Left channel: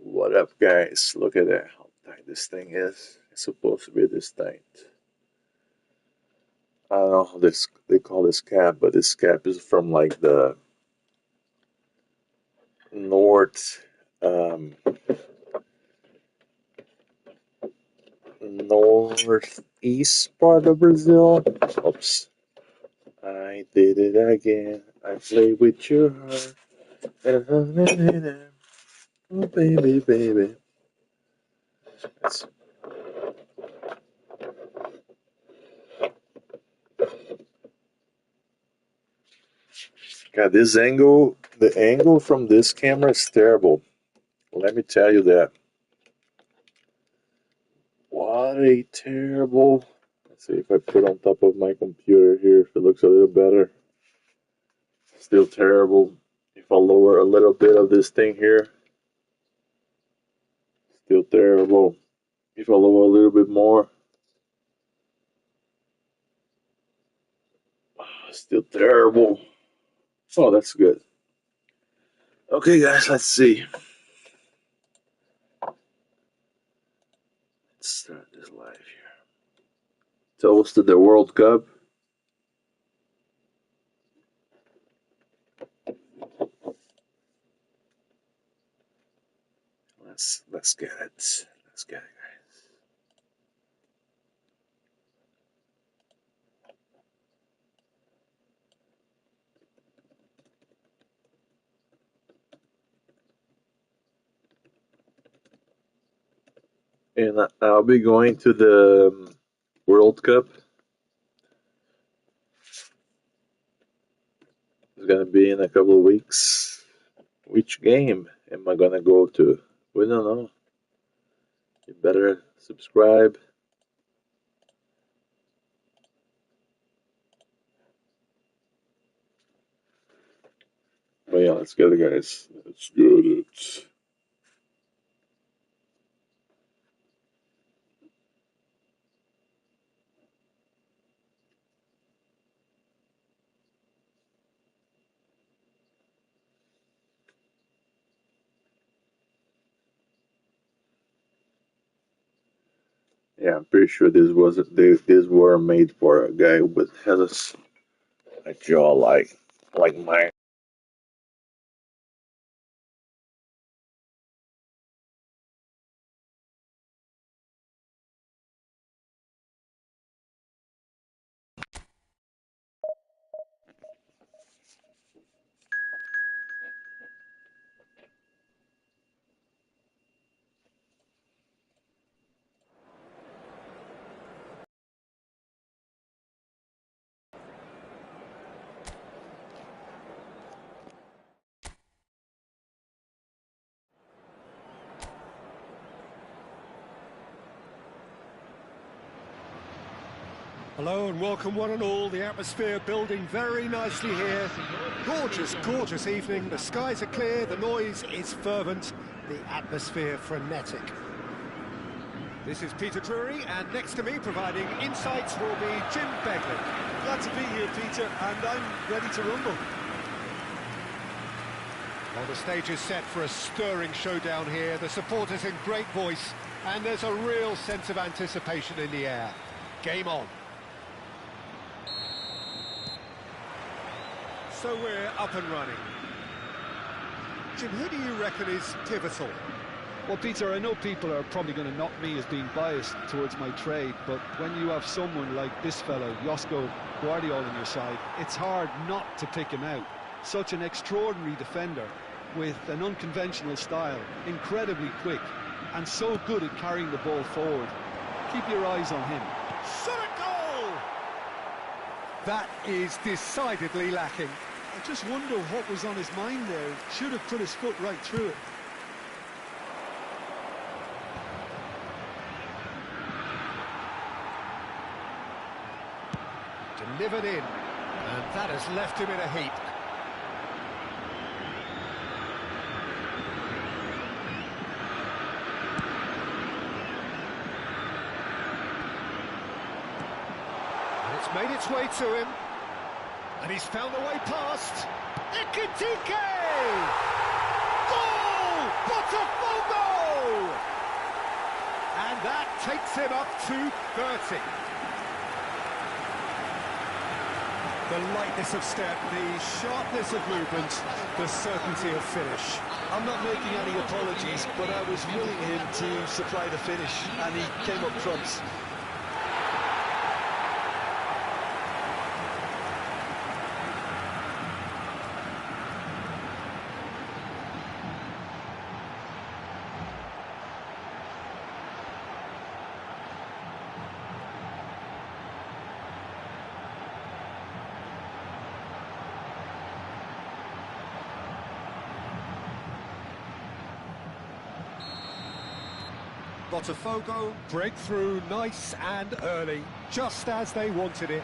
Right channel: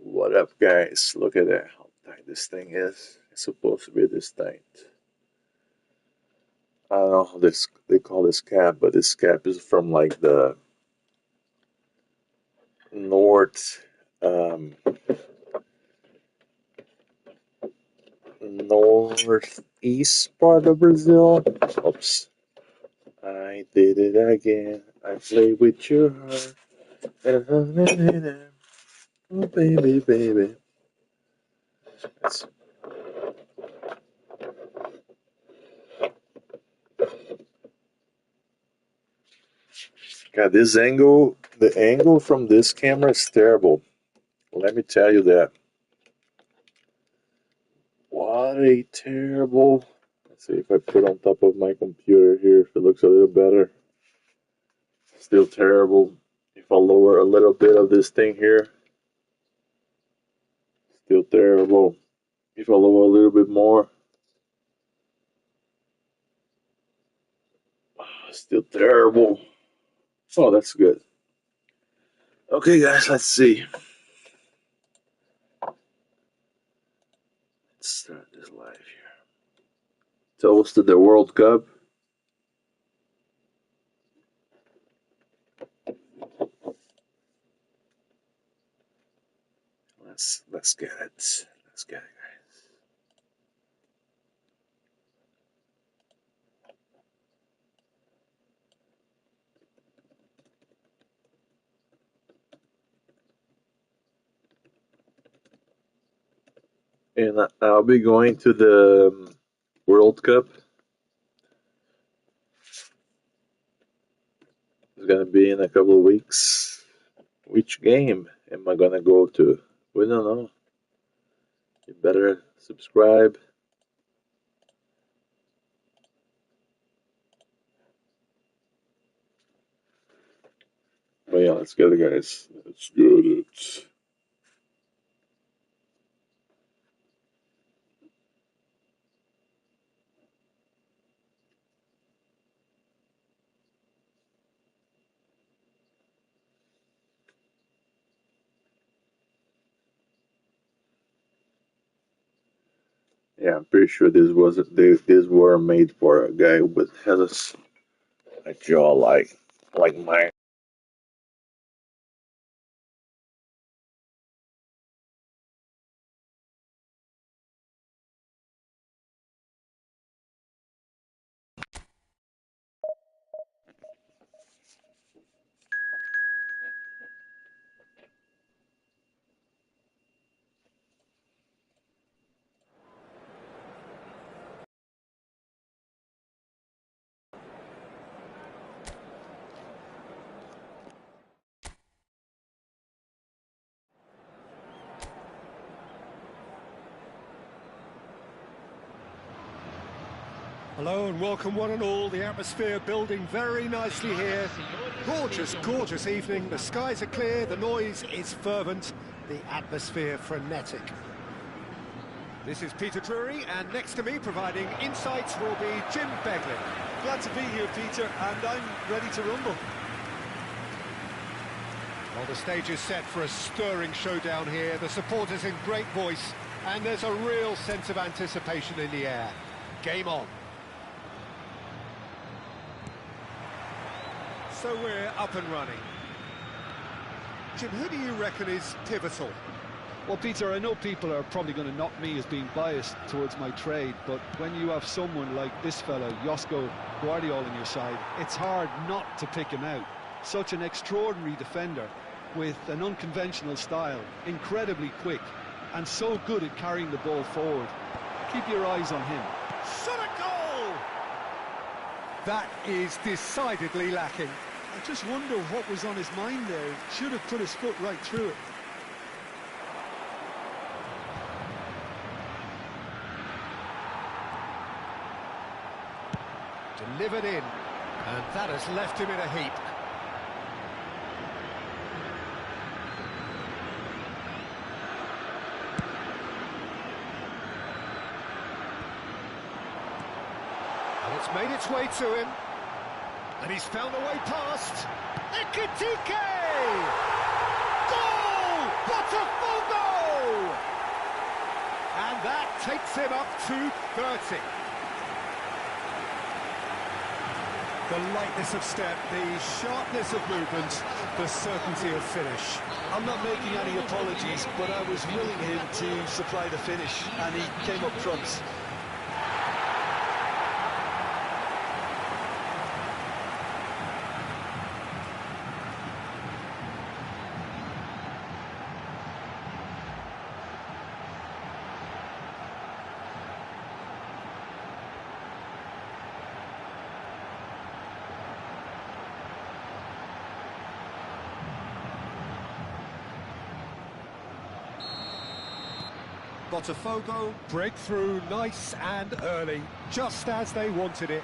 What up, guys? Look at that. How tight this thing is. It's supposed to be this tight. I don't know how this they call this cap, but this cap is from like the north, northeast part of Brazil. Oops. I did it again. I played with your heart. Oh, baby, baby. That's God, this angle, the angle from this camera is terrible. Let me tell you that. What a terrible. Let's see if I put on top of my computer here if it looks a little better. Still terrible. If I lower a little bit of this thing here, still terrible. If I lower a little bit more, still terrible. Oh, that's good. Okay, guys, let's see. Let's start this live here. Toast to the World Cup. Let's get it. Let's get it, guys. And I'll be going to the World Cup. It's gonna be in a couple of weeks. Which game am I gonna go to? We don't know. You better subscribe. But yeah, let's get it, guys. Let's get it. Yeah, I'm pretty sure this wasn't. These were made for a guy with has a jaw like mine. Hello and welcome one and all. The atmosphere building very nicely here. Gorgeous, gorgeous evening. The skies are clear, the noise is fervent, the atmosphere frenetic. This is Peter Drury, and next to me providing insights will be Jim Beglin. Glad to be here, Peter, and I'm ready to rumble. Well, the stage is set for a stirring showdown here. The supporters in great voice, and there's a real sense of anticipation in the air. Game on. So we're up and running. Jim, who do you reckon is pivotal? Well, Peter, I know people are probably going to knock me as being biased towards my trade, but when you have someone like this fellow, Josko Guardiola, on your side, it's hard not to pick him out. Such an extraordinary defender with an unconventional style, incredibly quick, and so good at carrying the ball forward. Keep your eyes on him. Shot a goal! That is decidedly lacking. I just wonder what was on his mind there. Should have put his foot right through it. Delivered in, and that has left him in a heap. And it's made its way to him. And he's found a way past. Ekitike! Goal! Botafogo! And that takes him up to 30. The lightness of step, the sharpness of movement, the certainty of finish. I'm not making any apologies, but I was willing him to supply the finish, and he came up trumps. Botafogo, breakthrough nice and early, just as they wanted it.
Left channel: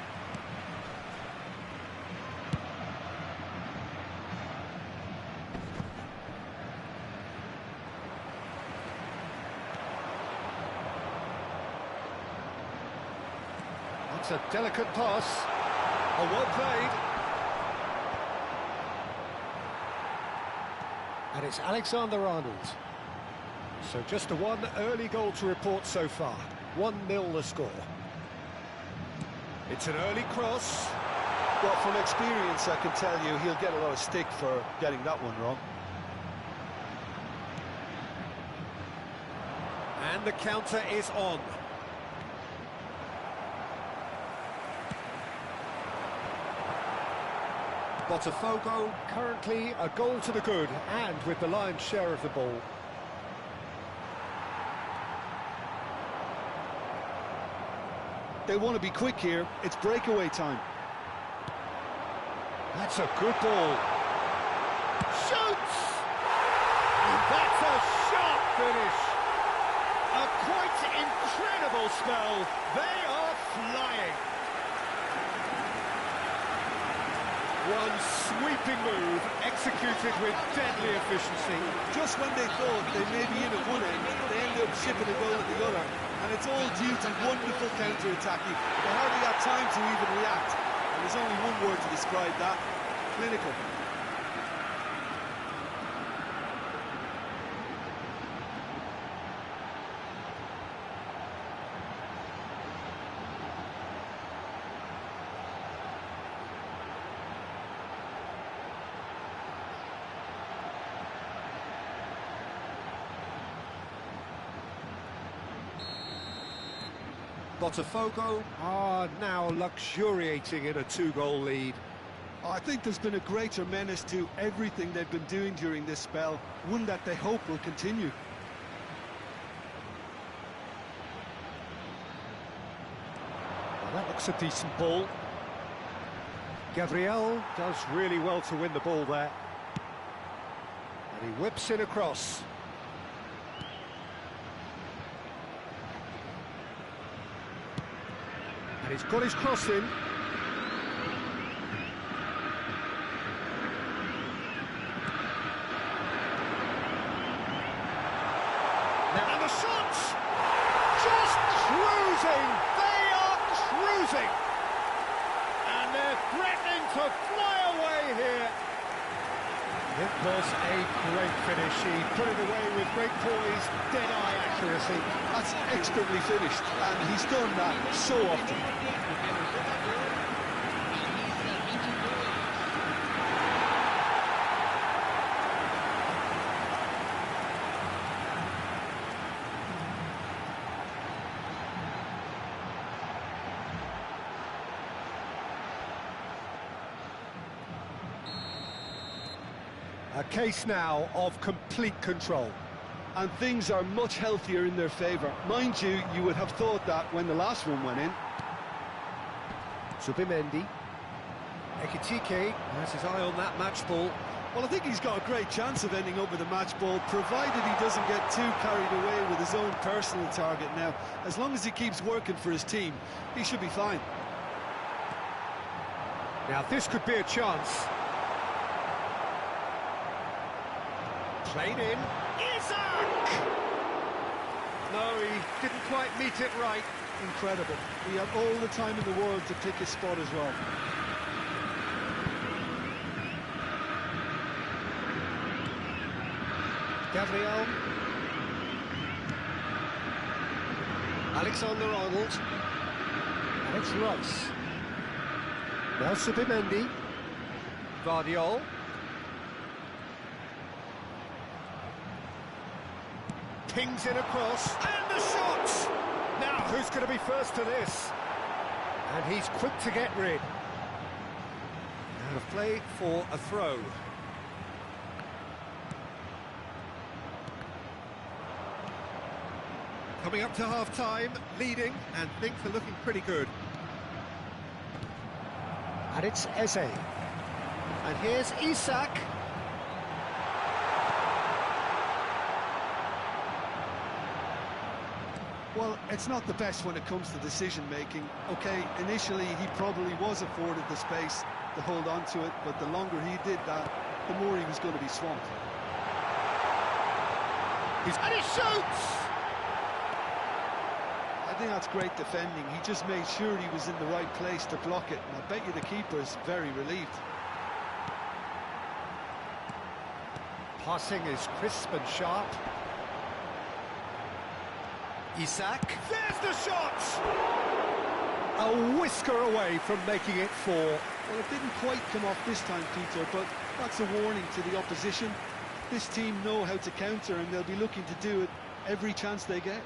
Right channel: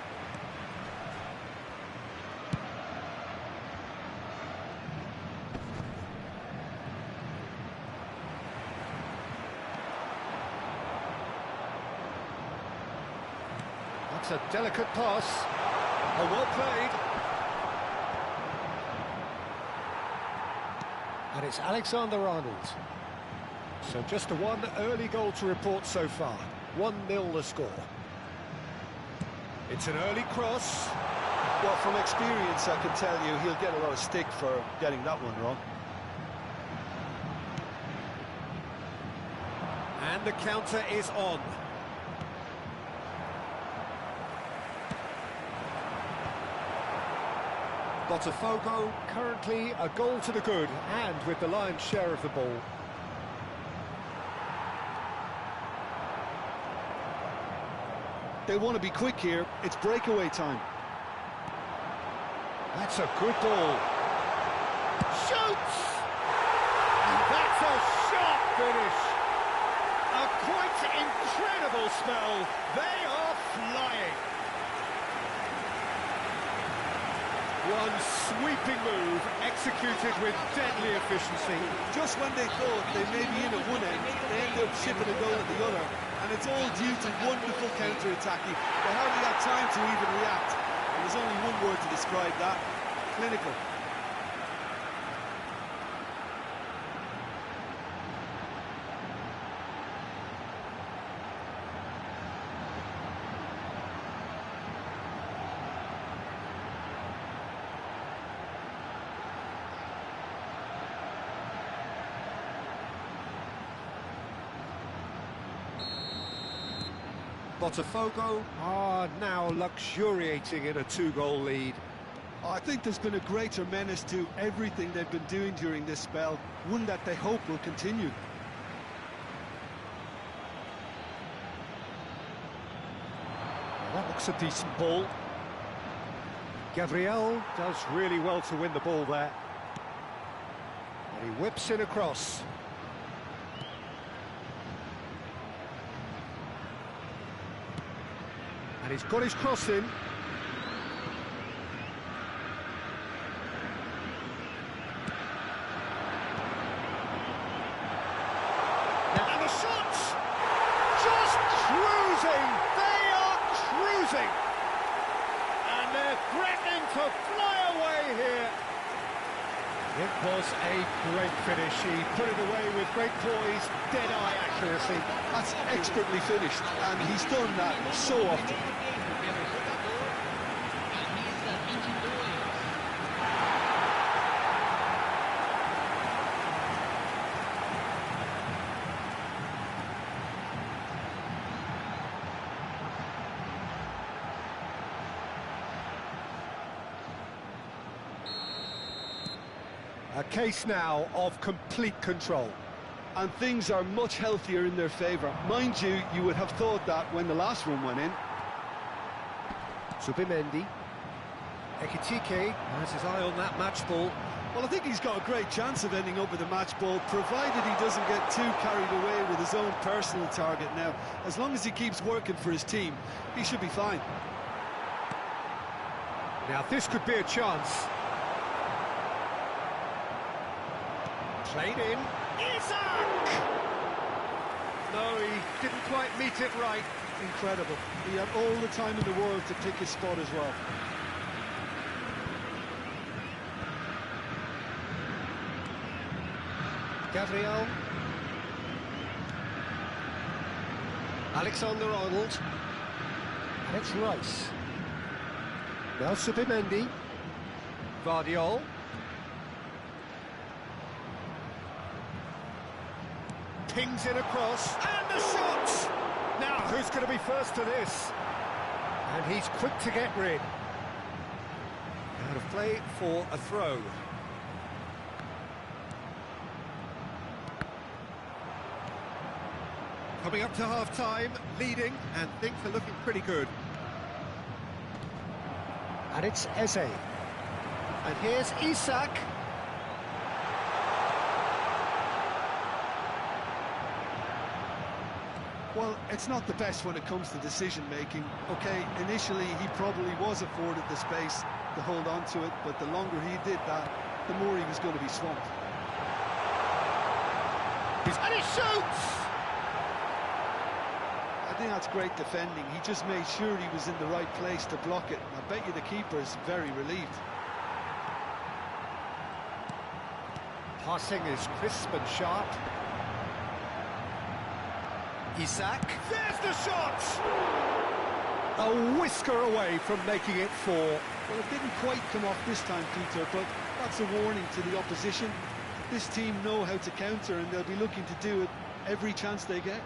That's a delicate pass. Oh, well played. And it's Alexander-Arnold. So just a one early goal to report so far. 1-0 the score. It's an early cross. Well, from experience, I can tell you he'll get a lot of stick for getting that one wrong. And the counter is on. Botafogo, currently a goal to the good, and with the lion's share of the ball. They want to be quick here. It's breakaway time. That's a good ball. Shoots! And that's a sharp finish. A quite incredible spell. They are flying. One sweeping move, executed with deadly efficiency. Just when they thought they may be in at one end, they end up shipping a goal at the other. And it's all due to wonderful counter-attacking. They hardly had time to even react. And there's only one word to describe that: clinical. Botafogo are now luxuriating in a 2-goal lead. I think there's been a greater menace to everything they've been doing during this spell, one that they hope will continue. Well, that looks a decent ball. Gabriel does really well to win the ball there. And he whips in across. And he's got his cross in. And the shots! Just cruising! They are cruising! And they're threatening to fly away here. It was a great finish. He put it away with great poise, dead-eye accuracy. That's expertly finished, and he's done that so often. A case now of complete control. And things are much healthier in their favour. Mind you, you would have thought that when the last one went in. Zubimendi. Ekitike has his eye on that match ball. Well, I think he's got a great chance of ending up with a match ball, provided he doesn't get too carried away with his own personal target now. As long as he keeps working for his team, he should be fine. Now, this could be a chance. Played in. Isak! No, he didn't quite meet it right. Incredible. He had all the time in the world to pick his spot as well. Gabriel. Alexander-Arnold. And it's Rice. Now Subimendi. Vardiol. Pings in across. And the shot! Now, who's going to be first to this? And he's quick to get rid. Out of play for a throw. Coming up to half-time, leading, and things are looking pretty good. And it's Eze. And here's Isak. Well, it's not the best when it comes to decision-making. Okay, initially he probably was afforded the space to hold on to it, but the longer he did that, the more he was going to be swamped. And he shoots! I think that's great defending. He just made sure he was in the right place to block it, and I bet you the keeper's very relieved. Passing is crisp and sharp. Isak. There's the shot! A whisker away from making it 4. Well, it didn't quite come off this time, Peter, but that's a warning to the opposition. This team know how to counter, and they'll be looking to do it every chance they get.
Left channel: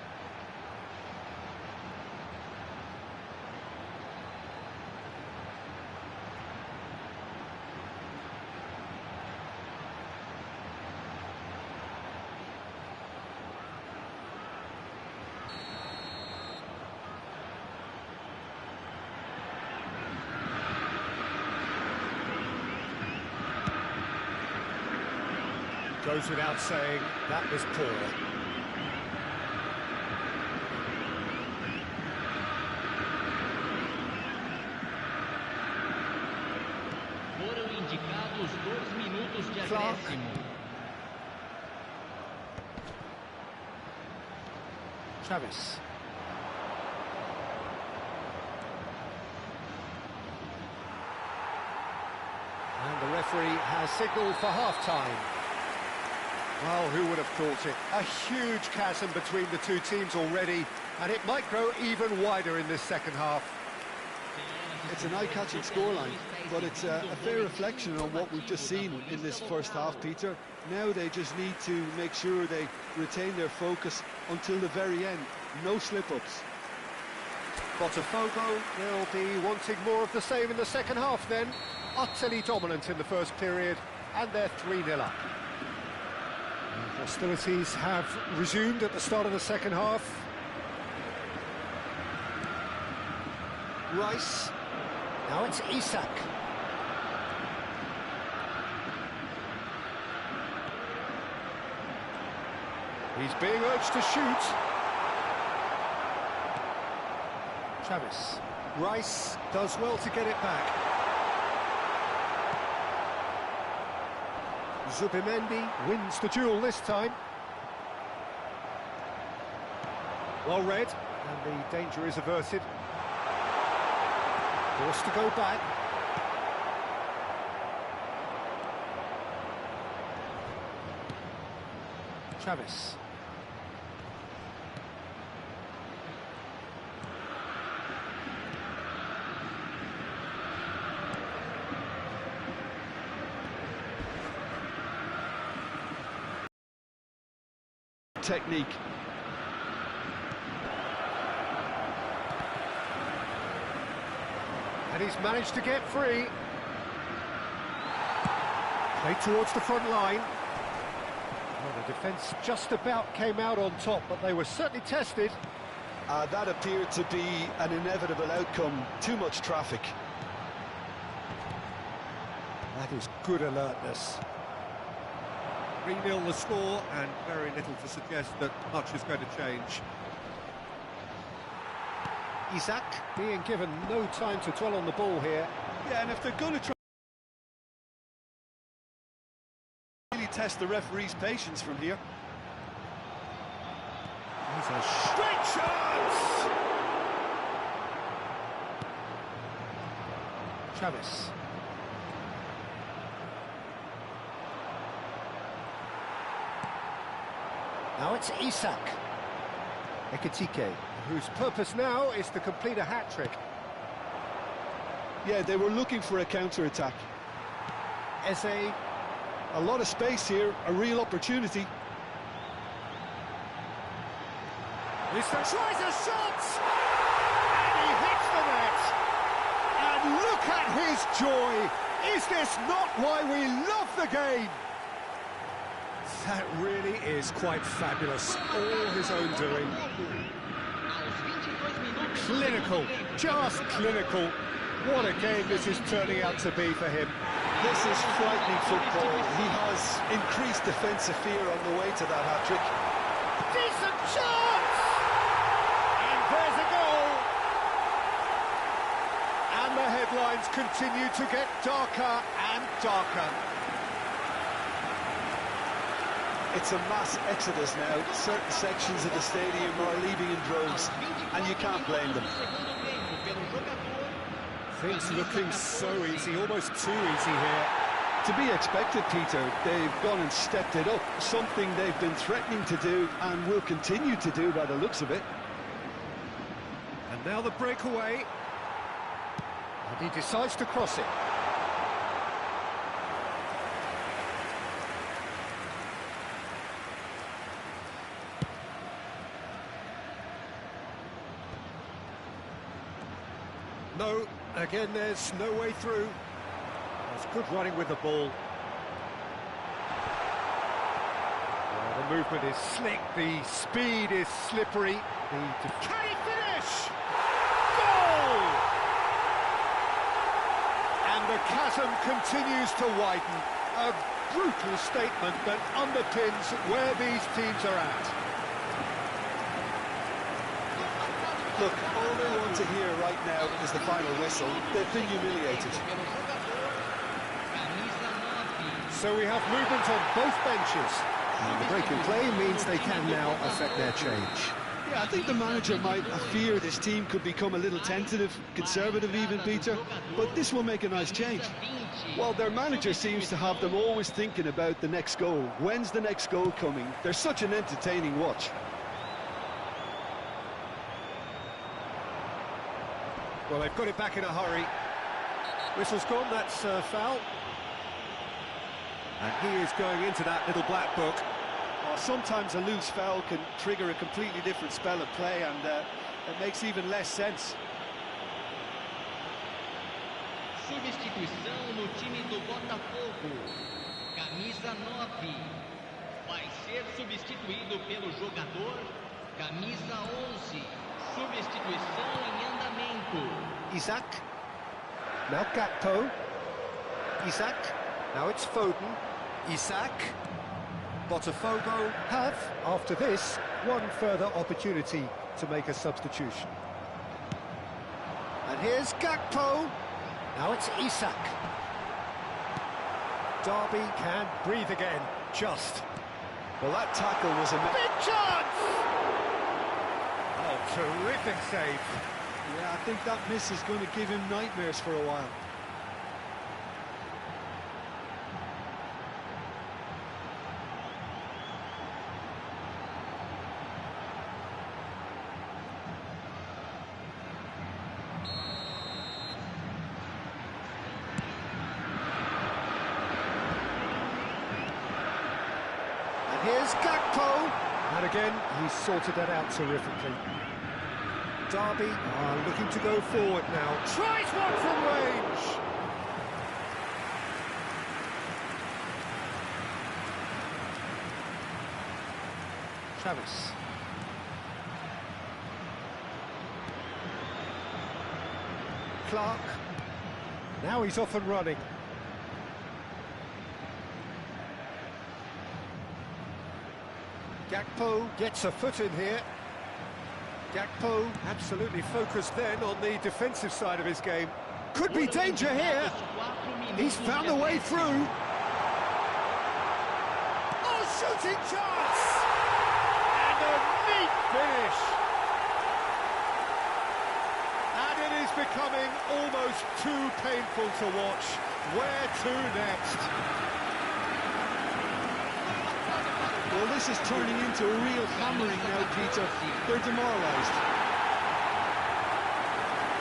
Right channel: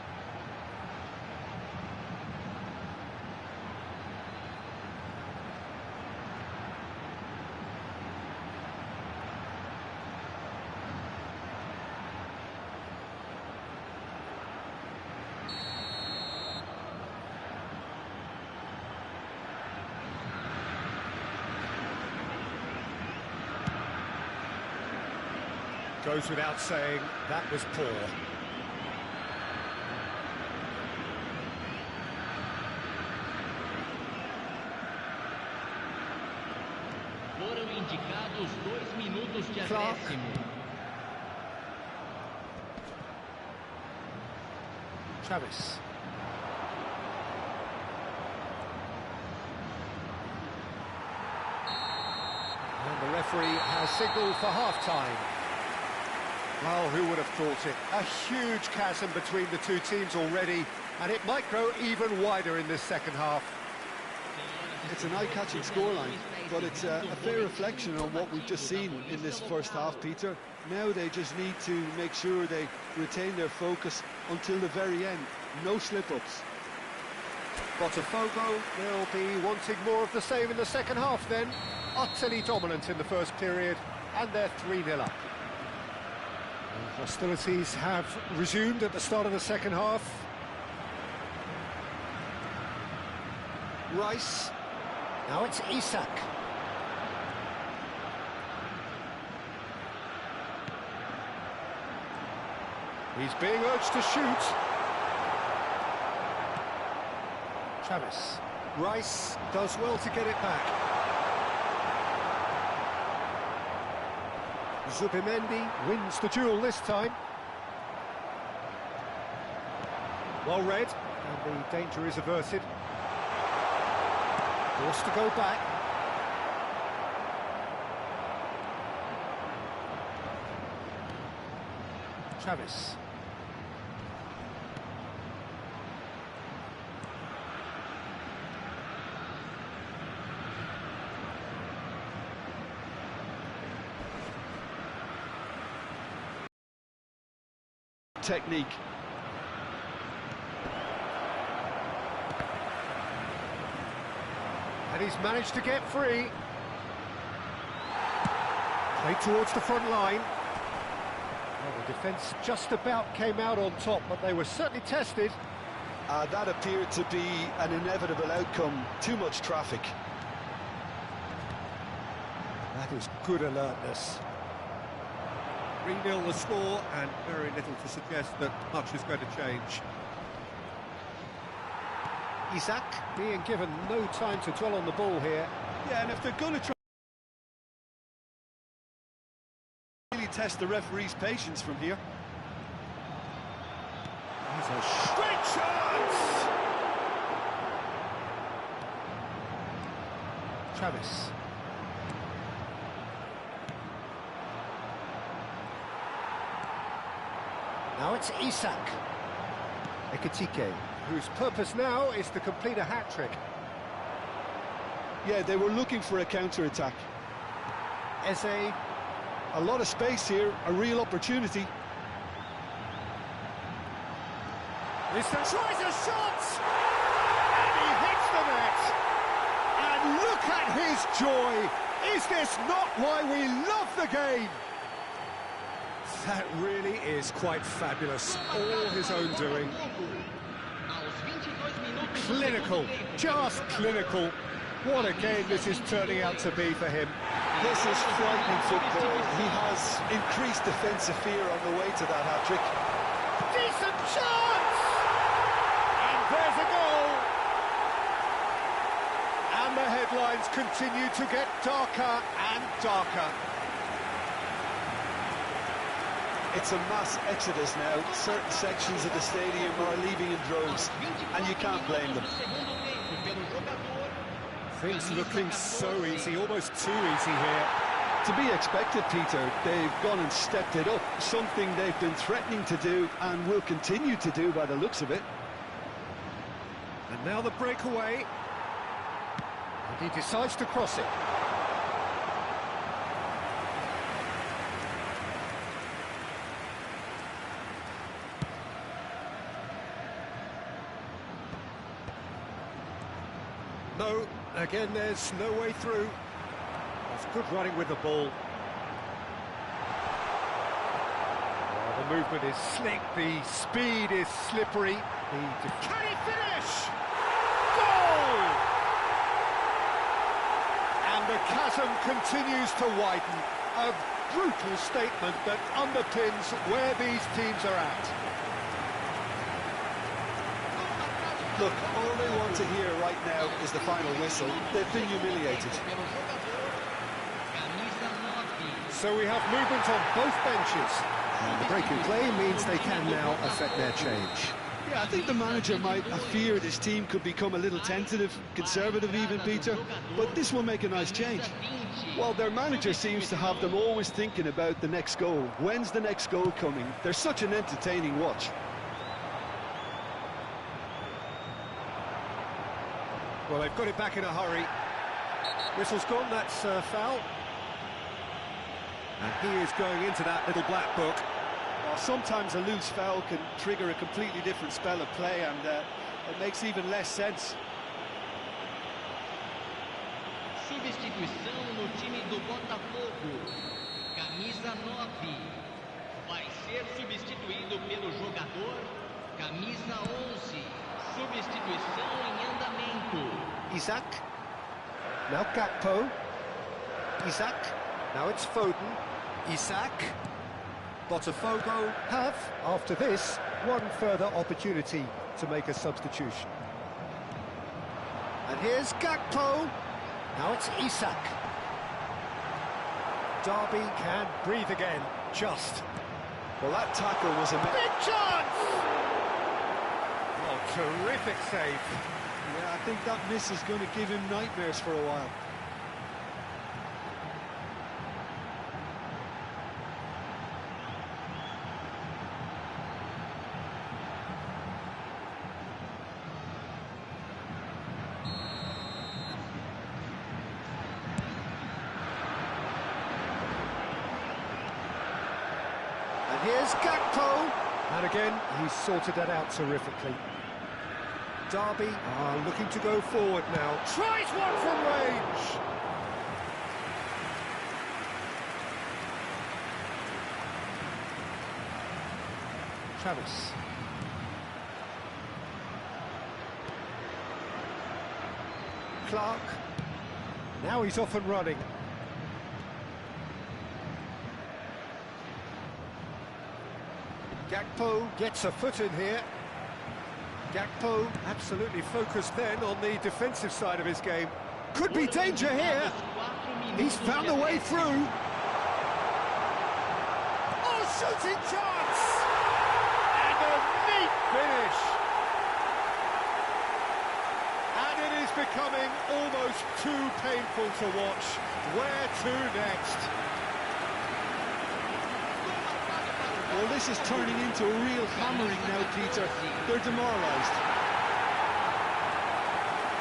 Goes without saying, that was poor. Foram indicados 2 minutos de Clark. acréscimo. Travis. And the referee has signalled for half-time. Well, who would have thought it? A huge chasm between the two teams already, and it might grow even wider in this second half. It's an eye-catching scoreline, but it's a fair reflection on what we've just seen in this first half, Peter. Now they just need to make sure they retain their focus until the very end. No slip-ups. Botafogo, they'll be wanting more of the same in the second half then. Utterly dominant in the first period, and they're 3-0 up. Hostilities have resumed at the start of the second half. Rice. Now it's Isak. He's being urged to shoot. Travis. Rice does well to get it back. Zubimendi wins the duel this time. Well read, and the danger is averted. Forced to go back. Travis. Technique. And he's managed to get free. Played towards the front line. Well, the defence just about came out on top, but they were certainly tested. That appeared to be an inevitable outcome. Too much traffic. That is good alertness. 3-0 the score, and very little to suggest that much is going to change. Isak being given no time to dwell on the ball here. Yeah, and if they're going to try really test the referee's patience from here. He's a great chance! Travis. Now it's Isak. Ekitike, whose purpose now is to complete a hat-trick. Yeah, they were looking for a counter-attack. Eze. A lot of space here, a real opportunity. Tries a shot! And he hits the net! And look at his joy! Is this not why we love the game? That really is quite fabulous. All his own doing. Clinical, just clinical. What a game this is turning out to be for him. This is frightening football. He has increased defensive fear on the way to that hat-trick. Decent chance! And there's a goal! And the headlines continue to get darker and darker. It's a mass exodus now. Certain sections of the stadium are leaving in droves, and you can't blame them. Things looking so easy, almost too easy here. To be expected, Peter. They've gone and stepped it up, something they've been threatening to do and will continue to do by the looks of it. And now the breakaway. And he decides to cross it. No, again there's no way through. That's good running with the ball. Oh, the movement is slick, the speed is slippery. Can he finish? Goal! And the chasm continues to widen. A brutal statement that underpins where these teams are at. Look, all they want to hear right now is the final whistle. They've been humiliated. So we have movement on both benches. And the break in play means they can now affect their change. Yeah, I think the manager might have feared his team could become a little tentative, conservative even, Peter, but this will make a nice change. Well, their manager seems to have them always thinking about the next goal. When's the next goal coming? They're such an entertaining watch. Well, they've got it back in a hurry. Whistle's gone, that's foul. And he is going into that little black book. Well, sometimes a loose foul can trigger a completely different spell of play, and it makes even less sense. Substituição no time do Botafogo. Camisa 9. Vai ser substituído pelo jogador camisa 11. Substituição em andamento. Isak. Now Gakpo. Isak. Now it's Foden. Isak. Botafogo have, after this, one further opportunity to make a substitution. And here's Gakpo. Now it's Isak. Derby can breathe again, just. Well, that tackle was a... Big chance! Oh, terrific save. Yeah, I think that miss is going to give him nightmares for a while. And here's Gakpo. And again, he's sorted that out terrifically. Derby are looking to go forward now. Tries one from range. Travis. Clark. Now he's off and running. Gakpo gets a foot in here. Gakpo absolutely focused then on the defensive side of his game. Could be danger here. He's found a way through. Oh, shooting chance! And a neat finish. And it is becoming almost too painful to watch. Where to next? Well, Well, this is turning into a real hammering now, Peter. They're demoralised.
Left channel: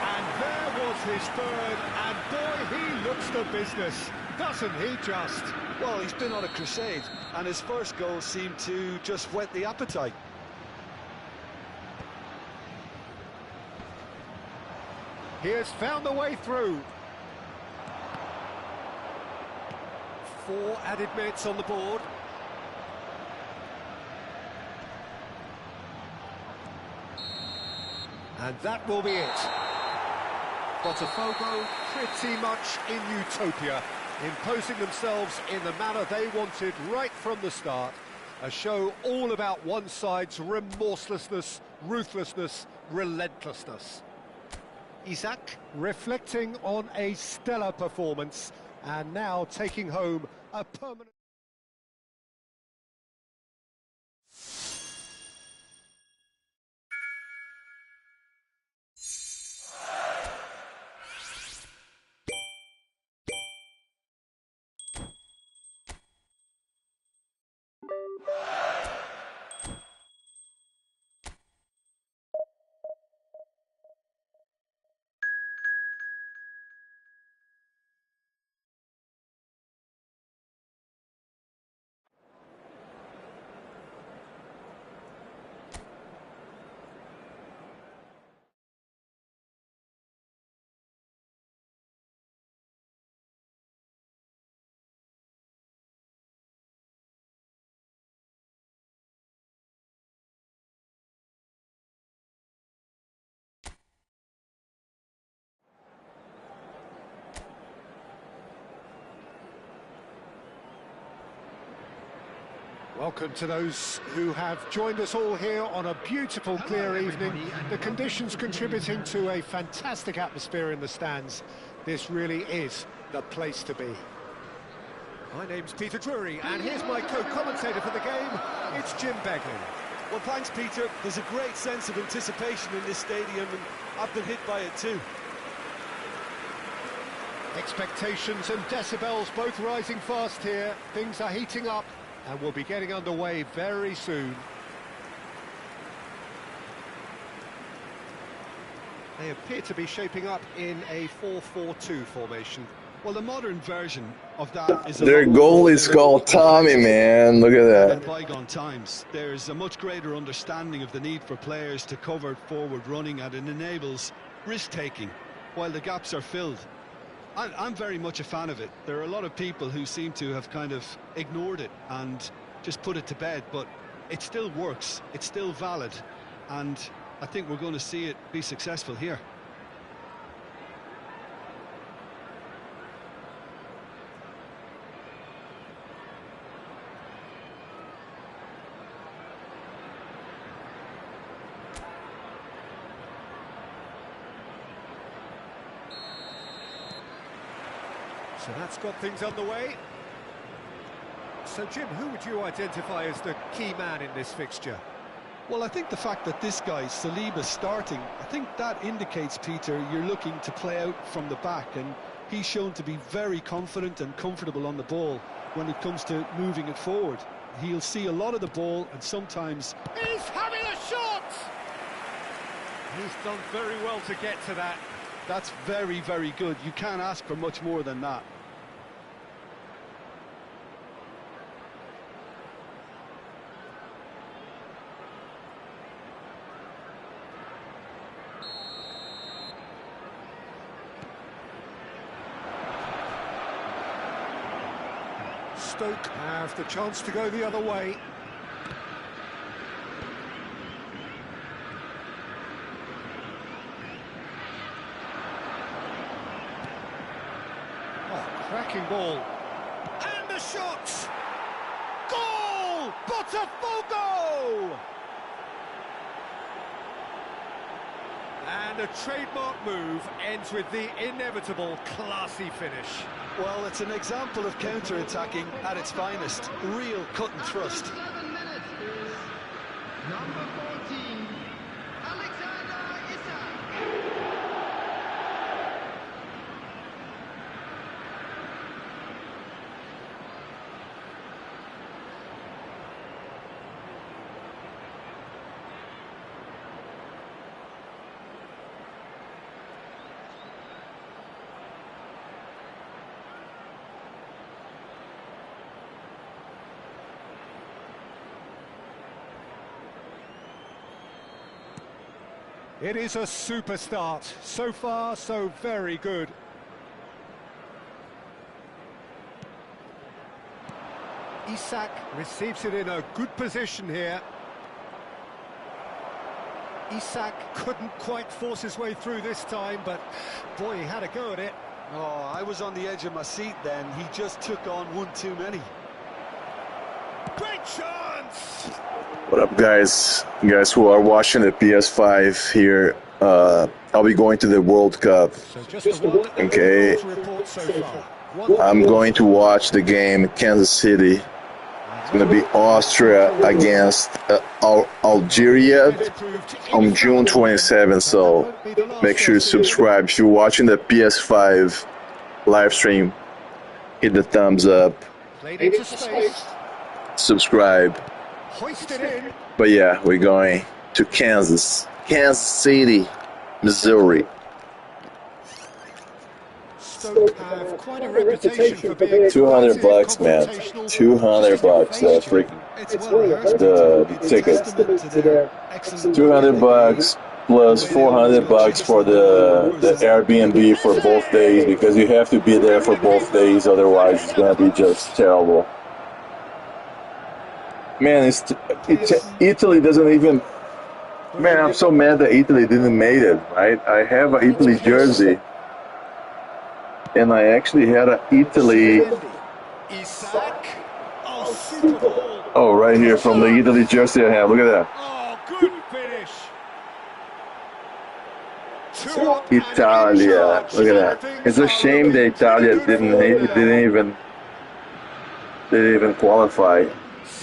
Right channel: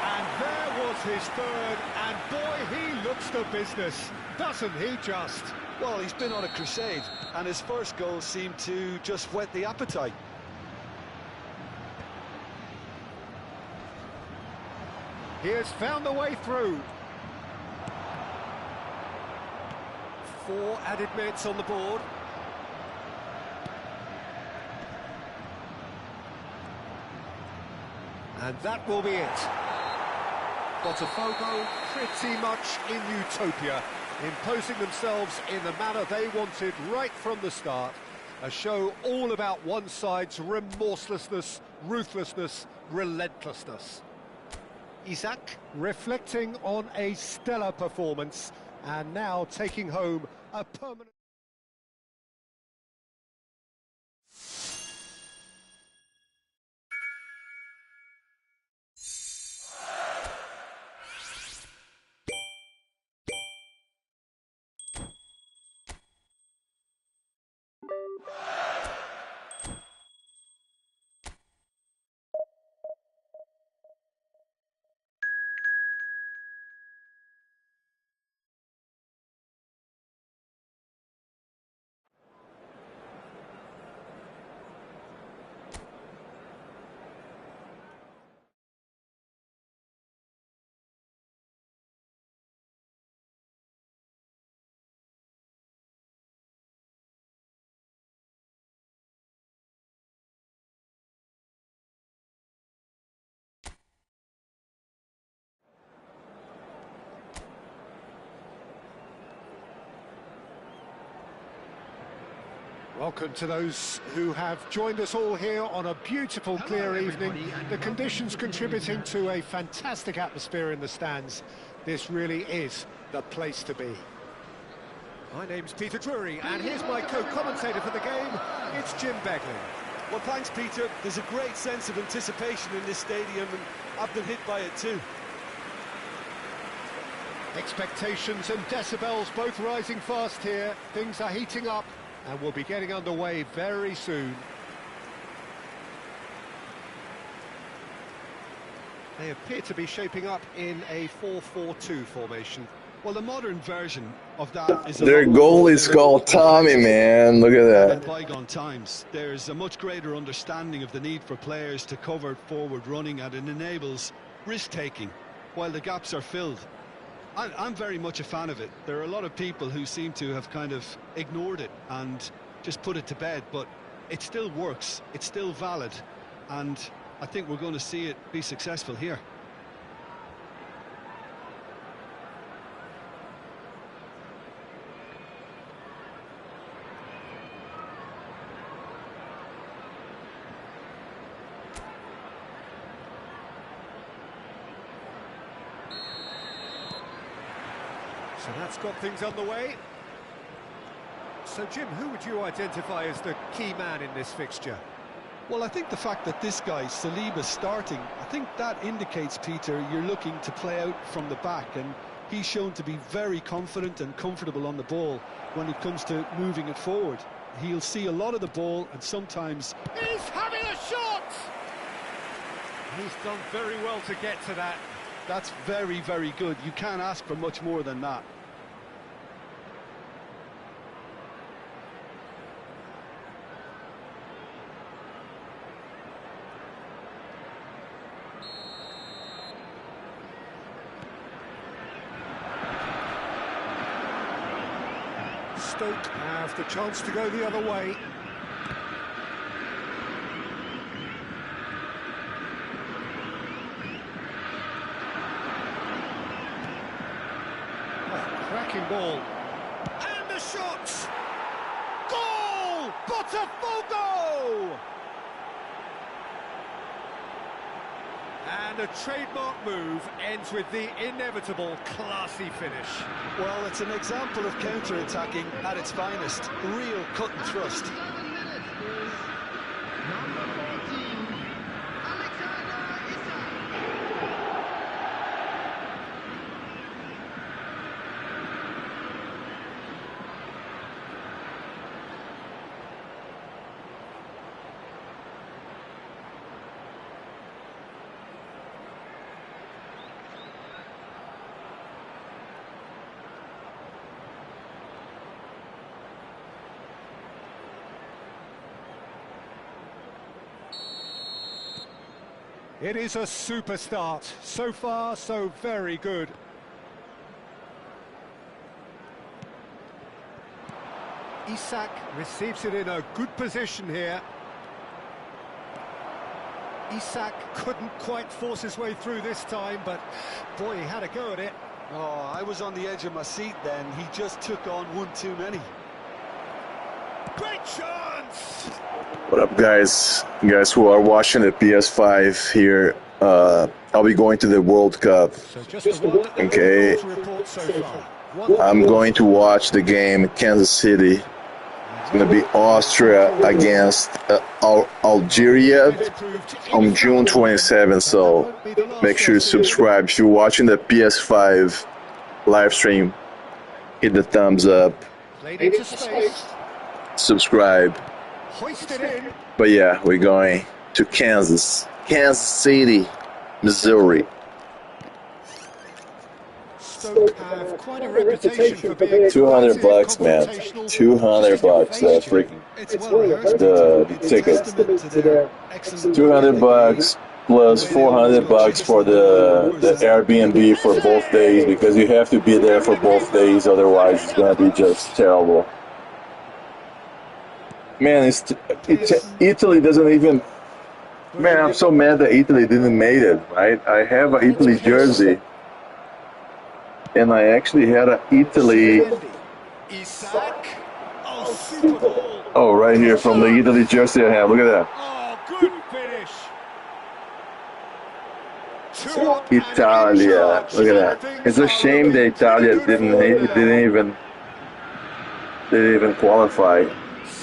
And there was his third, and boy, he looks the business, doesn't he just? Well, he's been on a crusade, and his first goal seemed to just whet the appetite. He has found the way through. 4 added minutes on the board. And that will be it. Botafogo pretty much in utopia, imposing themselves in the manner they wanted right from the start. A show all about one side's remorselessness, ruthlessness, relentlessness. Isak reflecting on a stellar performance and now taking home a permanent... Welcome to those who have joined us all here on a beautiful, clear evening. The conditions contributing to a fantastic atmosphere in the stands. This really is the place to be. My name's Peter Drury, and here's my co-commentator for the game. It's Jim Beglin. Well, thanks, Peter. There's a great sense of anticipation in this stadium, and I've been hit by it too. Expectations and decibels both rising fast here. Things are heating up, and we'll be getting underway very soon. They appear to be shaping up in a 4-4-2 formation. Well, the modern version of that is... Their goal is called Tommy, man. Look at In that. bygone times, there's a much greater understanding of the need for players to cover forward running, and it enables risk-taking while the gaps are filled. I'm very much a fan of it. There are a lot of people who seem to have kind of ignored it and just put it to bed, but it still works, it's still valid, and I think we're going to see it be successful here. So that's got things underway. So, Jim, who would you identify as the key man in this fixture? Well, I think the fact that this guy, Saliba, starting, I think that indicates, Peter, you're looking to play out from the back, and he's shown to be very confident and comfortable on the ball when it comes to moving it forward. He'll see a lot of the ball, and sometimes... He's having a shot! He's done very well to get to that. That's very, very good. You can't ask for much more than that. Stoke have the chance to go the other way. Oh, cracking ball. And the shot! Goal! Botafogo! And a trademark move ends with the inevitable classy finish. Well, it's an example of counter-attacking at its finest. Real cut and thrust. 7 minutes is number 14, Alexander Isak. It is a super start. So far, so very good. Isak receives it in a good position here. Isak couldn't quite force his way through this time, but boy, he had a go at it. Oh, I was on the edge of my seat then. He just took on one too many. Great chance! What up, guys? You guys who are watching the PS5 here, I'll be going to the World Cup. So just the one Okay. to report so far. I'm going to watch the game Kansas City. It's going to be Austria against Algeria on June 27th, so make sure you subscribe. If you're watching the PS5 live stream, hit the thumbs up, Played into space, subscribe. hoisted in. But yeah, we're going to Kansas City, Missouri. Stoke have quite a reputation for being $200 bucks, man. confrontational. $200 freaking It's well rehearsed. the It's tickets. testament to their excellent $200 plus $400 for the Airbnb for both days, because you have to be there for both days, otherwise it's gonna be just terrible. Man, Italy doesn't even. Man, I'm so mad that Italy didn't make it. Right? I have an Italy jersey, and I actually had an Italy. Isak. Oh, super ball. Oh, right here from the Italy jersey I have. Look at that. Oh, good finish. Two up and Italia. in charge. Look at that. It's a shame that Italia didn't even qualify.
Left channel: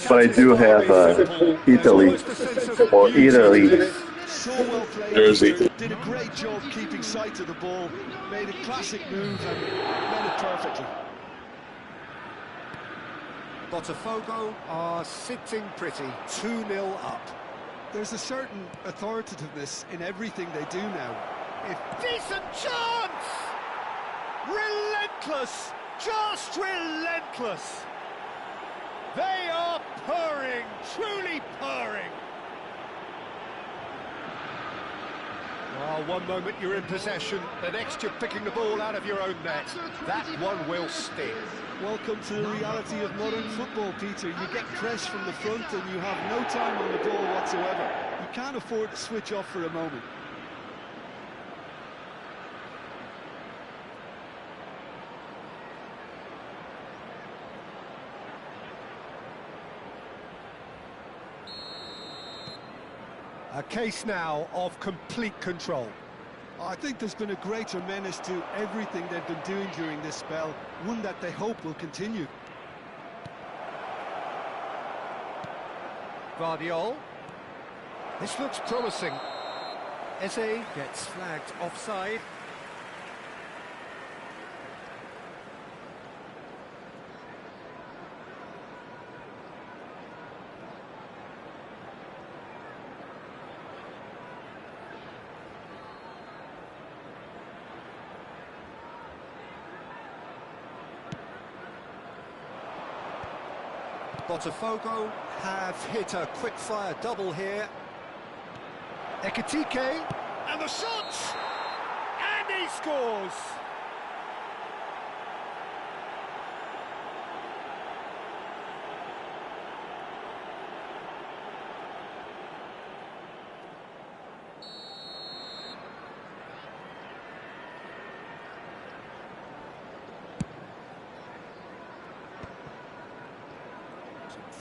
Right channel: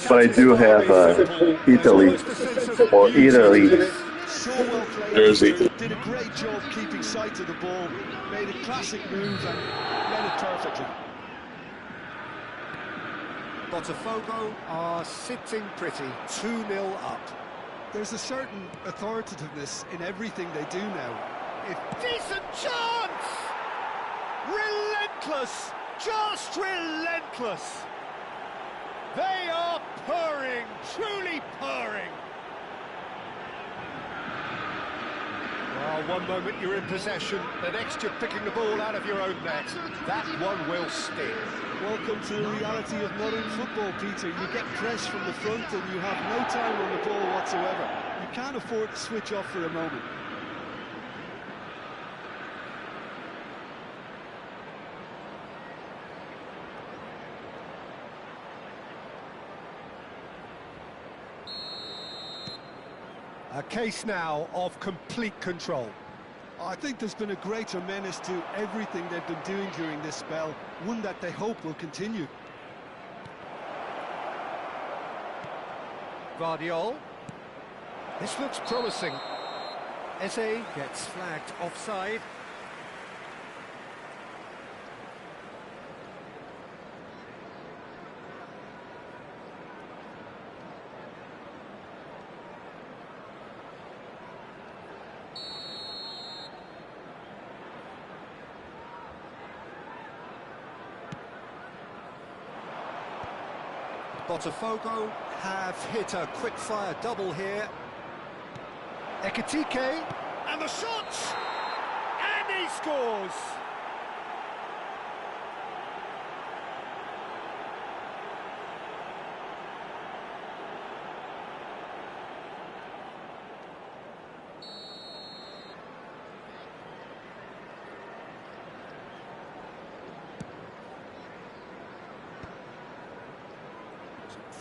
But I do have Italy or Italy so well played. jersey. Did a great job keeping sight of the ball, made a classic move and led it perfectly. Botafogo are sitting pretty, 2-0 up. There's a certain authoritativeness in everything they do now. If Decent chance! Relentless! Just relentless! They are purring, truly purring. Well, one moment you're in possession, the next you're picking the ball out of your own net. That one will sting. welcome to the reality of modern football, Peter. You get press from the front and you have no time on the ball whatsoever. You can't afford to switch off for a moment. A case now of complete control. I think there's been a greater menace to everything they've been doing during this spell, one that they hope will continue. Guardiol. This looks promising. Eze gets flagged offside. Botafogo have hit a quick-fire double here. Ekitike, and the shot! And he scores!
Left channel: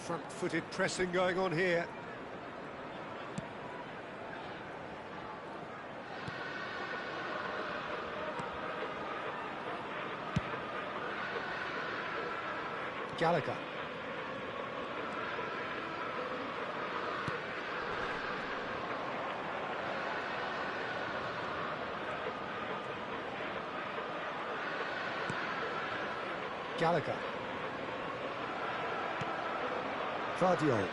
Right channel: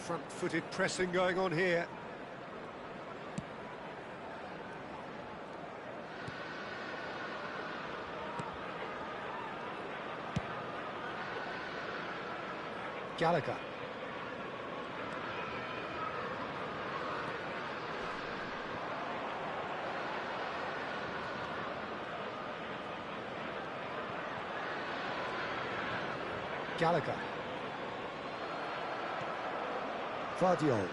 Front-footed pressing going on here. Gallagher. Gallagher. Guardiol.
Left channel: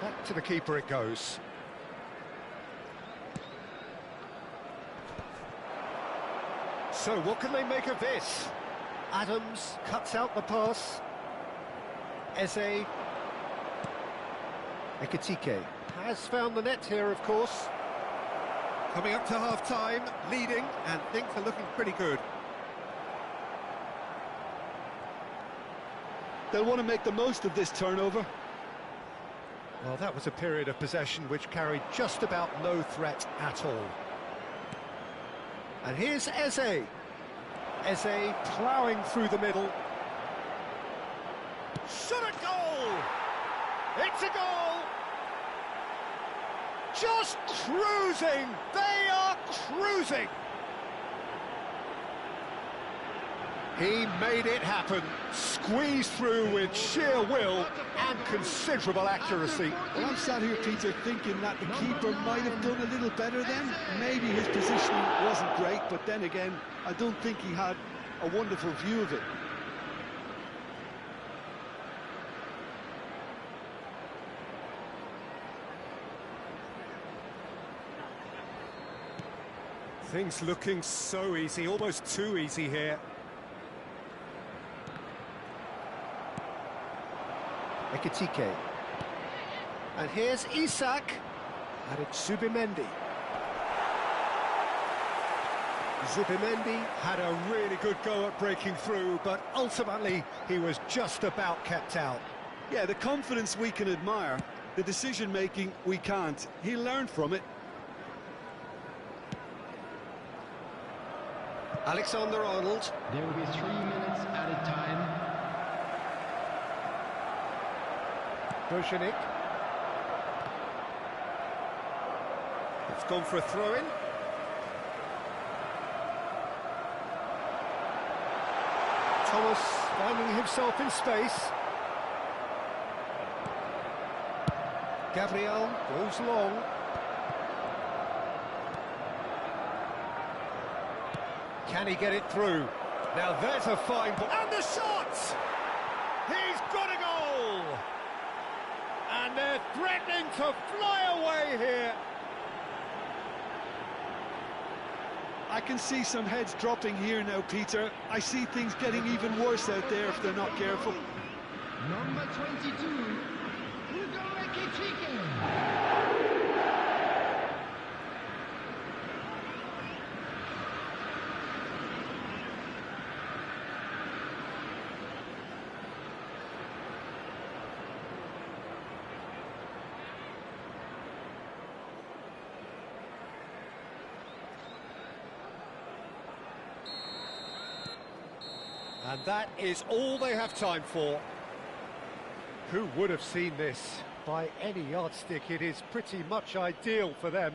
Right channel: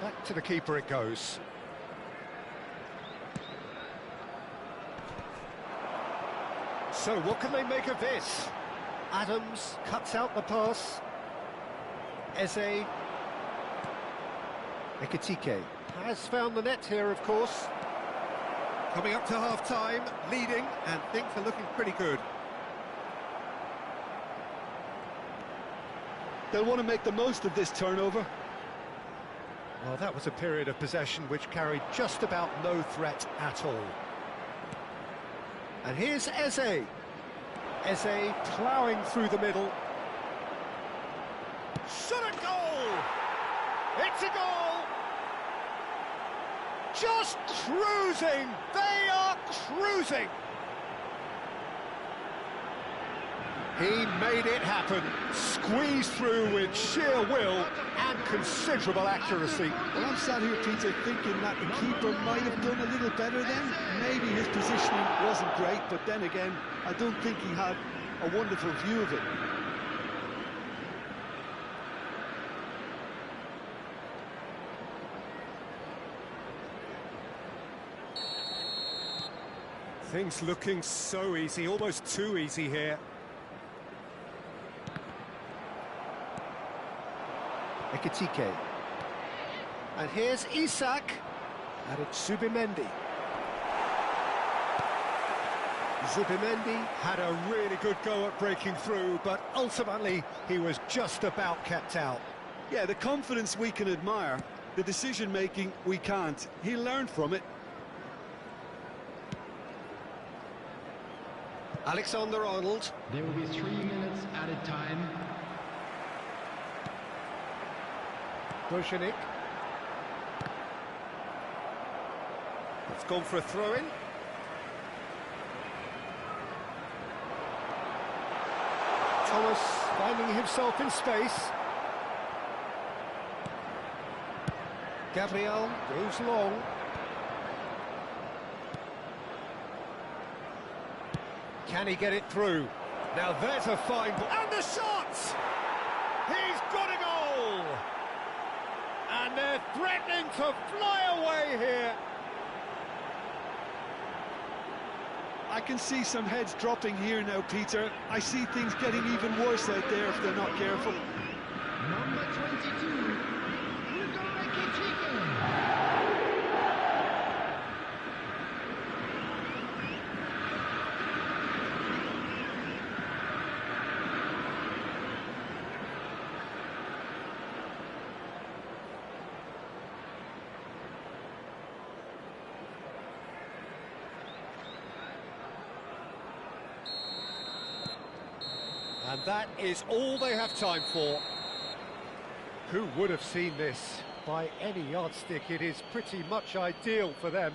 Back to the keeper it goes. So what can they make of this? Adams cuts out the pass. Eze. Ekitike has found the net here, of course. Coming up to half-time, leading, and things are looking pretty good. They'll want to make the most of this turnover. Well, that was a period of possession which carried just about no threat at all. And here's Eze. Eze ploughing through the middle. Shot a goal! It's a goal! Just cruising! They are cruising! He made it happen, squeezed through with sheer will and considerable accuracy. Well, I'm sat here, Peter, thinking that the keeper might have done a little better then. Maybe his positioning wasn't great, but then again, I don't think he had a wonderful view of it. Things looking so easy, almost too easy here. Ekitike. And here's Isak. And it's Zubimendi. Zubimendi had a really good go at breaking through, but ultimately he was just about kept out. Yeah, the confidence we can admire, the decision-making we can't. He learned from it. Alexander-Arnold. There will be 3 minutes added time. Bojanik. It's gone for a throw-in. Thomas finding himself in space. Gabriel goes long. Can he get it through? Now there's a fine ball. And the shot! He's got a goal! And they're threatening to fly away here. I can see some heads dropping here now, Peter. I see things getting even worse out there if they're not careful. Number 22, Hugo Ekitike. And that is all they have time for. Who would have seen this? By any yardstick, it is pretty much ideal for them.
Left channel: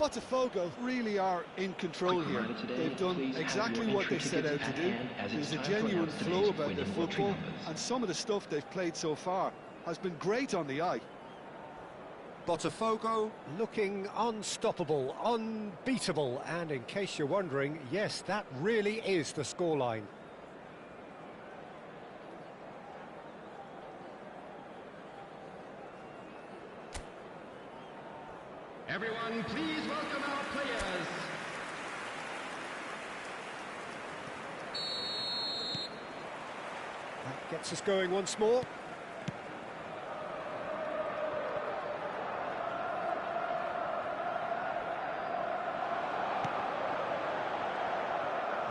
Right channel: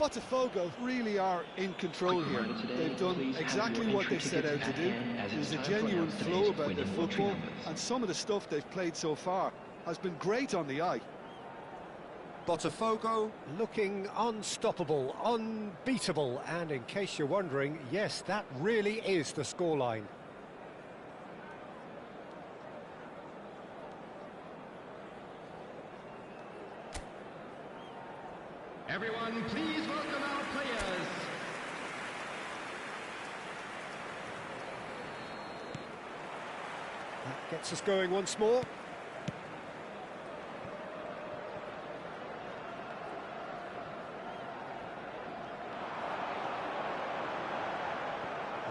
Botafogo really are in control here. They've done exactly what they set out to do. There's a genuine flow about their football, and some of the stuff they've played so far has been great on the eye. Botafogo looking unstoppable, unbeatable, and in case you're wondering, yes, that really is the scoreline. Everyone, please welcome our players. That gets us going once more.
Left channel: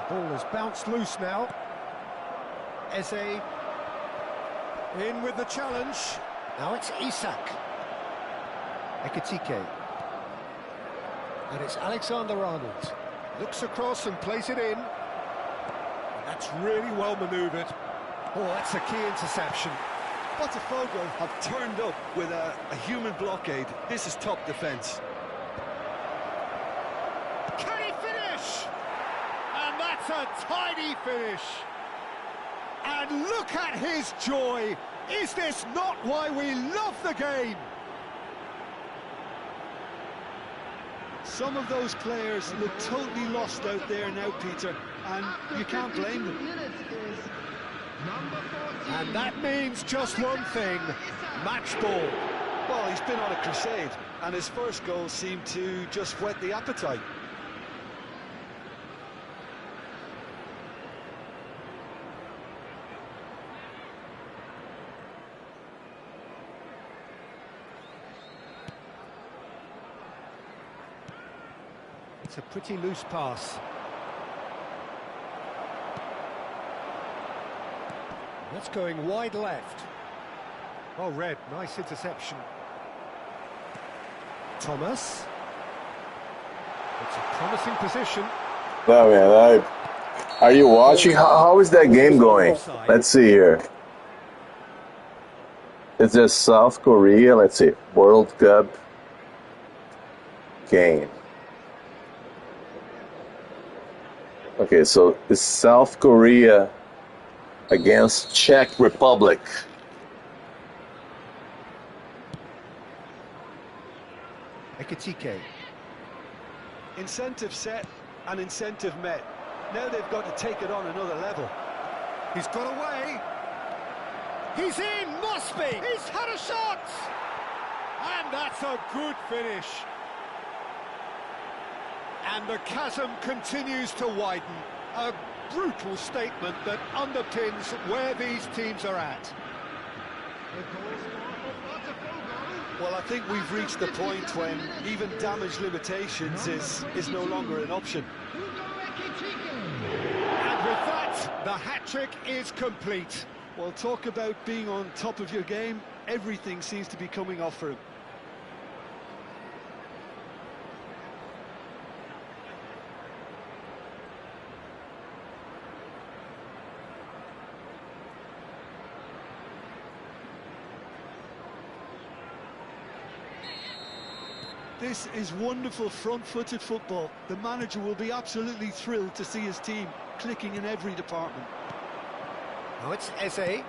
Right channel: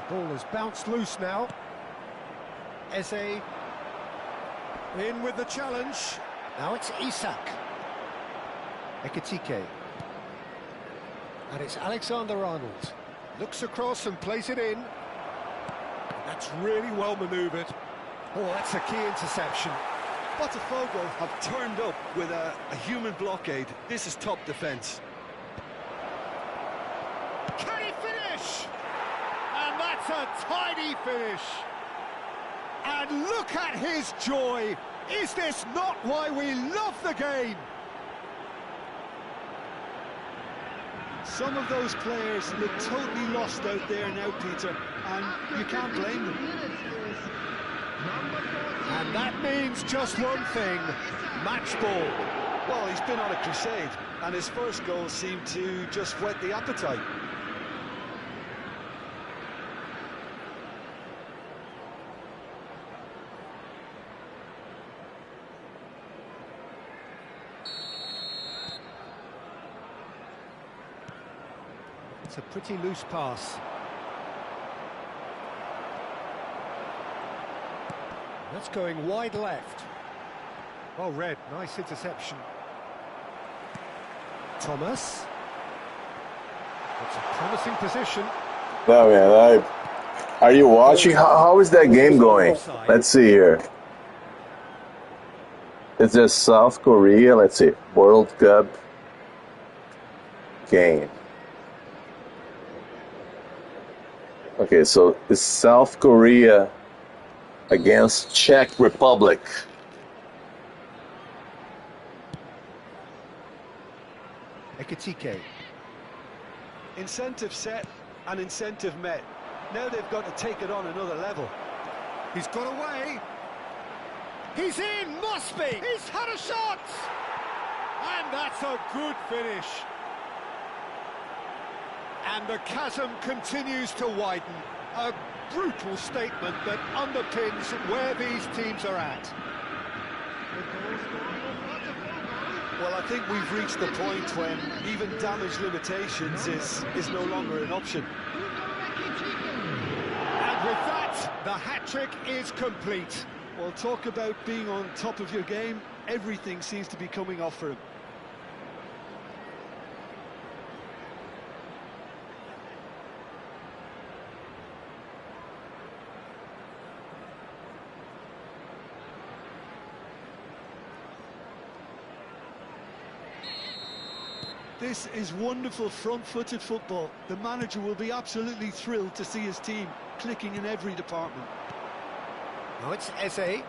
The ball has bounced loose now. Eze in with the challenge. Now it's Isak. Ekitike. And it's Alexander-Arnold. Looks across and plays it in. And that's really well manoeuvred. Oh, that's a key interception. Botafogo have turned up with a human blockade. This is top defence. Can he finish? And that's a tidy finish. And look at his joy. Is this not why we love the game? Some of those players look totally lost out there now, Peter, and you can't blame them. And that means just one thing, match ball. Well, he's been on a crusade, and his first goal seemed to just whet the appetite. It's a pretty loose pass. That's going wide left. Oh, Red, nice interception. Thomas. It's a promising position. No, man, are you watching? How is that game going? Let's see here. It's just South Korea. Let's see. World Cup game. Okay, so it's South Korea against Czech Republic. Ekitike. Incentive set and incentive met. Now they've got to take it on another level. He's got away. He's in, must be. He's had a shot. And that's a good finish. And the chasm continues to widen. A brutal statement that underpins where these teams are at. Well, I think we've reached the point when even damage limitations is no longer an option. And with that, the hat-trick is complete. Well, talk about being on top of your game. Everything seems to be coming off for him. This is wonderful front-footed football. The manager will be absolutely thrilled to see his team clicking in every department. Now it's Eze.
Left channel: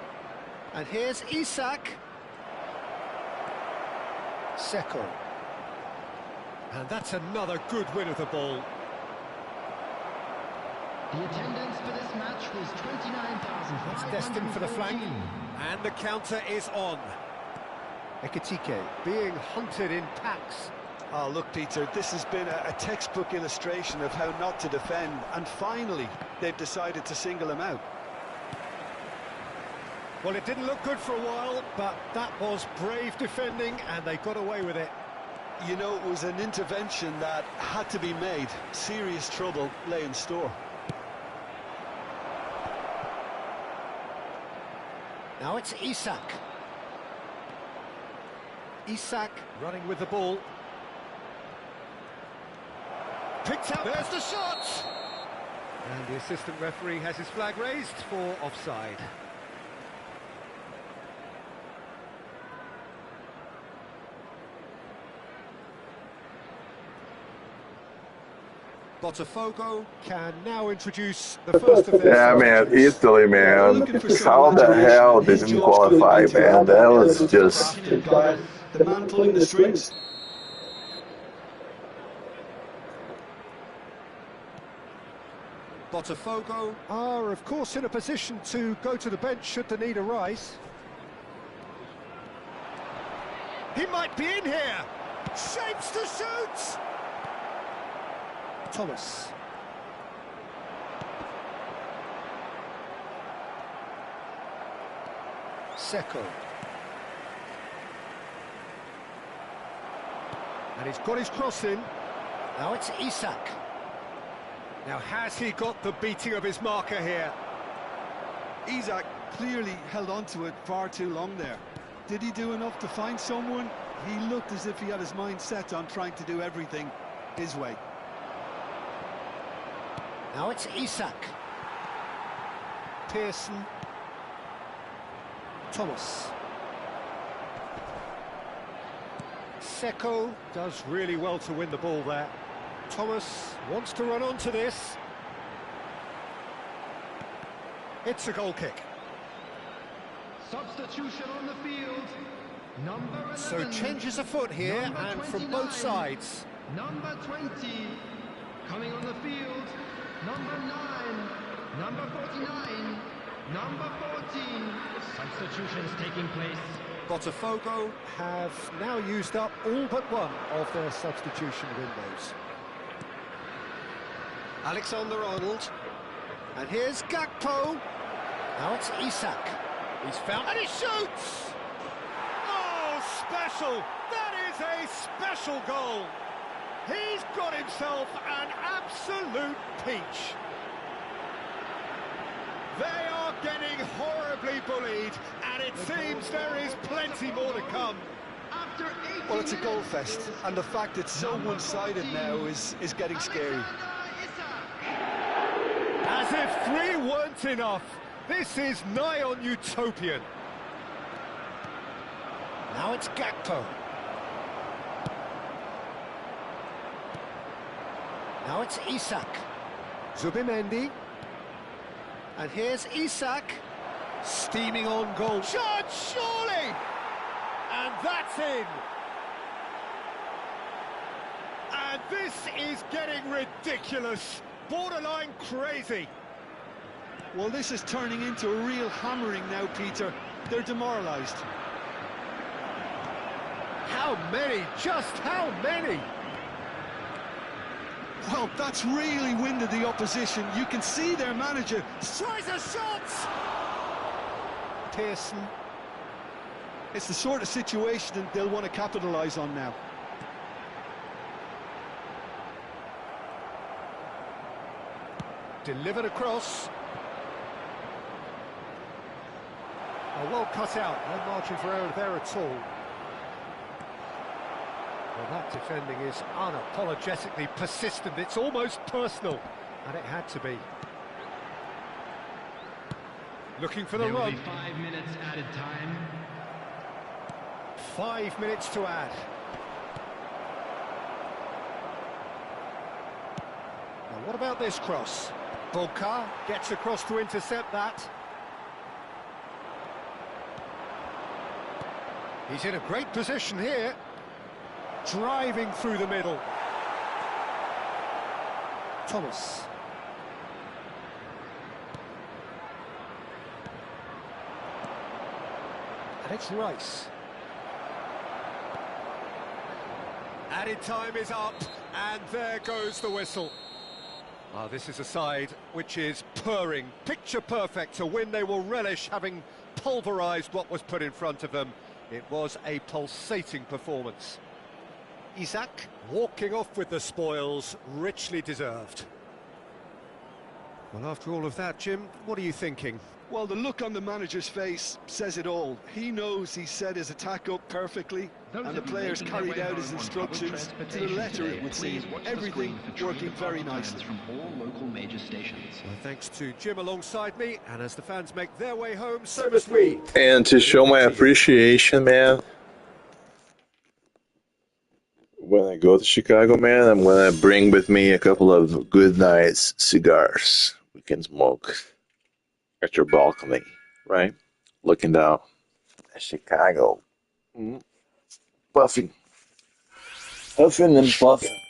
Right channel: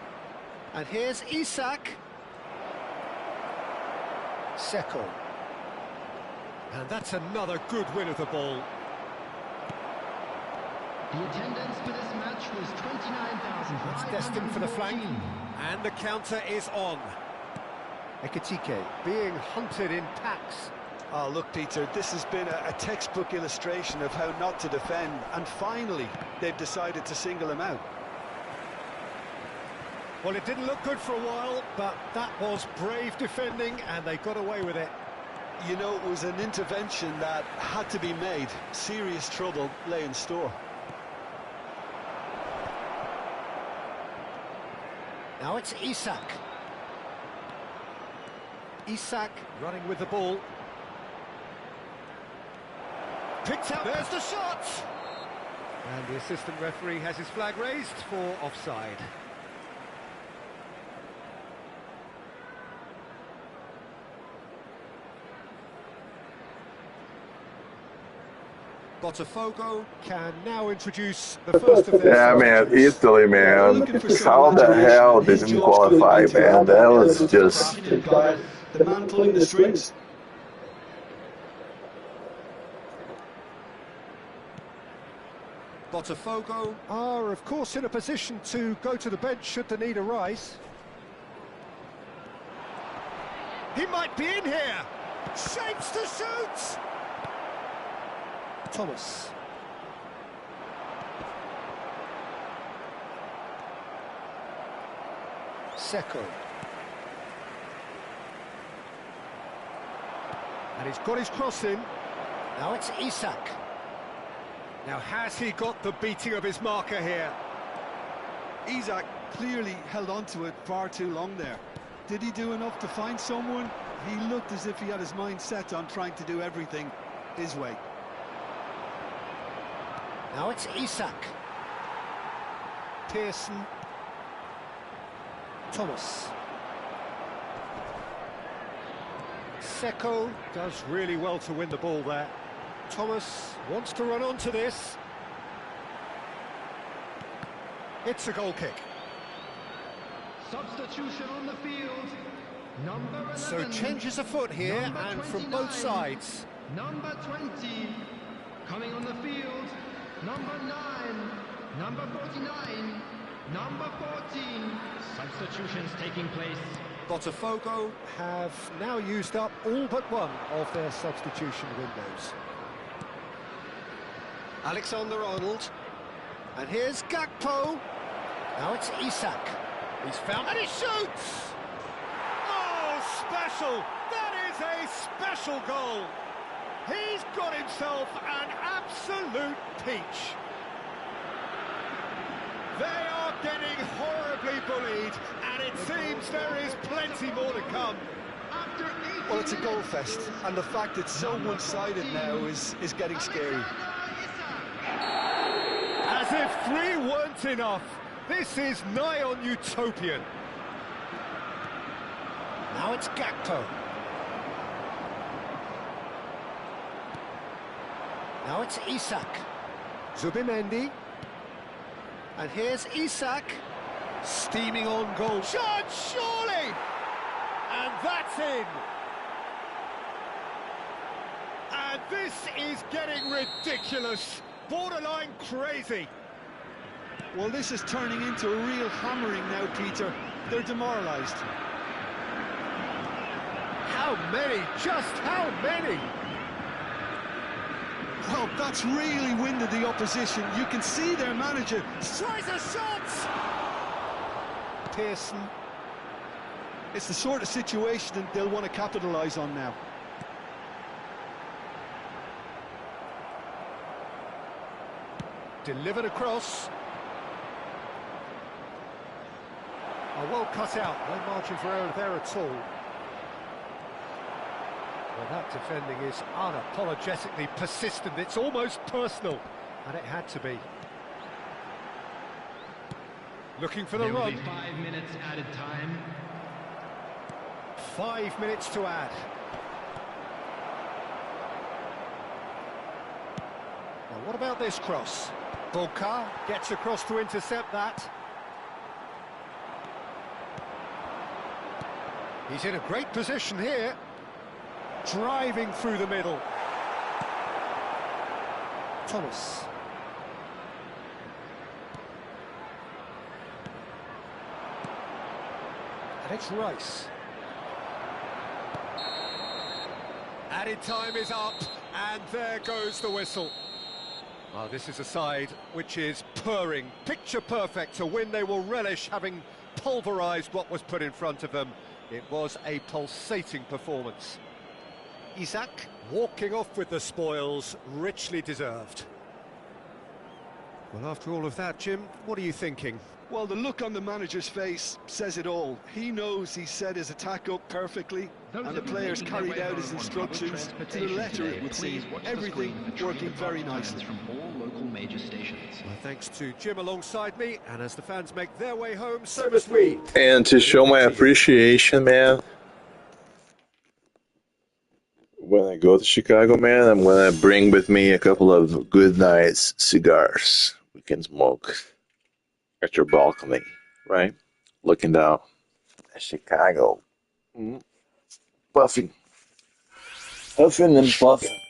And here's Isak. Seko. And that's another good win of the ball. The attendance for this match was 29,000. That's destined for the flank. And the counter is on. Ekitike being hunted in packs. Oh, look, Peter, this has been a textbook illustration of how not to defend, and finally, they've decided to single him out. Well, it didn't look good for a while, but that was brave defending, and they got away with it. You know, it was an intervention that had to be made. Serious trouble lay in store. Now it's Isak. Isak running with the ball. Picked up, there's the shot! And the assistant referee has his flag raised for offside. Botafogo can now introduce the first of their... Yeah, man, Italy, man. How the hell didn't qualify, man? That was just... The man pulling the strings. Botafogo are, of course, in a position to go to the bench should the need arise. He might be in here. Shapes to shoot. Thomas. Seko. And he's got his cross in. Now it's Isak. Now, has he got the beating of his marker here? Isak clearly held on to it far too long there. Did he do enough to find someone? He looked as if he had his mind set on trying to do everything his way. Now it's Isak. Pearson. Thomas. Seko does really well to win the ball there. Thomas wants to run onto this. It's a goal kick. Substitution on the field. Number 11. So changes afoot here, Number and 29. from both sides. Number 20 coming on the field. Number 9. Number 49. Number 14. Substitutions taking place. Botafogo have now used up all but one of their substitution windows. Alexander-Arnold. And here's Gakpo. Now it's Isak. He's found, and he shoots! Oh, special! That is a special goal! He's got himself an absolute peach. They are getting horribly bullied, and it seems there is plenty more to come. Well, it's a goal fest, and the fact it's so one-sided now is getting scary. As if 3 weren't enough, this is nigh on utopian. Now it's Gakpo. Now it's Isak. Zubimendi. And here's Isak. Steaming on goal. Shot, surely! And that's in. And this is getting ridiculous. Borderline crazy. Well, this is turning into a real hammering now, Peter. They're demoralised. How many? Just how many? Well, that's really winded the opposition. You can see their manager Tries a shot! Pearson. It's the sort of situation that they'll want to capitalise on now. Delivered across. Oh, well cut out. No margin for error there at all. Well, that defending is unapologetically persistent. It's almost personal. And it had to be. Looking for the There will run. be 5 minutes added time. 5 minutes to add. Now, what about this cross? Boca gets across to intercept that. He's in a great position here. Driving through the middle. Thomas. And it's Rice. Added time is up, and there goes the whistle. Well, this is a side which is purring, picture perfect, a win they will relish, having pulverised what was put in front of them. It was a pulsating performance. Isak walking off with the spoils, richly deserved. Well, after all of that, Jim, what are you thinking? Well, the look on the manager's face says it all. He knows he set his attack up perfectly, and the players carried out his instructions to the letter, it would seem. Everything working very nicely. From all local major stations. Well, thanks to Jim alongside me, and as the fans make their way home, so must we. And to show my appreciation, man, when I go to Chicago, man, I'm gonna bring with me a couple of Good Nights cigars. We can smoke at your balcony, right? Looking down at Chicago. Puffing. Puffing and puffing.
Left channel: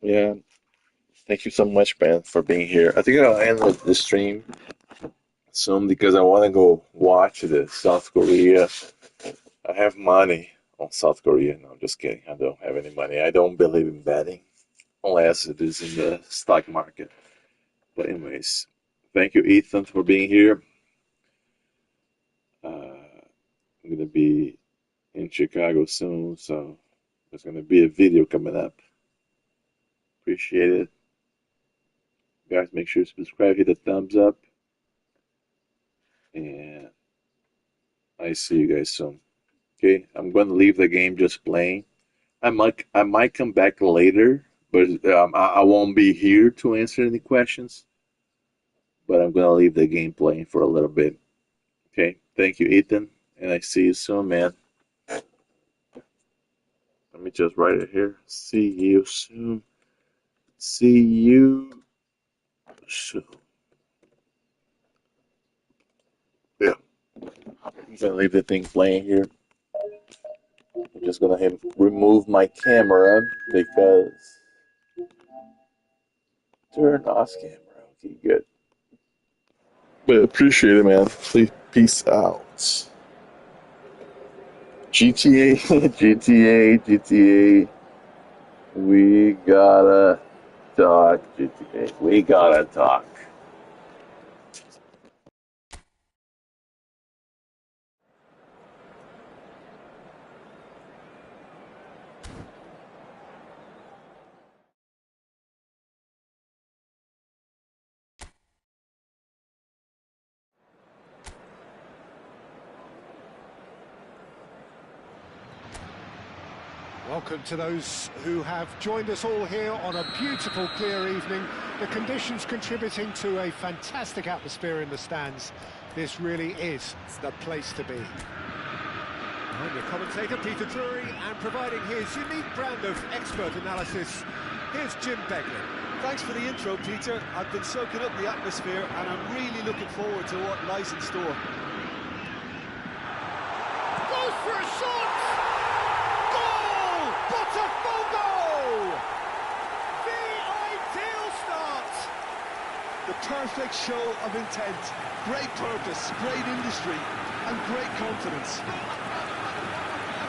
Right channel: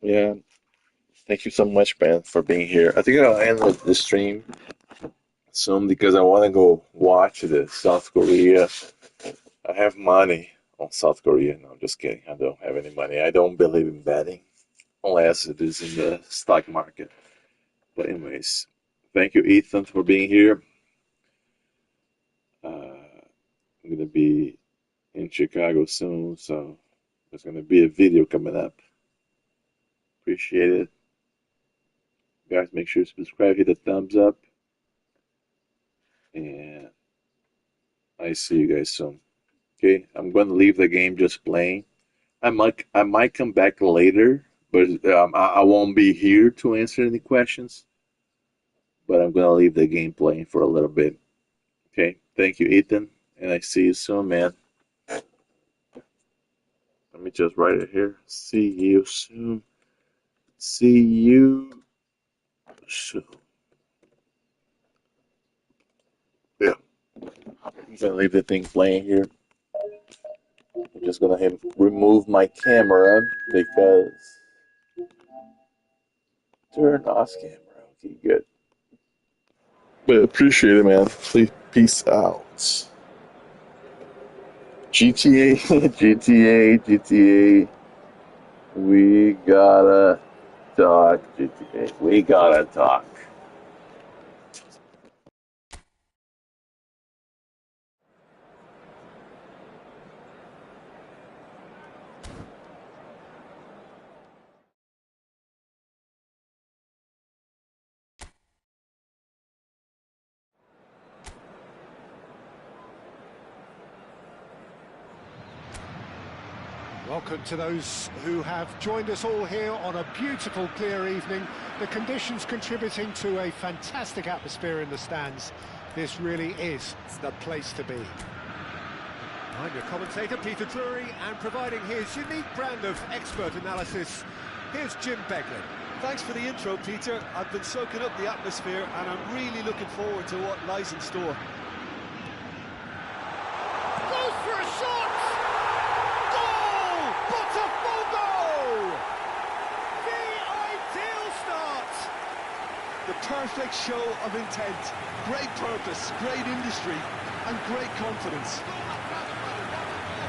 Yeah, thank you so much, man, for being here. I think I'll end the stream soon because I want to go watch the South Korea. I have money on South Korea. No, I'm just kidding. I don't have any money. I don't believe in betting unless it is in the stock market. But anyways, thank you, Ethan, for being here. I'm gonna be in Chicago soon, so there's gonna be a video coming up. Appreciate it. Guys, make sure to subscribe, hit the thumbs up, and I see you guys soon. Okay, I'm going to leave the game just playing. I might come back later, but I won't be here to answer any questions. But I'm going to leave the game playing for a little bit. Okay, thank you, Ethan, and I see you soon, man. Let me just write it here. See you soon. See you soon. Yeah. I'm gonna leave the thing playing here. I'm just gonna remove my camera because turn off camera. Okay, good. But appreciate it, man. Please, peace out. GTA, GTA. We gotta talk, GTA. We gotta talk. Welcome to those who have joined us all here on a beautiful, clear evening. The conditions contributing to a fantastic atmosphere in the stands. This really is the place to be. I'm your commentator, Peter Drury, and providing his unique brand of expert analysis, here's Jim Beglin. Thanks for the intro, Peter. I've been soaking up the atmosphere and I'm really looking forward to what lies in store. Goes for a shot! Goal! Botafogo! The ideal start! The perfect show of intent, great purpose, great industry and great confidence.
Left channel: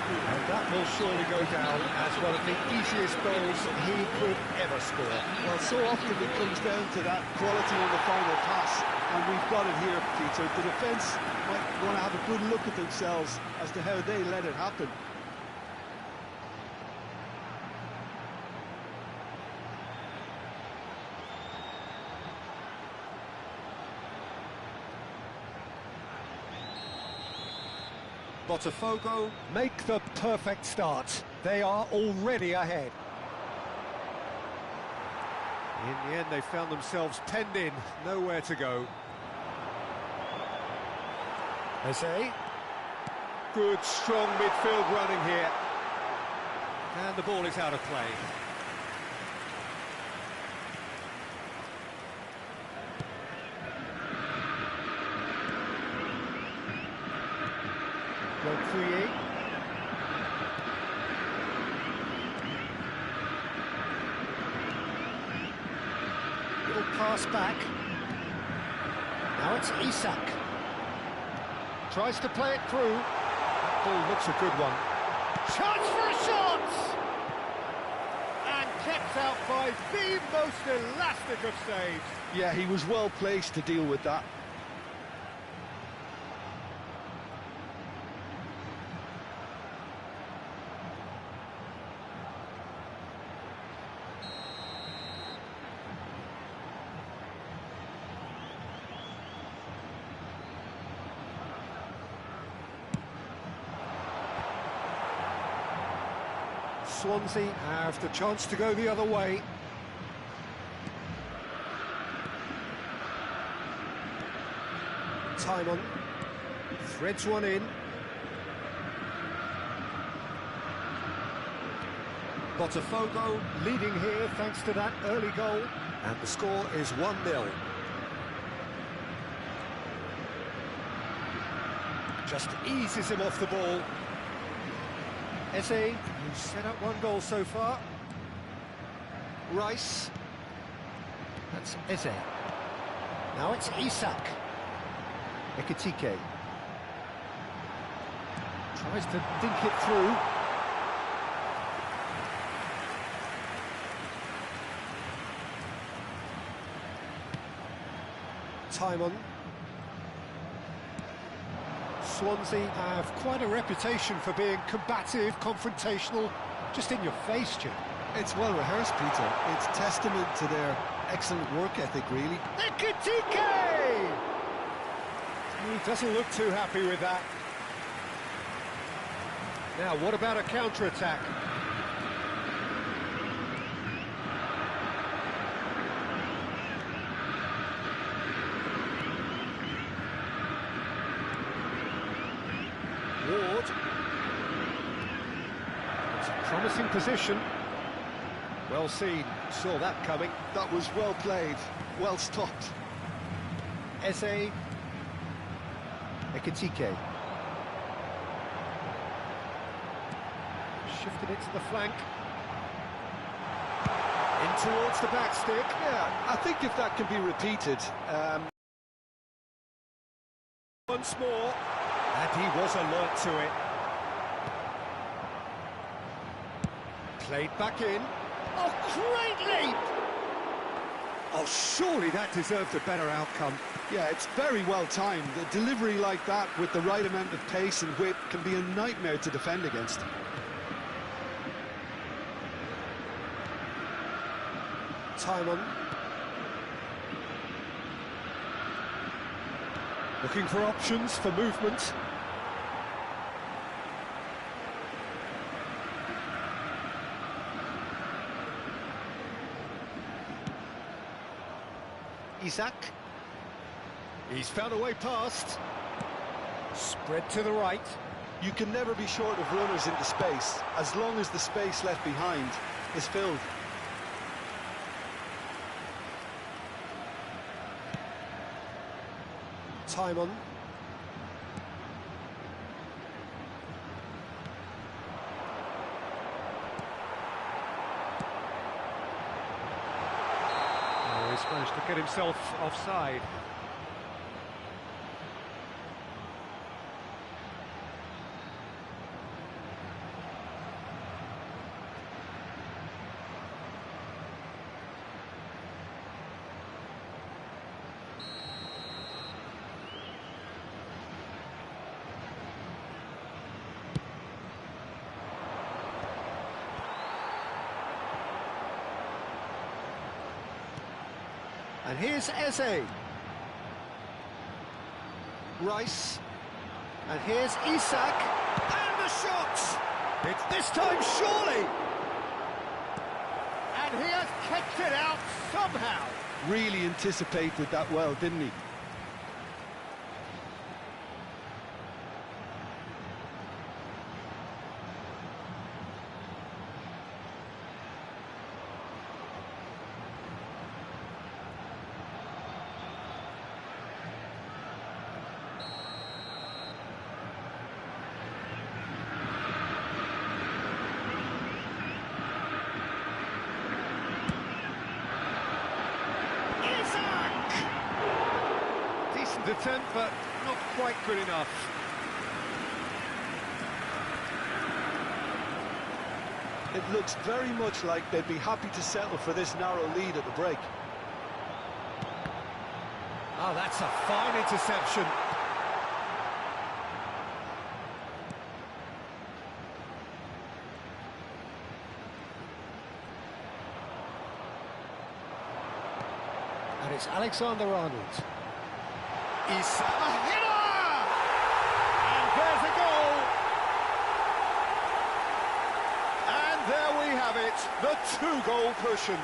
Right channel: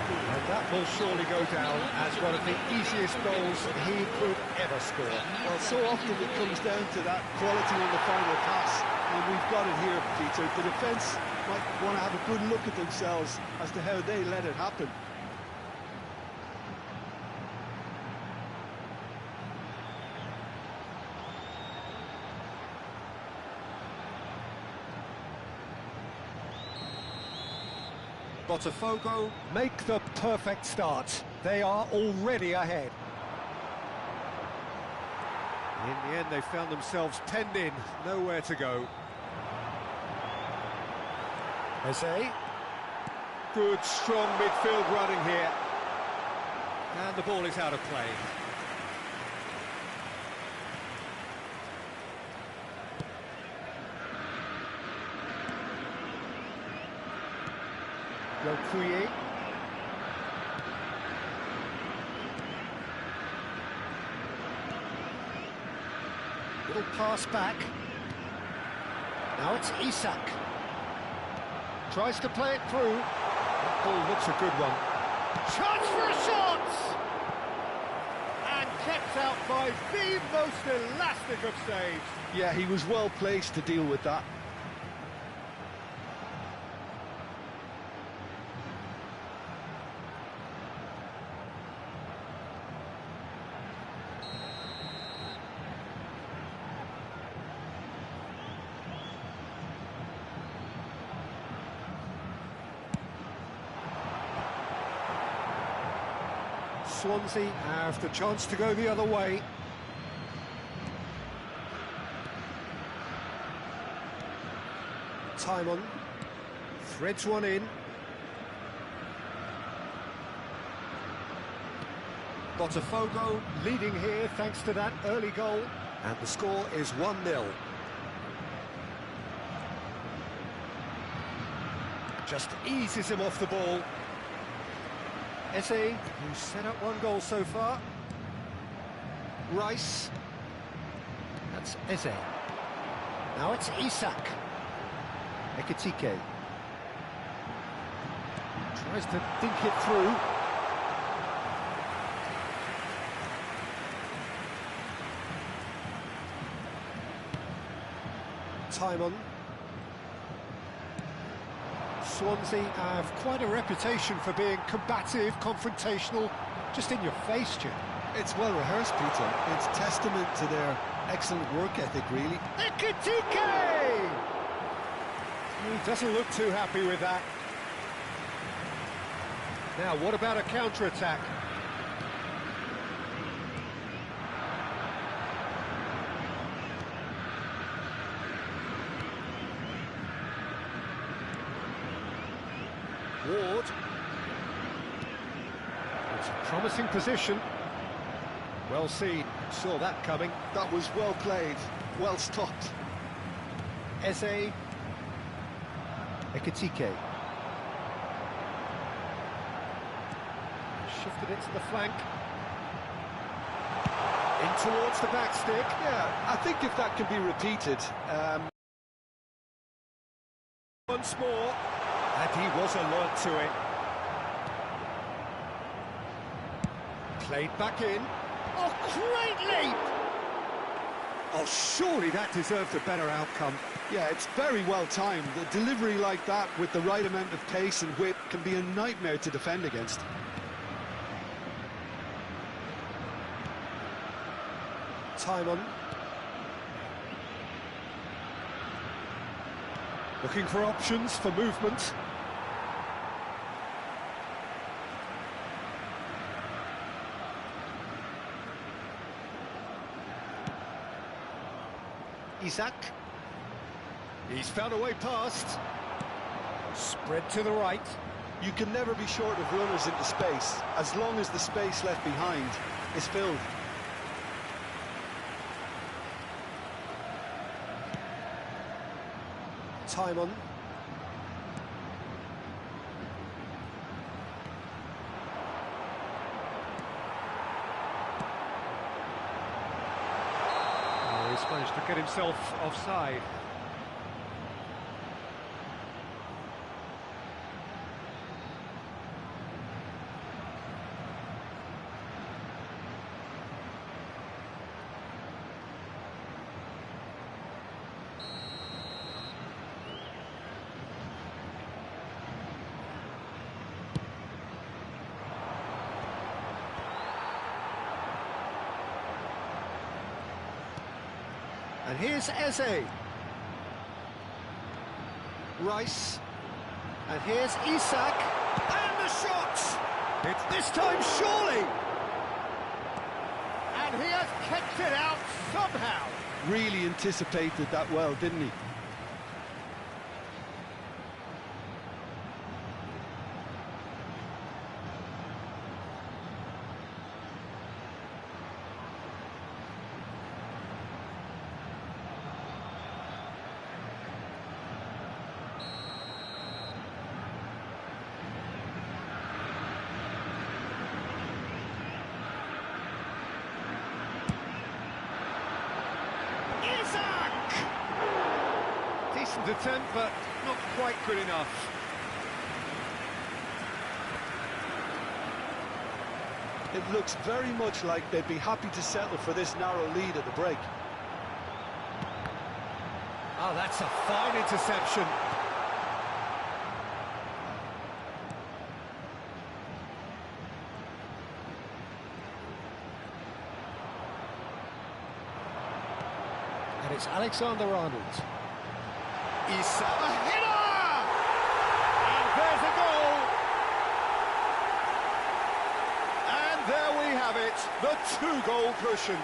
And that will surely go down as one of the easiest goals he could ever score. Well, so often it comes down to that quality on the final pass, and we've got it here, Peter. The defence might want to have a good look at themselves as to how they let it happen. Botafogo make the perfect start. They are already ahead. In the end, they found themselves penned in, nowhere to go. Eze. Good, strong midfield running here. And the ball is out of play. Lokuye. Little pass back. Now it's Isak. Tries to play it through. That ball looks a good one. Chance for a shot! And kept out by the most elastic of saves. Yeah, he was well placed to deal with that. Swansea have the chance to go the other way. Timon threads one in. Botafogo leading here thanks to that early goal. And the score is 1-0. Just eases him off the ball. Eze, who's set up one goal so far. Rice. That's Eze. Now it's Isak. Ekitike. Tries to dink it through. Timon. Swansea have quite a reputation for being combative, confrontational, just in your face, Jim. It's well rehearsed, Peter. It's testament to their excellent work ethic, really. Ekitike! He doesn't look too happy with that. Now, what about a counter-attack? Ward. It's a promising position. Well seen. Saw that coming. That was well played, well stopped. Eze. Ekitike. Shifted it to the flank. In towards the back stick. Yeah, I think if that can be repeated, Once more. And he was alert to it. Played back in. Oh, great leap! Oh, surely that deserved a better outcome. yeah, it's very well timed. The delivery like that with the right amount of pace and whip can be a nightmare to defend against. Timon. Looking for options for movement. Isak. He's found a way past. Spread to the right. You can never be short of runners into space, as long as the space left behind is filled. Timon. Oh, he's managed to get himself offside. And here's Eze. Rice. And here's Isak. And the shot! It's this time, surely! And he has kept it out somehow. Really anticipated that well, didn't he? Decent attempt, but not quite good enough. It looks very much like they'd be happy to settle for this narrow lead at the break. Oh, that's a fine interception. And it's Alexander-Arnold. Isak, a header! And there's a goal! And there we have it, the two-goal cushion.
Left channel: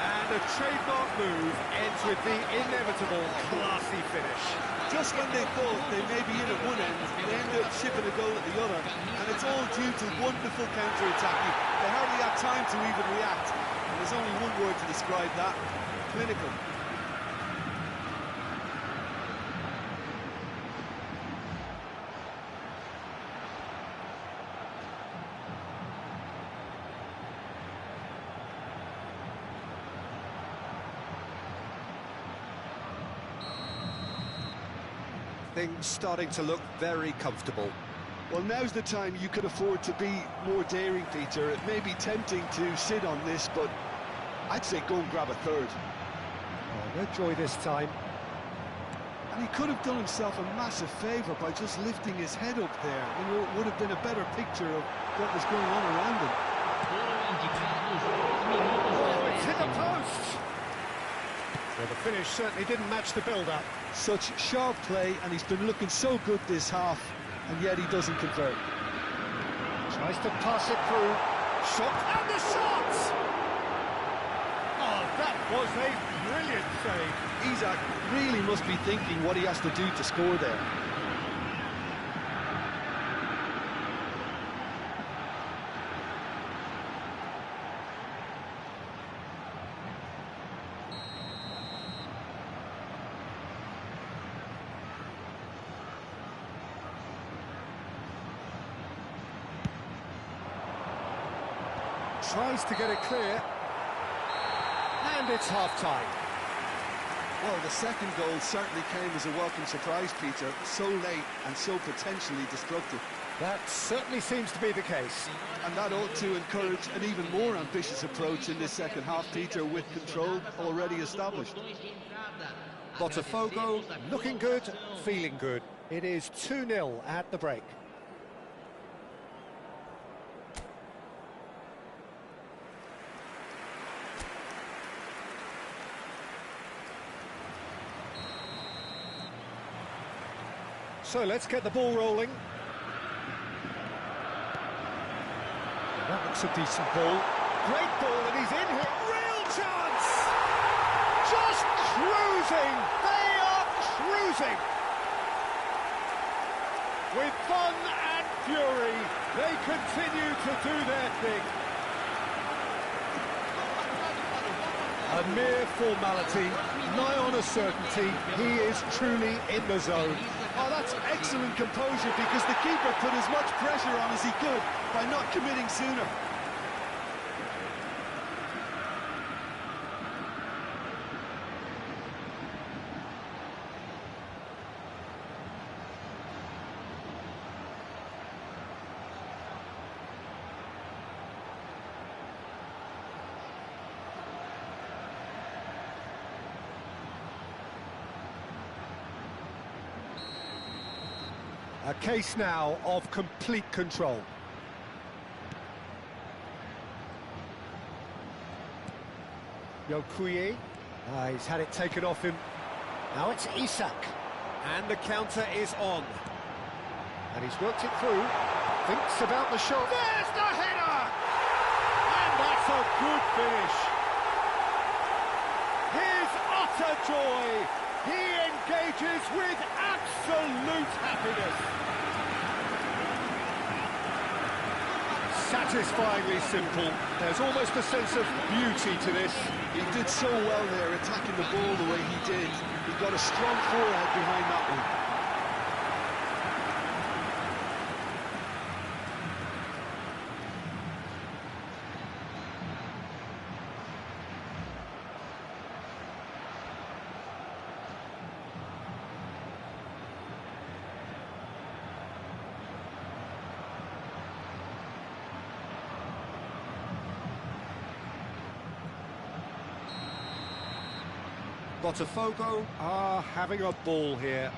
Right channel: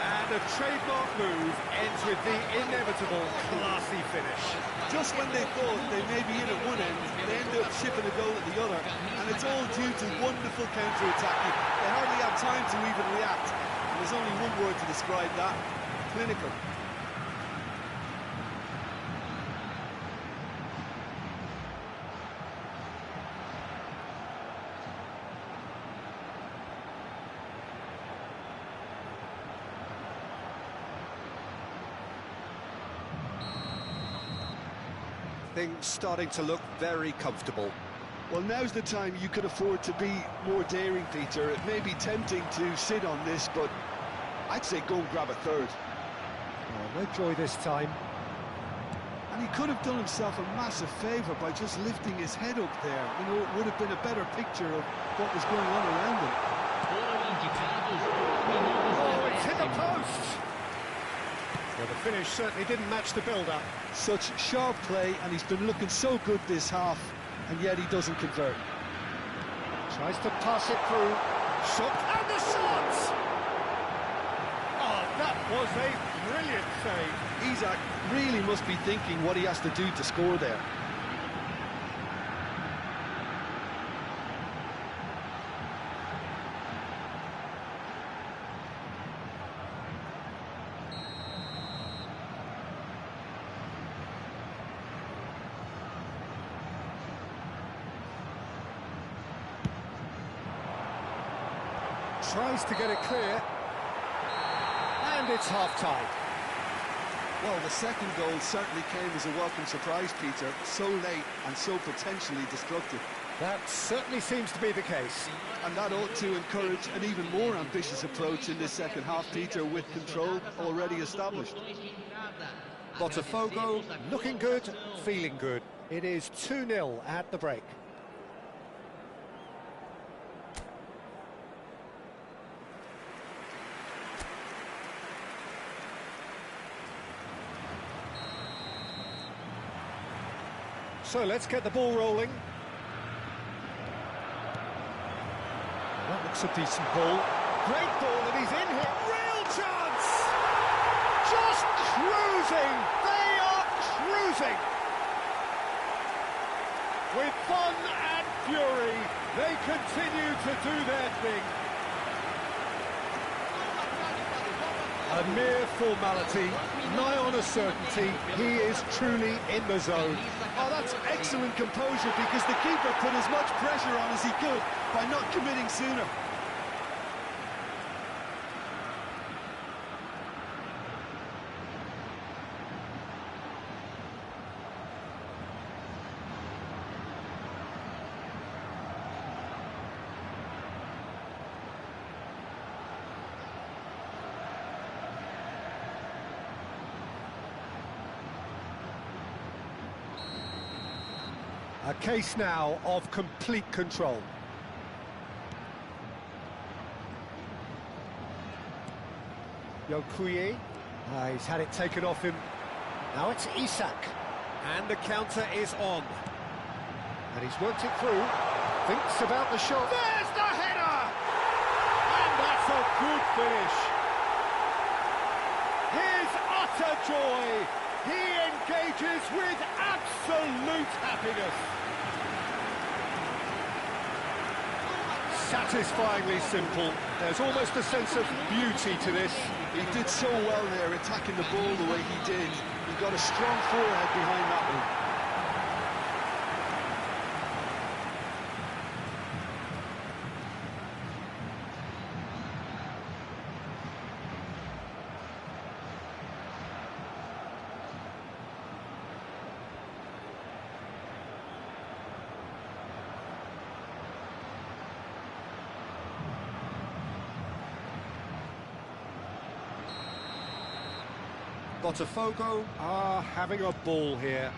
And a trademark move ends with the inevitable classy finish. Just when they thought they may be in at one end, they end up shipping a goal at the other, and it's all due to wonderful counter-attacking. They hardly have time to even react, and there's only one word to describe that: clinical. Things starting to look very comfortable. Well, now's the time you could afford to be more daring, Peter. It may be tempting to sit on this, but I'd say go and grab a third. Oh, no joy this time. And he could have done himself a massive favour by just lifting his head up there. You know, it would have been a better picture of what was going on around him. Oh, it's hit the post! Well, the finish certainly didn't match the build-up. Such sharp play, and he's been looking so good this half, and yet he doesn't convert. Tries to pass it through. Shot, and the shot! Oh, that was a brilliant save. Isak really must be thinking what he has to do to score there. Tries to get it clear. And it's half-time. Well, the second goal certainly came as a welcome surprise, Peter. So late and so potentially destructive. That certainly seems to be the case. And that ought to encourage an even more ambitious approach in this second half, Peter, with control already established. Botafogo looking good, feeling good. It is 2-0 at the break. So let's get the ball rolling. That looks a decent ball. Great ball, and he's in here. Real chance! Just cruising! They are cruising! With fun and fury, they continue to do their thing. A mere formality, nigh on a certainty, he is truly in the zone. Oh, that's excellent composure, because the keeper put as much pressure on as he could by not committing sooner. A case now of complete control. Yokuye, he's had it taken off him. Now it's Isak, and the counter is on. And he's worked it through, thinks about the shot. There's the header! And that's a good finish. His utter joy. He engages with absolute happiness. Satisfyingly simple. There's almost a sense of beauty to this. He did so well there, attacking the ball the way he did. He got a strong forehead behind that one. Botafogo are having a ball here.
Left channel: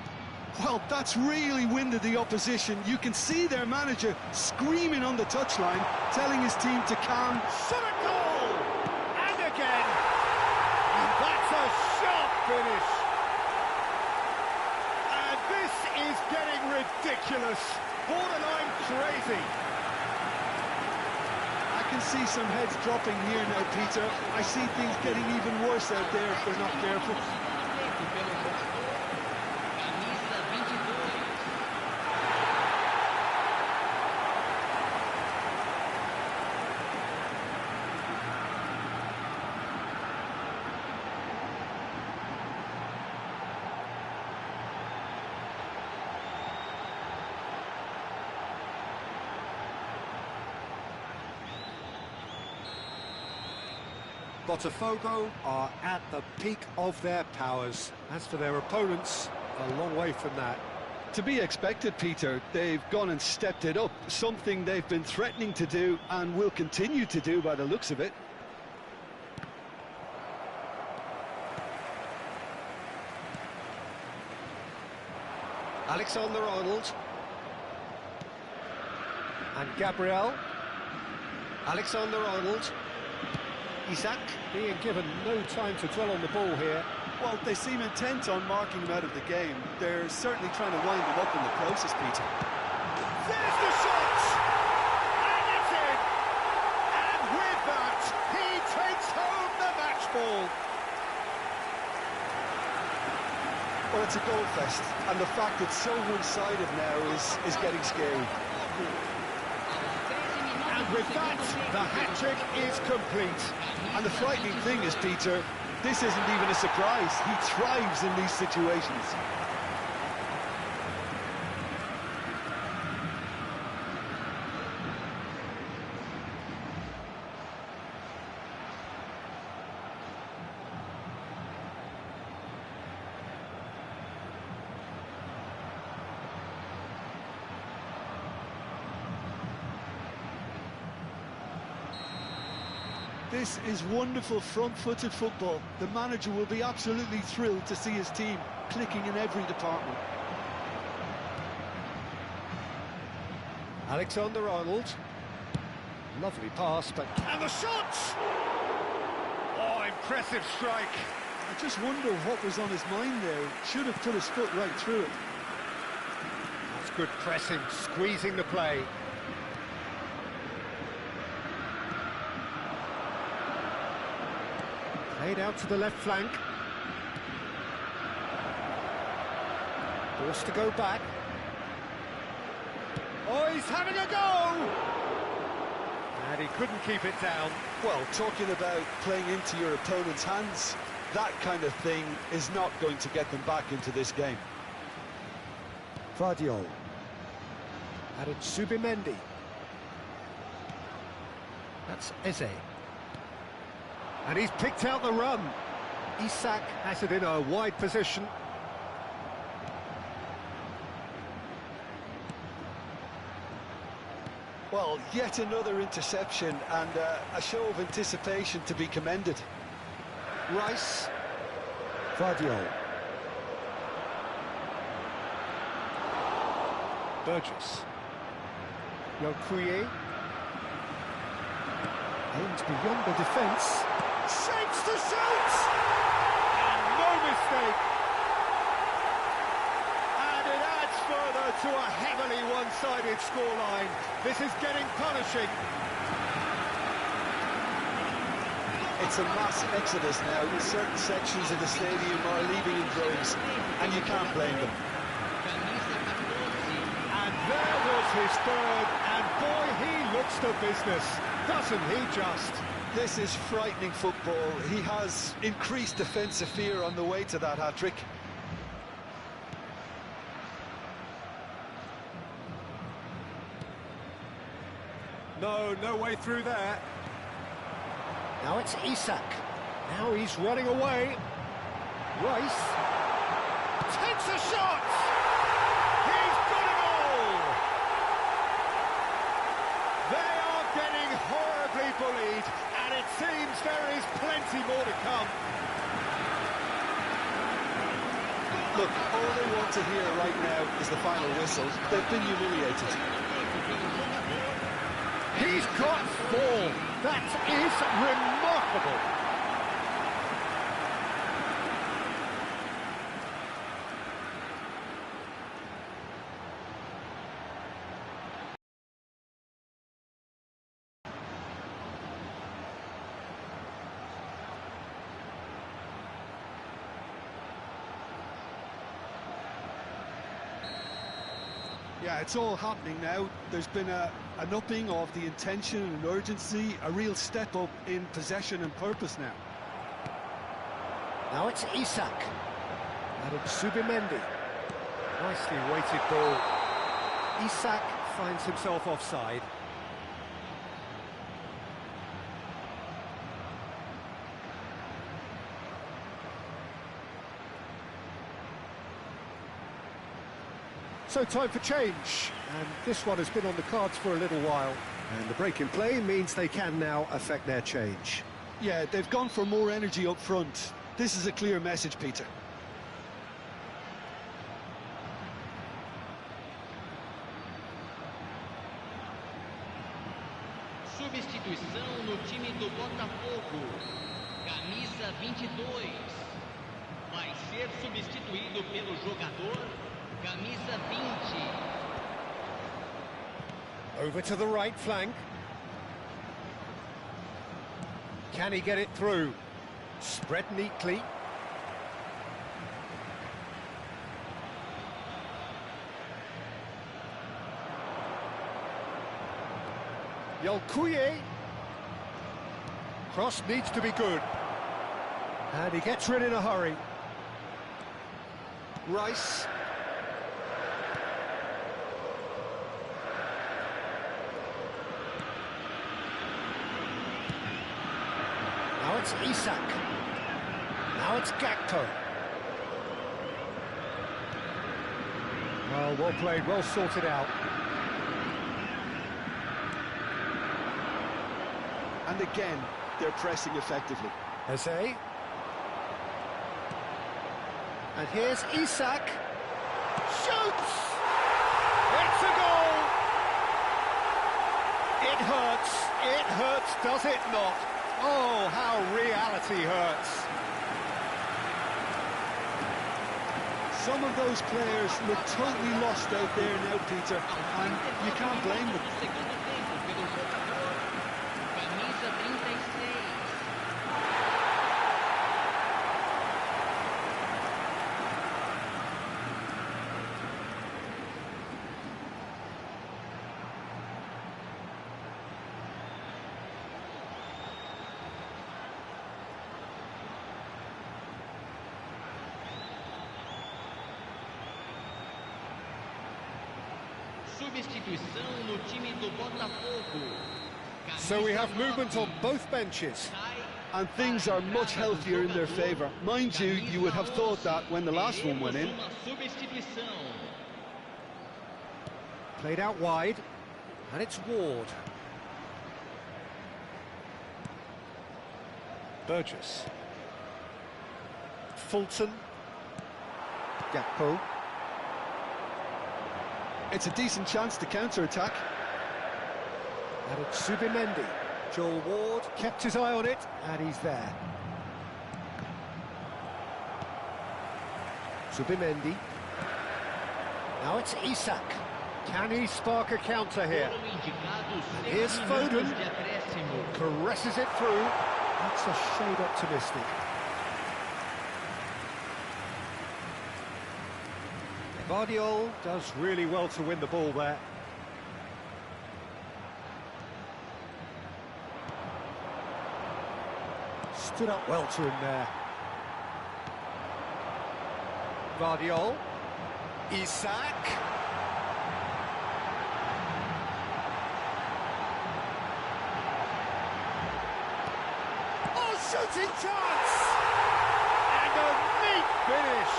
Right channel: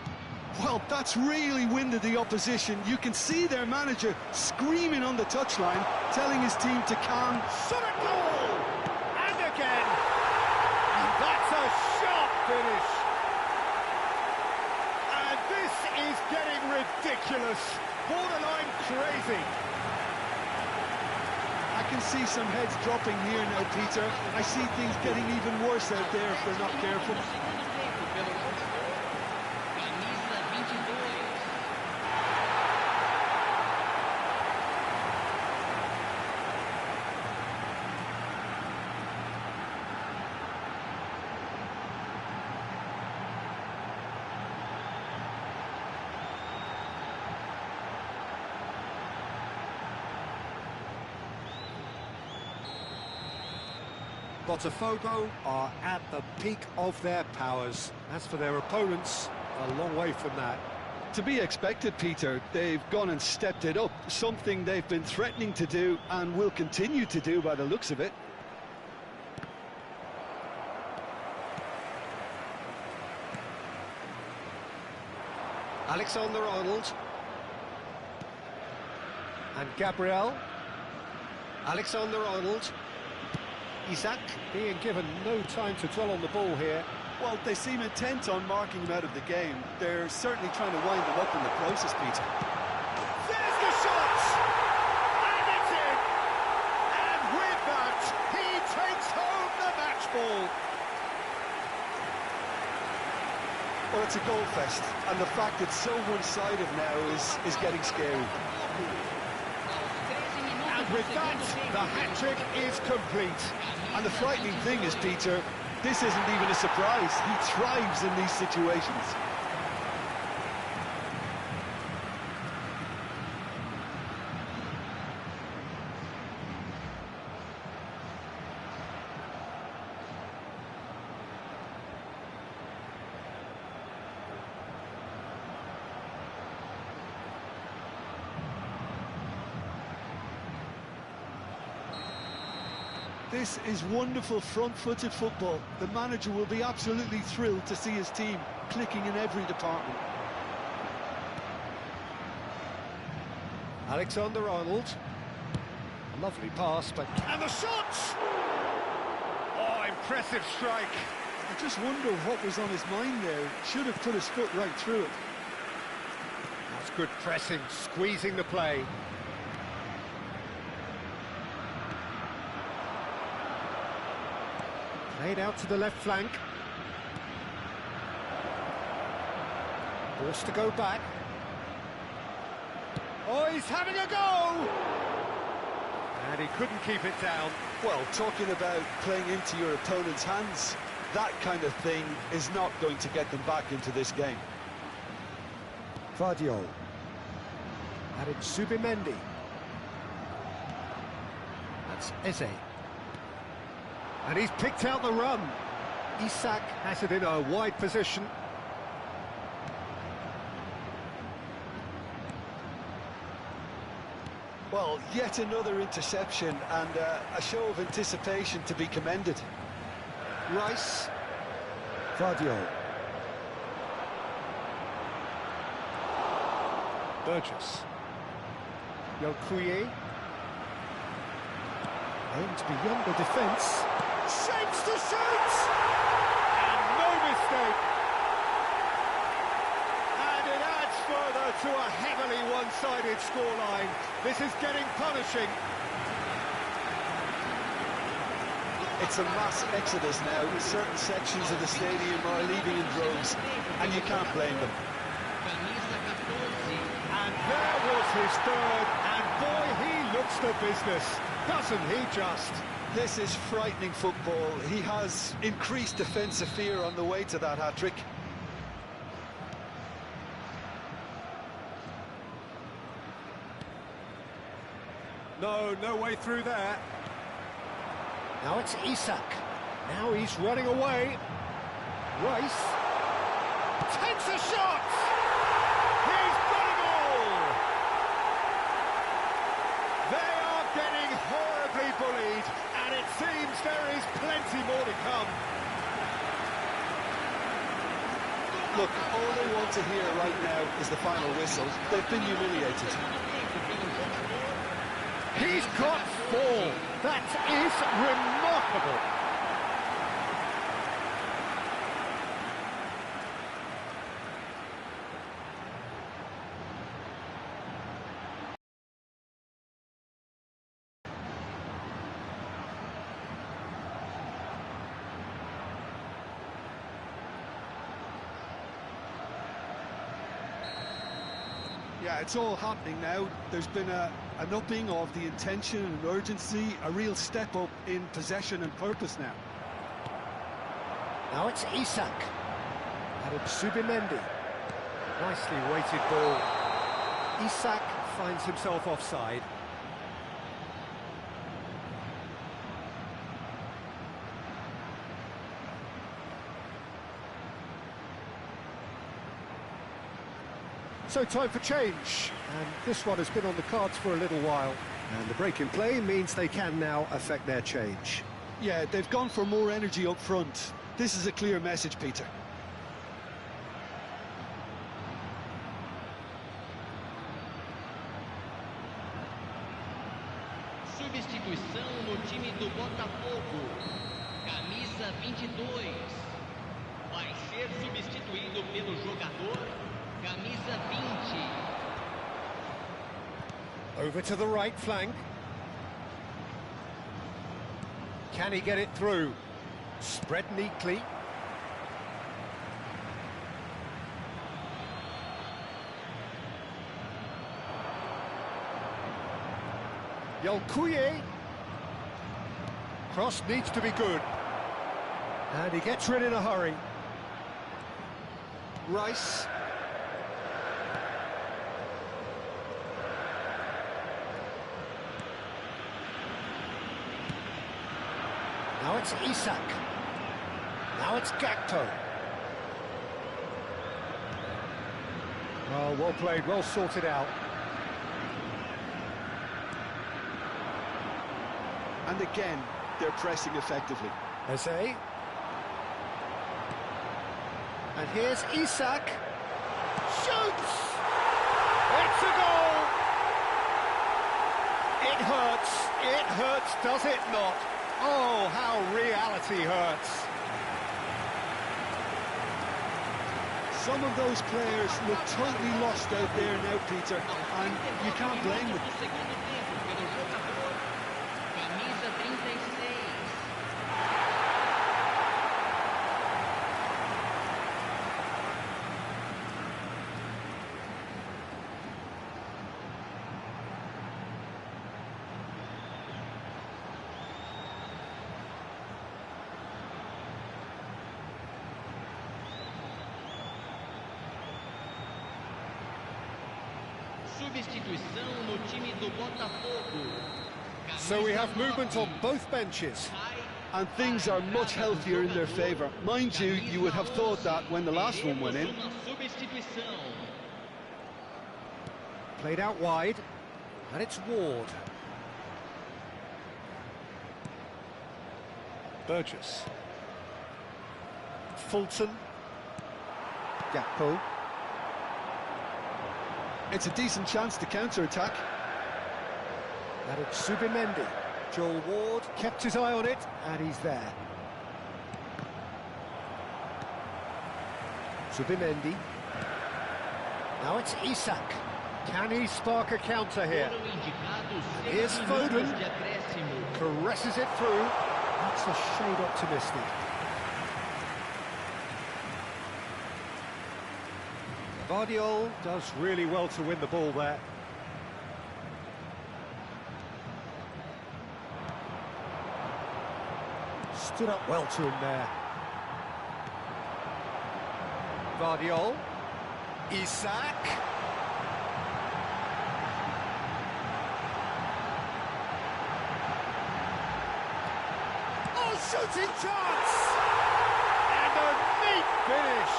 Well, that's really winded the opposition. You can see their manager screaming on the touchline, telling his team to calm. Shot a goal! And again! And that's a sharp finish! And this is getting ridiculous, borderline crazy. I can see some heads dropping here now, Peter. I see things getting even worse out there if they're not careful. Botafogo are at the peak of their powers. As for their opponents, a long way from that. To be expected, Peter. They've gone and stepped it up, something they've been threatening to do and will continue to do by the looks of it. Alexander-Arnold. And Gabriel. Alexander-Arnold. Isak being given no time to dwell on the ball here. Well, they seem intent on marking him out of the game. They're certainly trying to wind him up in the process, Peter. There's the shot! And it's in! And with that, he takes home the match ball. Well, it's a goal fest, and the fact it's so one-sided now is getting scary. And with that, the hat-trick is complete. And the frightening thing is, Peter, this isn't even a surprise. He thrives in these situations. This is wonderful front-footed football. The manager will be absolutely thrilled to see his team clicking in every department. Alexander-Arnold. Lovely pass, but... And the shot! Oh, impressive strike. I just wonder what was on his mind there. Should have put his foot right through it. That's good pressing, squeezing the play. Played out to the left flank. Forced to go back. Oh, he's having a go! And he couldn't keep it down. Well, talking about playing into your opponent's hands, that kind of thing is not going to get them back into this game. Vardiol. Added Subimendi. That's Eze. And he's picked out the run. Isak has it in a wide position. Well, yet another interception and a show of anticipation to be commended. Rice. Vardiol. Burgess. Yokuye. Aimed beyond the defence. Shapes to shoot! And no mistake! And it adds further to a heavily one-sided scoreline. This is getting punishing. It's a mass exodus now. Certain sections of the stadium are leaving in droves, and you can't blame them. And there was his third, and boy, he looks the business, doesn't he just? This is frightening football. He has increased defensive fear on the way to that hat-trick. No way through there. Now it's Isak. Now he's running away. Rice takes a shot! He's got it all! They are getting horribly bullied, and it seems there is plenty more to come. Look, all they want to hear right now is the final whistle. They've been humiliated. He's got 4. That is remarkable. Yeah, it's all happening now. There's been an upping of the intention and urgency, a real step up in possession and purpose now. Now it's Isak. Added Subimendi. Nicely weighted ball. Isak finds himself offside. So time for change, and this one has been on the cards for a little while. And the break in play means they can now affect their change. Yeah, they've gone for more energy up front. This is a clear message, Peter. Substituição no time do Botafogo. Camisa 22. Vai ser substituído pelo jogador Camisa 20. Over to the right flank. Can he get it through? Spread neatly. Yolkuye. Cross needs to be good. And he gets rid in a hurry. Rice. Now it's Isak. Now it's Gakpo. Well played, well sorted out. And again, their pressing effectively. Eze. And here's Isak. Shoots! It's a goal! It hurts, does it not? Oh, how reality hurts. Some of those players look totally lost out there now, Peter, and you can't blame them. Camisa 36. Substituição no time do Botafogo. So we have movement on both benches. And things are much healthier in their favour. Mind you, you would have thought that when the last one went in. Played out wide, and it's Ward. Burgess. Fulton. Gakpo. It's a decent chance to counter-attack. And it's Zubimendi. Joel Ward kept his eye on it, and he's there. Zubimendi. Now it's Isak. Can he spark a counter here? And here's Foden. Caresses it through. That's a shade optimistic. Vardiol does really well to win the ball there. Stood up well to him there. Vardiol. Isak. Oh, shooting chance! And a neat finish.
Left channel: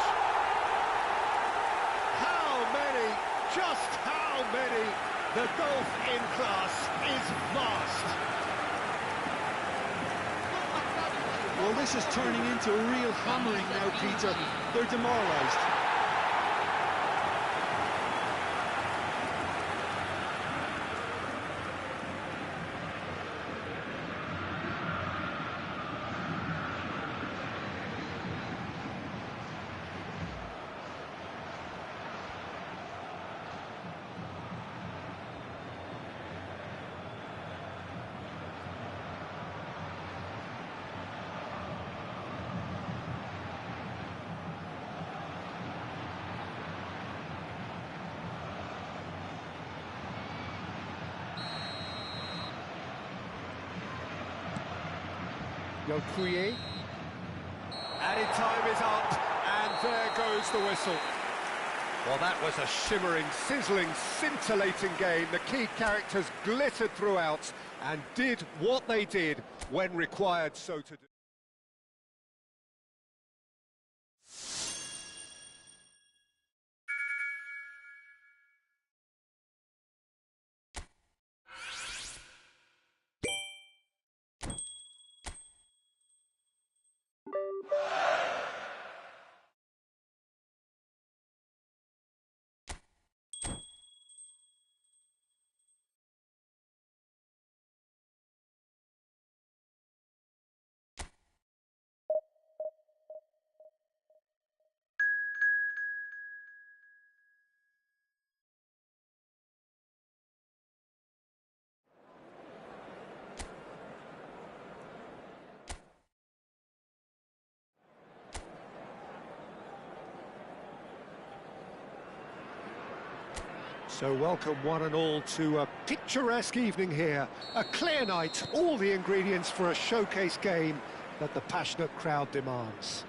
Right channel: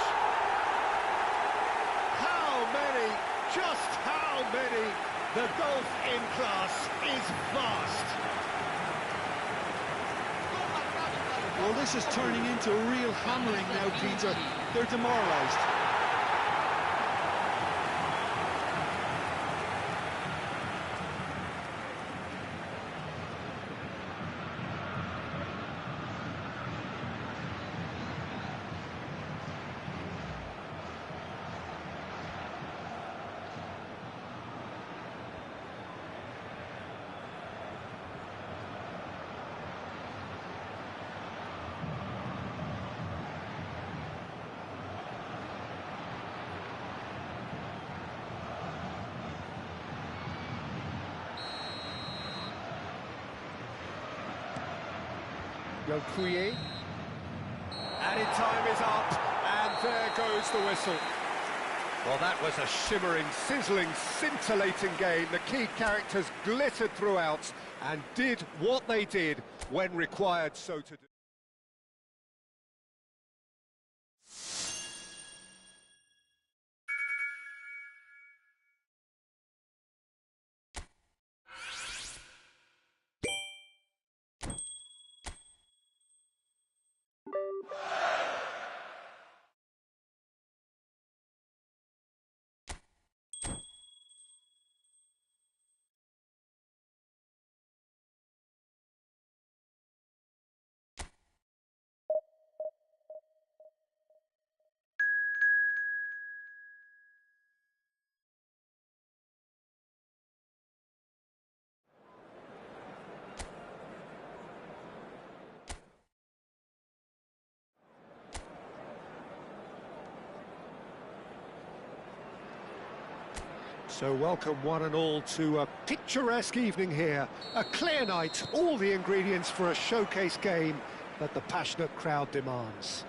How many, just how many? The golf in class is vast. Well, this is turning into a real hammering now, Peter. They're demoralised. Yokuye. Added time is up, and there goes the whistle. Well, that was a shimmering, sizzling, scintillating game. The key characters glittered throughout and did what they did when required so to do. So welcome one and all to a picturesque evening here. A clear night, all the ingredients for a showcase game that the passionate crowd demands.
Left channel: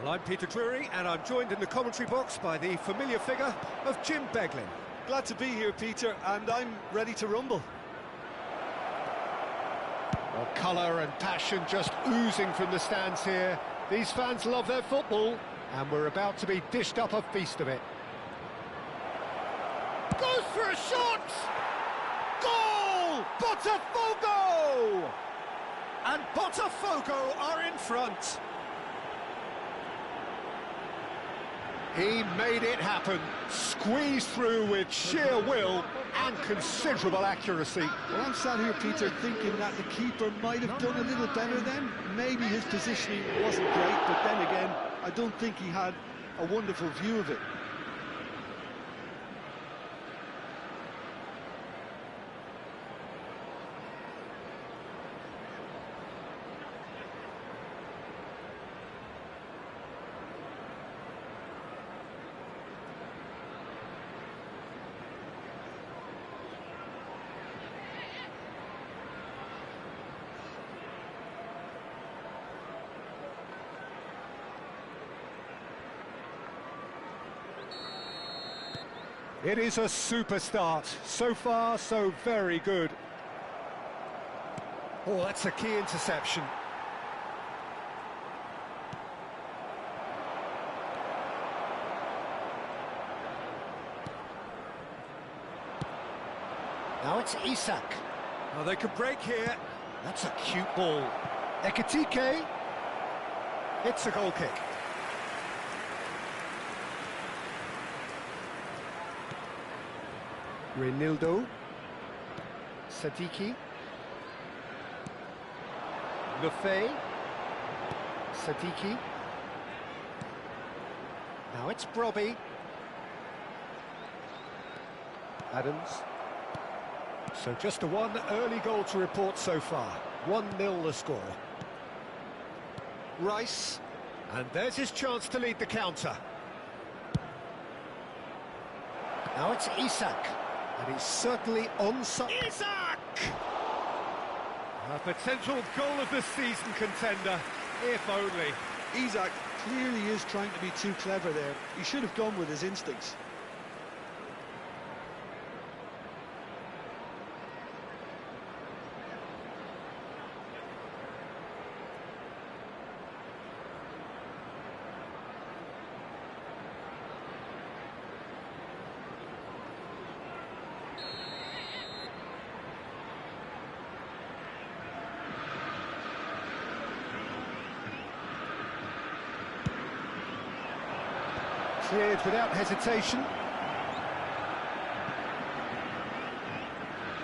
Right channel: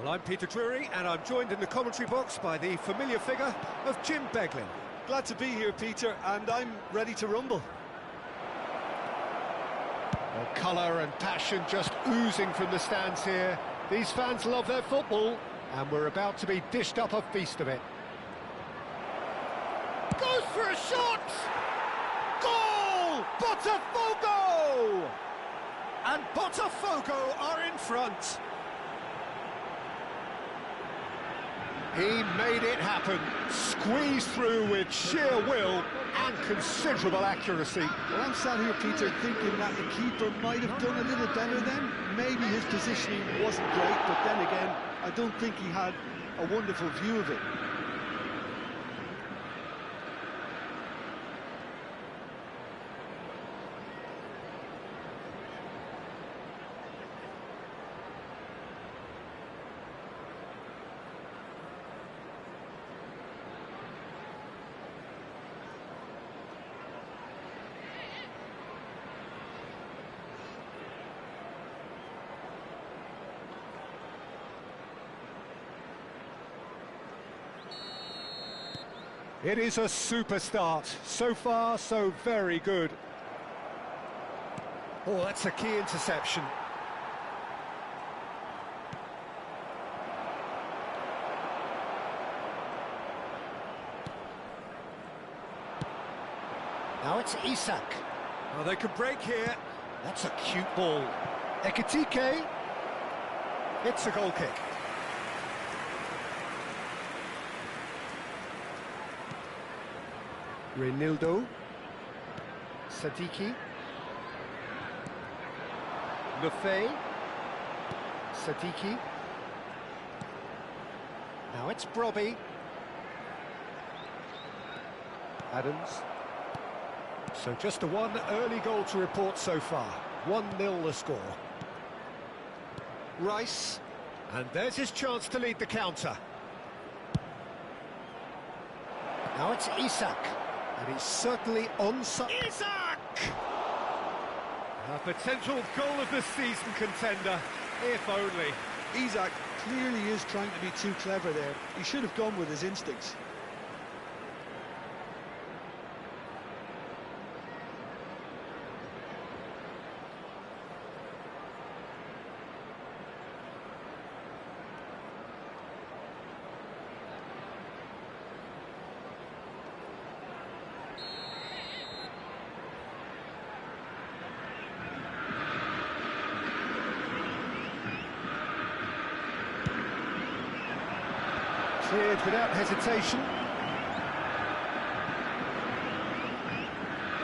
Well, I'm Peter Drury, and I'm joined in the commentary box by the familiar figure of Jim Beglin. Glad to be here, Peter, and I'm ready to rumble. Well, colour and passion just oozing from the stands here. These fans love their football, and we're about to be dished up a feast of it. Goes for a shot! Goal! Botafogo! And Botafogo are in front. He made it happen, squeezed through with sheer will and considerable accuracy. Well, I'm sat here, Peter, thinking that the keeper might have done a little better then. Maybe his positioning wasn't great, but then again, I don't think he had a wonderful view of it. It is a super start. So far, so very good. Oh, that's a key interception. Now it's Isak. Oh, they could break here. That's a cute ball. Ekitike. It's a goal kick. Reinildo, Sadiki, Lefay, Sadiki, now it's Brobbey, Adams, so just a one early goal to report so far, 1-0 the score. Rice, and there's his chance to lead the counter. Now it's Isak. And he's certainly onside. Isak! A potential goal of the season contender, if only. Isak clearly is trying to be too clever there. He should have gone with his instincts. Cleared without hesitation.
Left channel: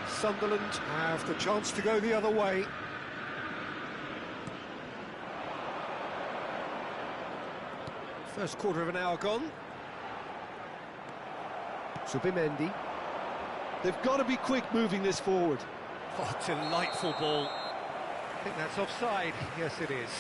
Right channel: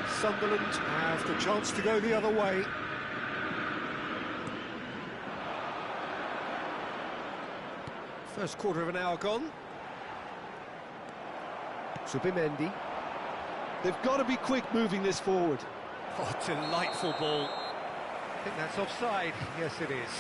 Sunderland have the chance to go the other way. First quarter of an hour gone. Zubimendi. They've got to be quick moving this forward. Oh, delightful ball. I think that's offside. Yes, it is.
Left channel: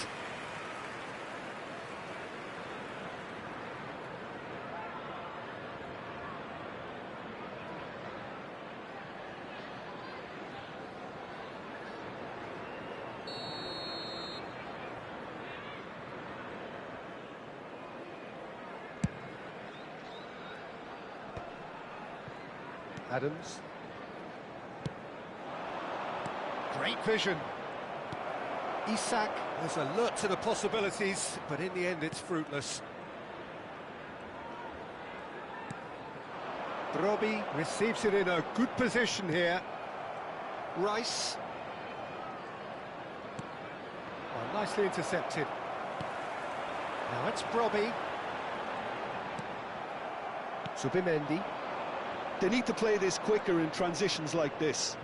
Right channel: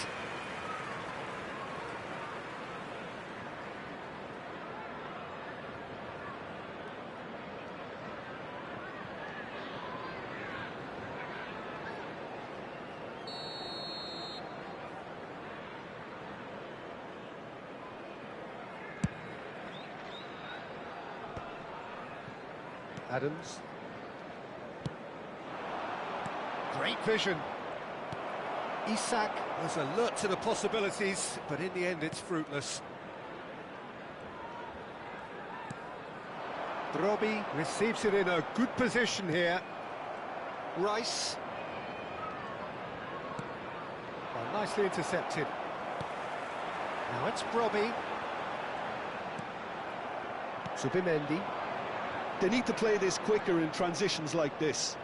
Adams. Great vision. Isak was alert to the possibilities, but in the end it's fruitless. Brobbey receives it in a good position here. Rice. Well, nicely intercepted. Now it's Brobbey. Zubimendi. They need to play this quicker in transitions like this.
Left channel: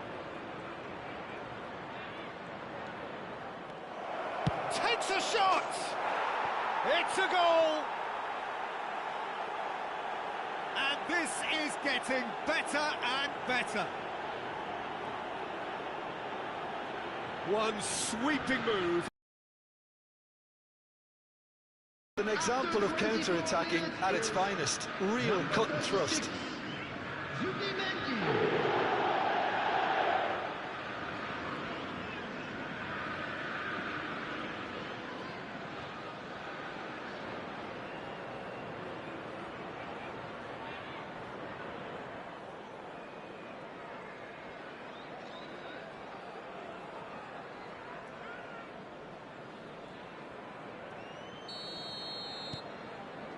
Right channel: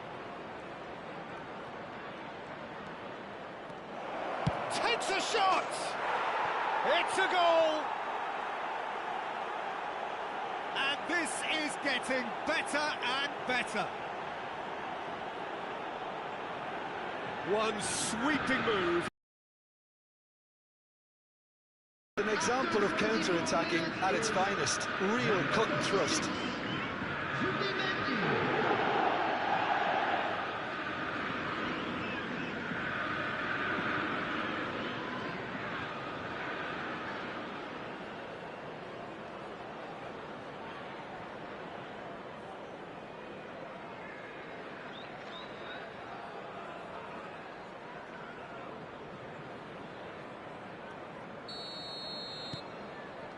Takes a shot! It's a goal! And this is getting better and better. One sweeping move. An example of counter-attacking at its finest. Real cut and thrust.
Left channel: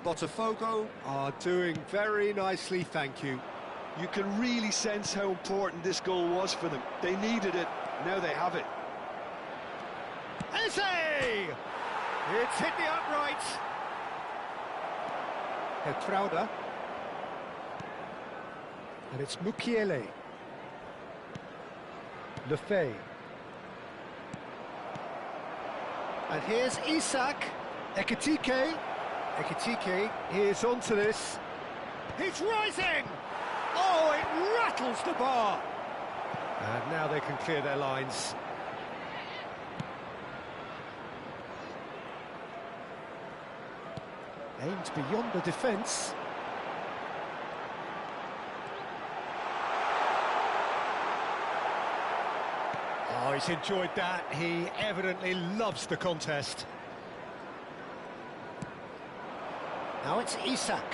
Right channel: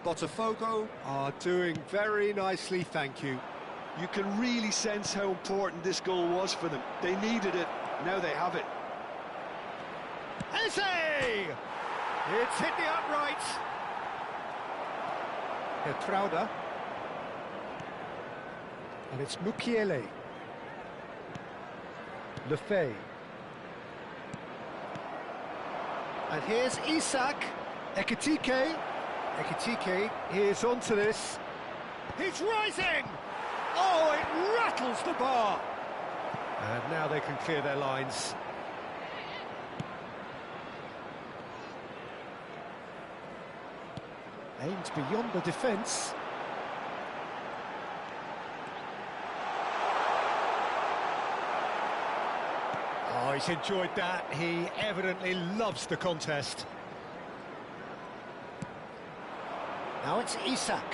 Botafogo are doing very nicely, thank you. You can really sense how important this goal was for them. They needed it, now they have it. Eze! It's hit the upright. Hertrauda. And it's Mukiele. Lefebvre. And here's Isak. Ekitike. Ekitike is onto this. He's rising! Oh, it rattles the bar! And now they can clear their lines. Aimed beyond the defence. Oh, he's enjoyed that. He evidently loves the contest. Now it's Isak.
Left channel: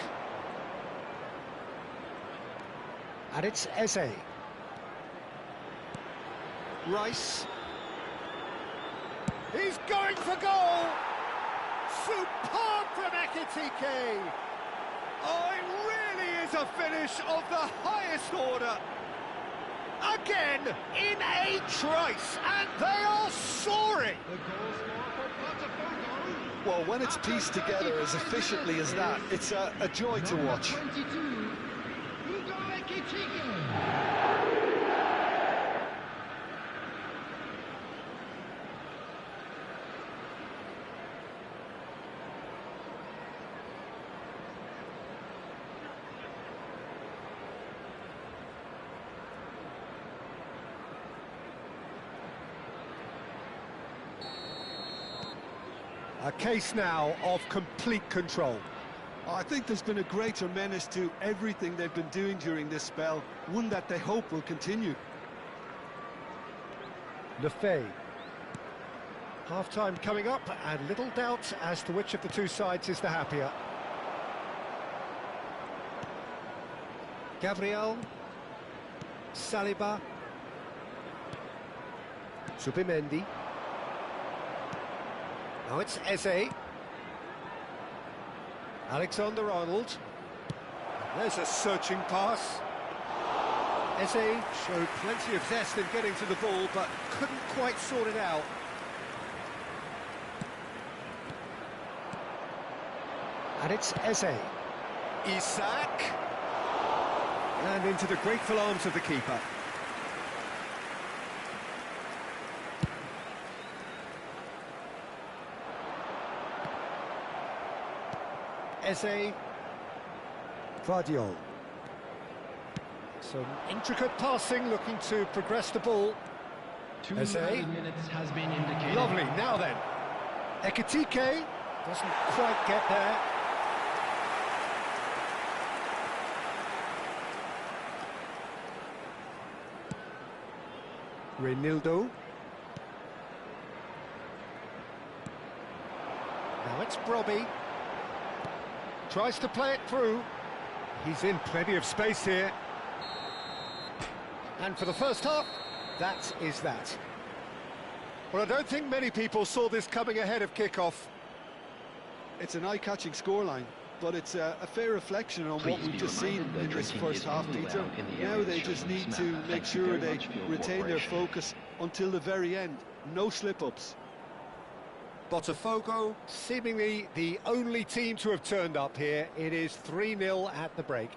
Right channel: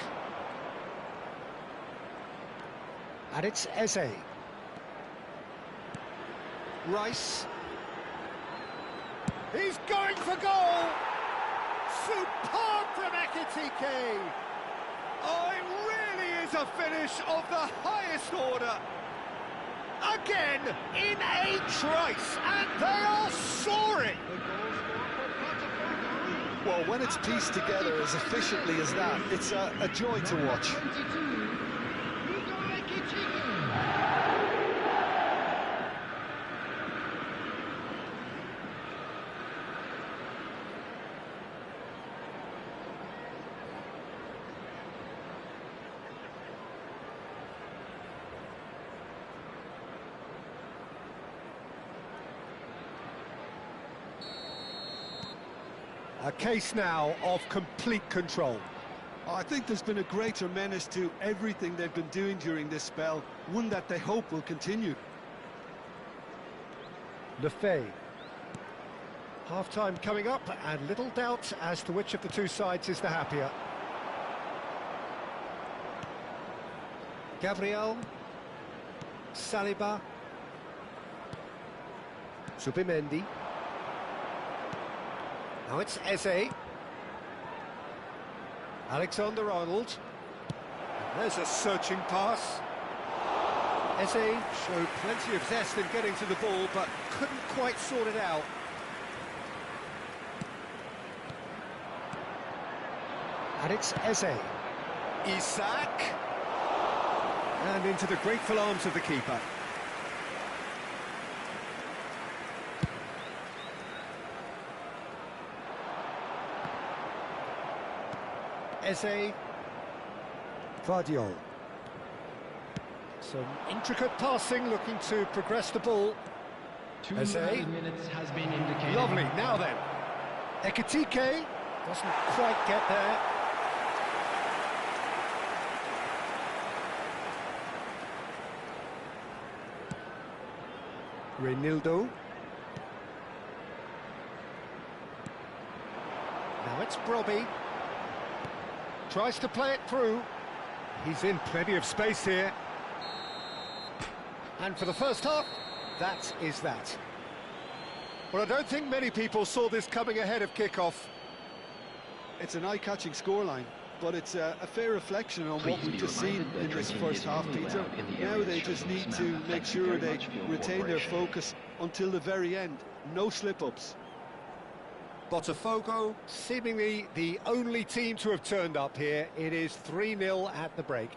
And it's Eze. Rice. He's going for goal! Superb from Ekitike! Oh, it really is a finish of the highest order! Again, in a trice, and they are soaring! The goal scorer for Botafogo. Well, when it's pieced together as efficiently as that, it's a joy to watch. 22, Hugo Ekitike. A case now of complete control. I think there's been a greater menace to everything they've been doing during this spell, one that they hope will continue. Lefebvre. Half-time coming up, and little doubt as to which of the two sides is the happier. Gabriel. Saliba. Subimendi. Now it's Eze. Alexander-Arnold. There's a searching pass. Eze showed plenty of zest in getting to the ball, but couldn't quite sort it out. And it's Eze. Isak. And into the grateful arms of the keeper. Eze. Vardiol. Some intricate passing, looking to progress the ball. 2 Eze. minutes has been indicated. Lovely, now then. Ekitike doesn't quite get there. Reinildo. Now it's Brobbey. Tries to play it through. He's in plenty of space here. And for the first half, that is that. Well, I don't think many people saw this coming ahead of kick-off. It's an eye-catching scoreline, but it's a fair reflection on what we've just seen in this first half, Peter. Now they just need to make sure they retain their focus until the very end. No slip-ups. Botafogo, seemingly the only team to have turned up here. It is 3-0 at the break.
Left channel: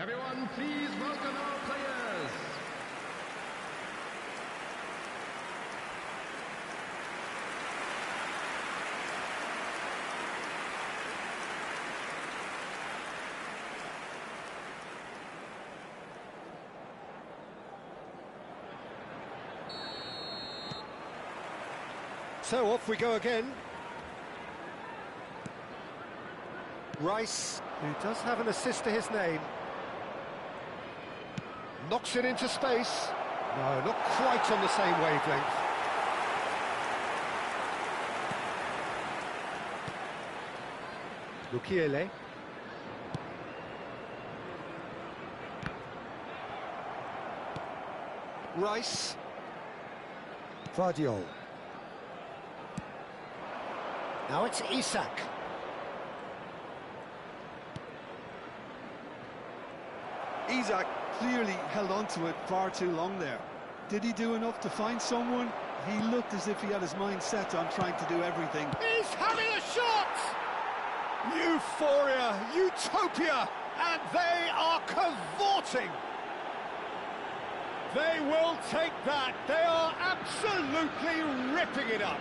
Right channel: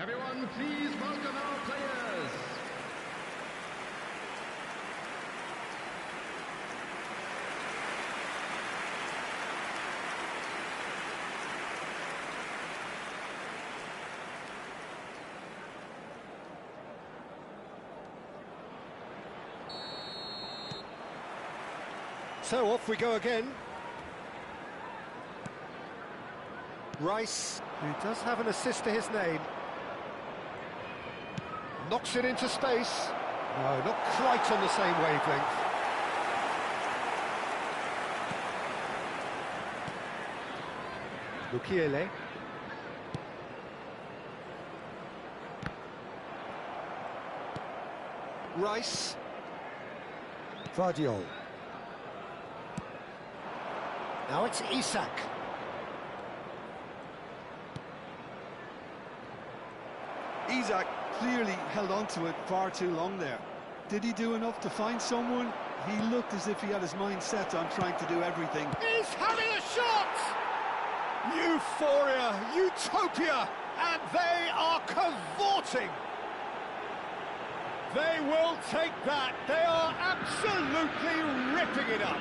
Everyone, please welcome our players. So off we go again. Rice, who does have an assist to his name. Knocks it into space. No, not quite on the same wavelength. Mukiele. Rice. Vardiol. Now it's Isak. Isak clearly held on to it far too long there. Did he do enough to find someone? He looked as if he had his mind set on trying to do everything. He's having a shot! Euphoria, utopia, and they are cavorting. They will take that. They are absolutely ripping it up.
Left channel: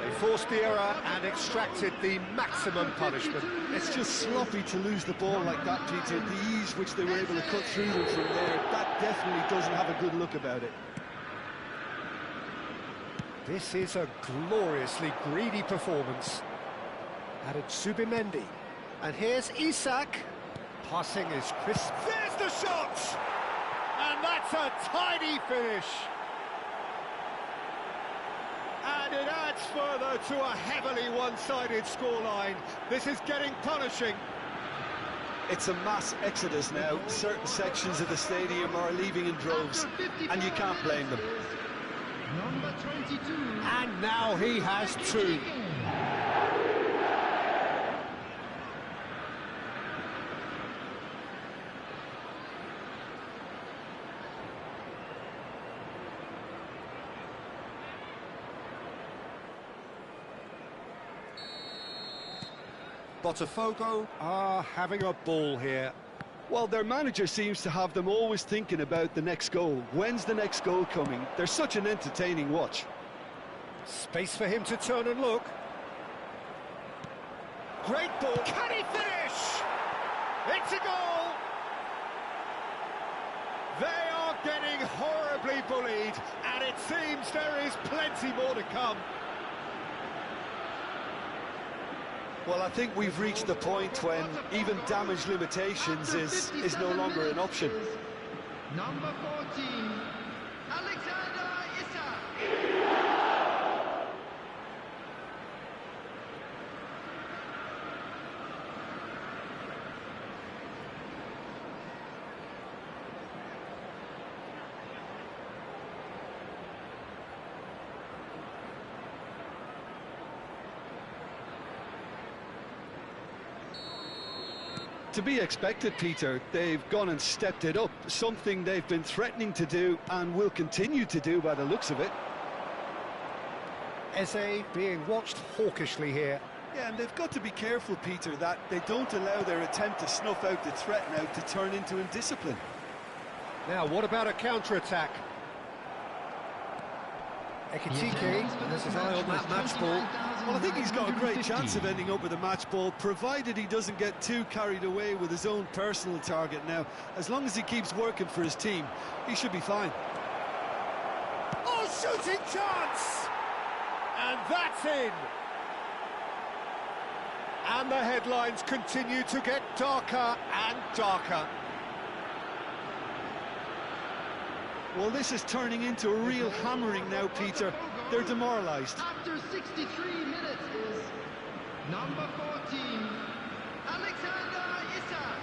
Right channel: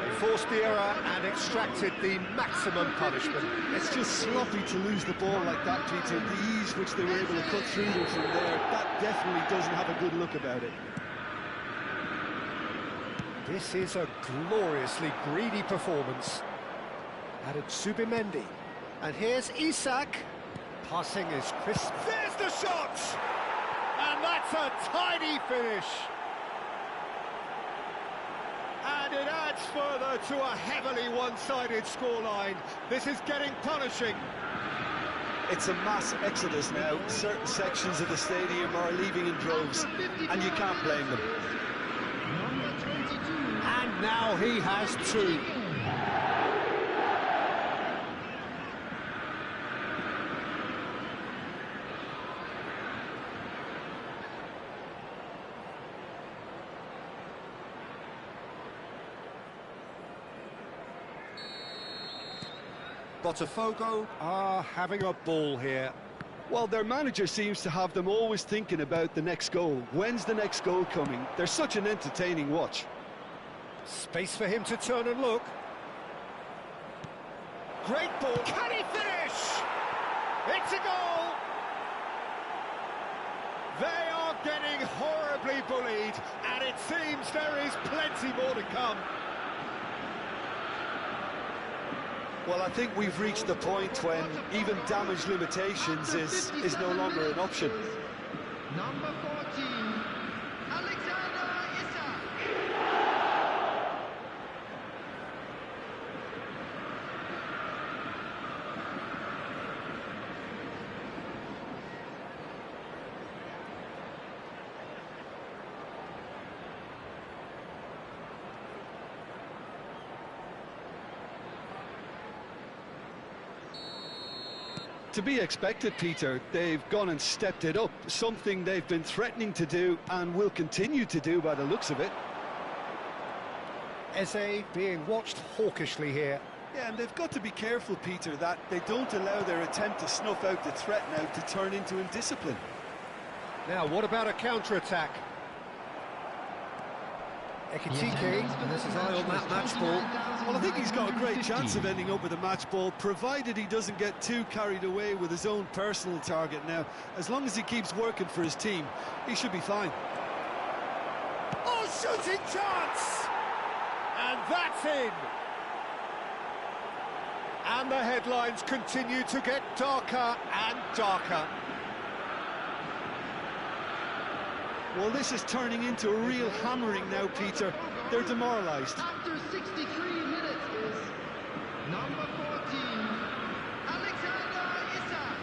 They forced the error and extracted the maximum punishment. It's just sloppy to lose the ball like that, Peter. The ease which they were able to cut through them from there, that definitely doesn't have a good look about it. This is a gloriously greedy performance. Added Subimendi. And here's Isak. Passing is crisp. There's the shot! And that's a tidy finish. And it adds further to a heavily one-sided scoreline. This is getting punishing. It's a mass exodus now. Certain sections of the stadium are leaving in droves, and you can't blame them. Number 22. And now he has two. Botafogo are having a ball here. Well, their manager seems to have them always thinking about the next goal. When's the next goal coming? They're such an entertaining watch. Space for him to turn and look. Great ball. Can he finish? It's a goal. They are getting horribly bullied, and it seems there is plenty more to come. Well, I think we've reached the point when even damage limitations is no longer an option. Number 14, Alexander Isak. To be expected, Peter. They've gone and stepped it up, something they've been threatening to do and will continue to do by the looks of it. Eze being watched hawkishly here. Yeah, and they've got to be careful, Peter, that they don't allow their attempt to snuff out the threat now to turn into indiscipline. Now, what about a counter-attack? Ekitike has his eye on that match ball. Well, I think he's got a great chance of ending up with a match ball, provided he doesn't get too carried away with his own personal target now. As long as he keeps working for his team, he should be fine. Oh, shooting chance! And that's in! And the headlines continue to get darker and darker. Well, this is turning into a real hammering now, Peter. They're demoralised. After 63 minutes is number 14, Alexander Isak.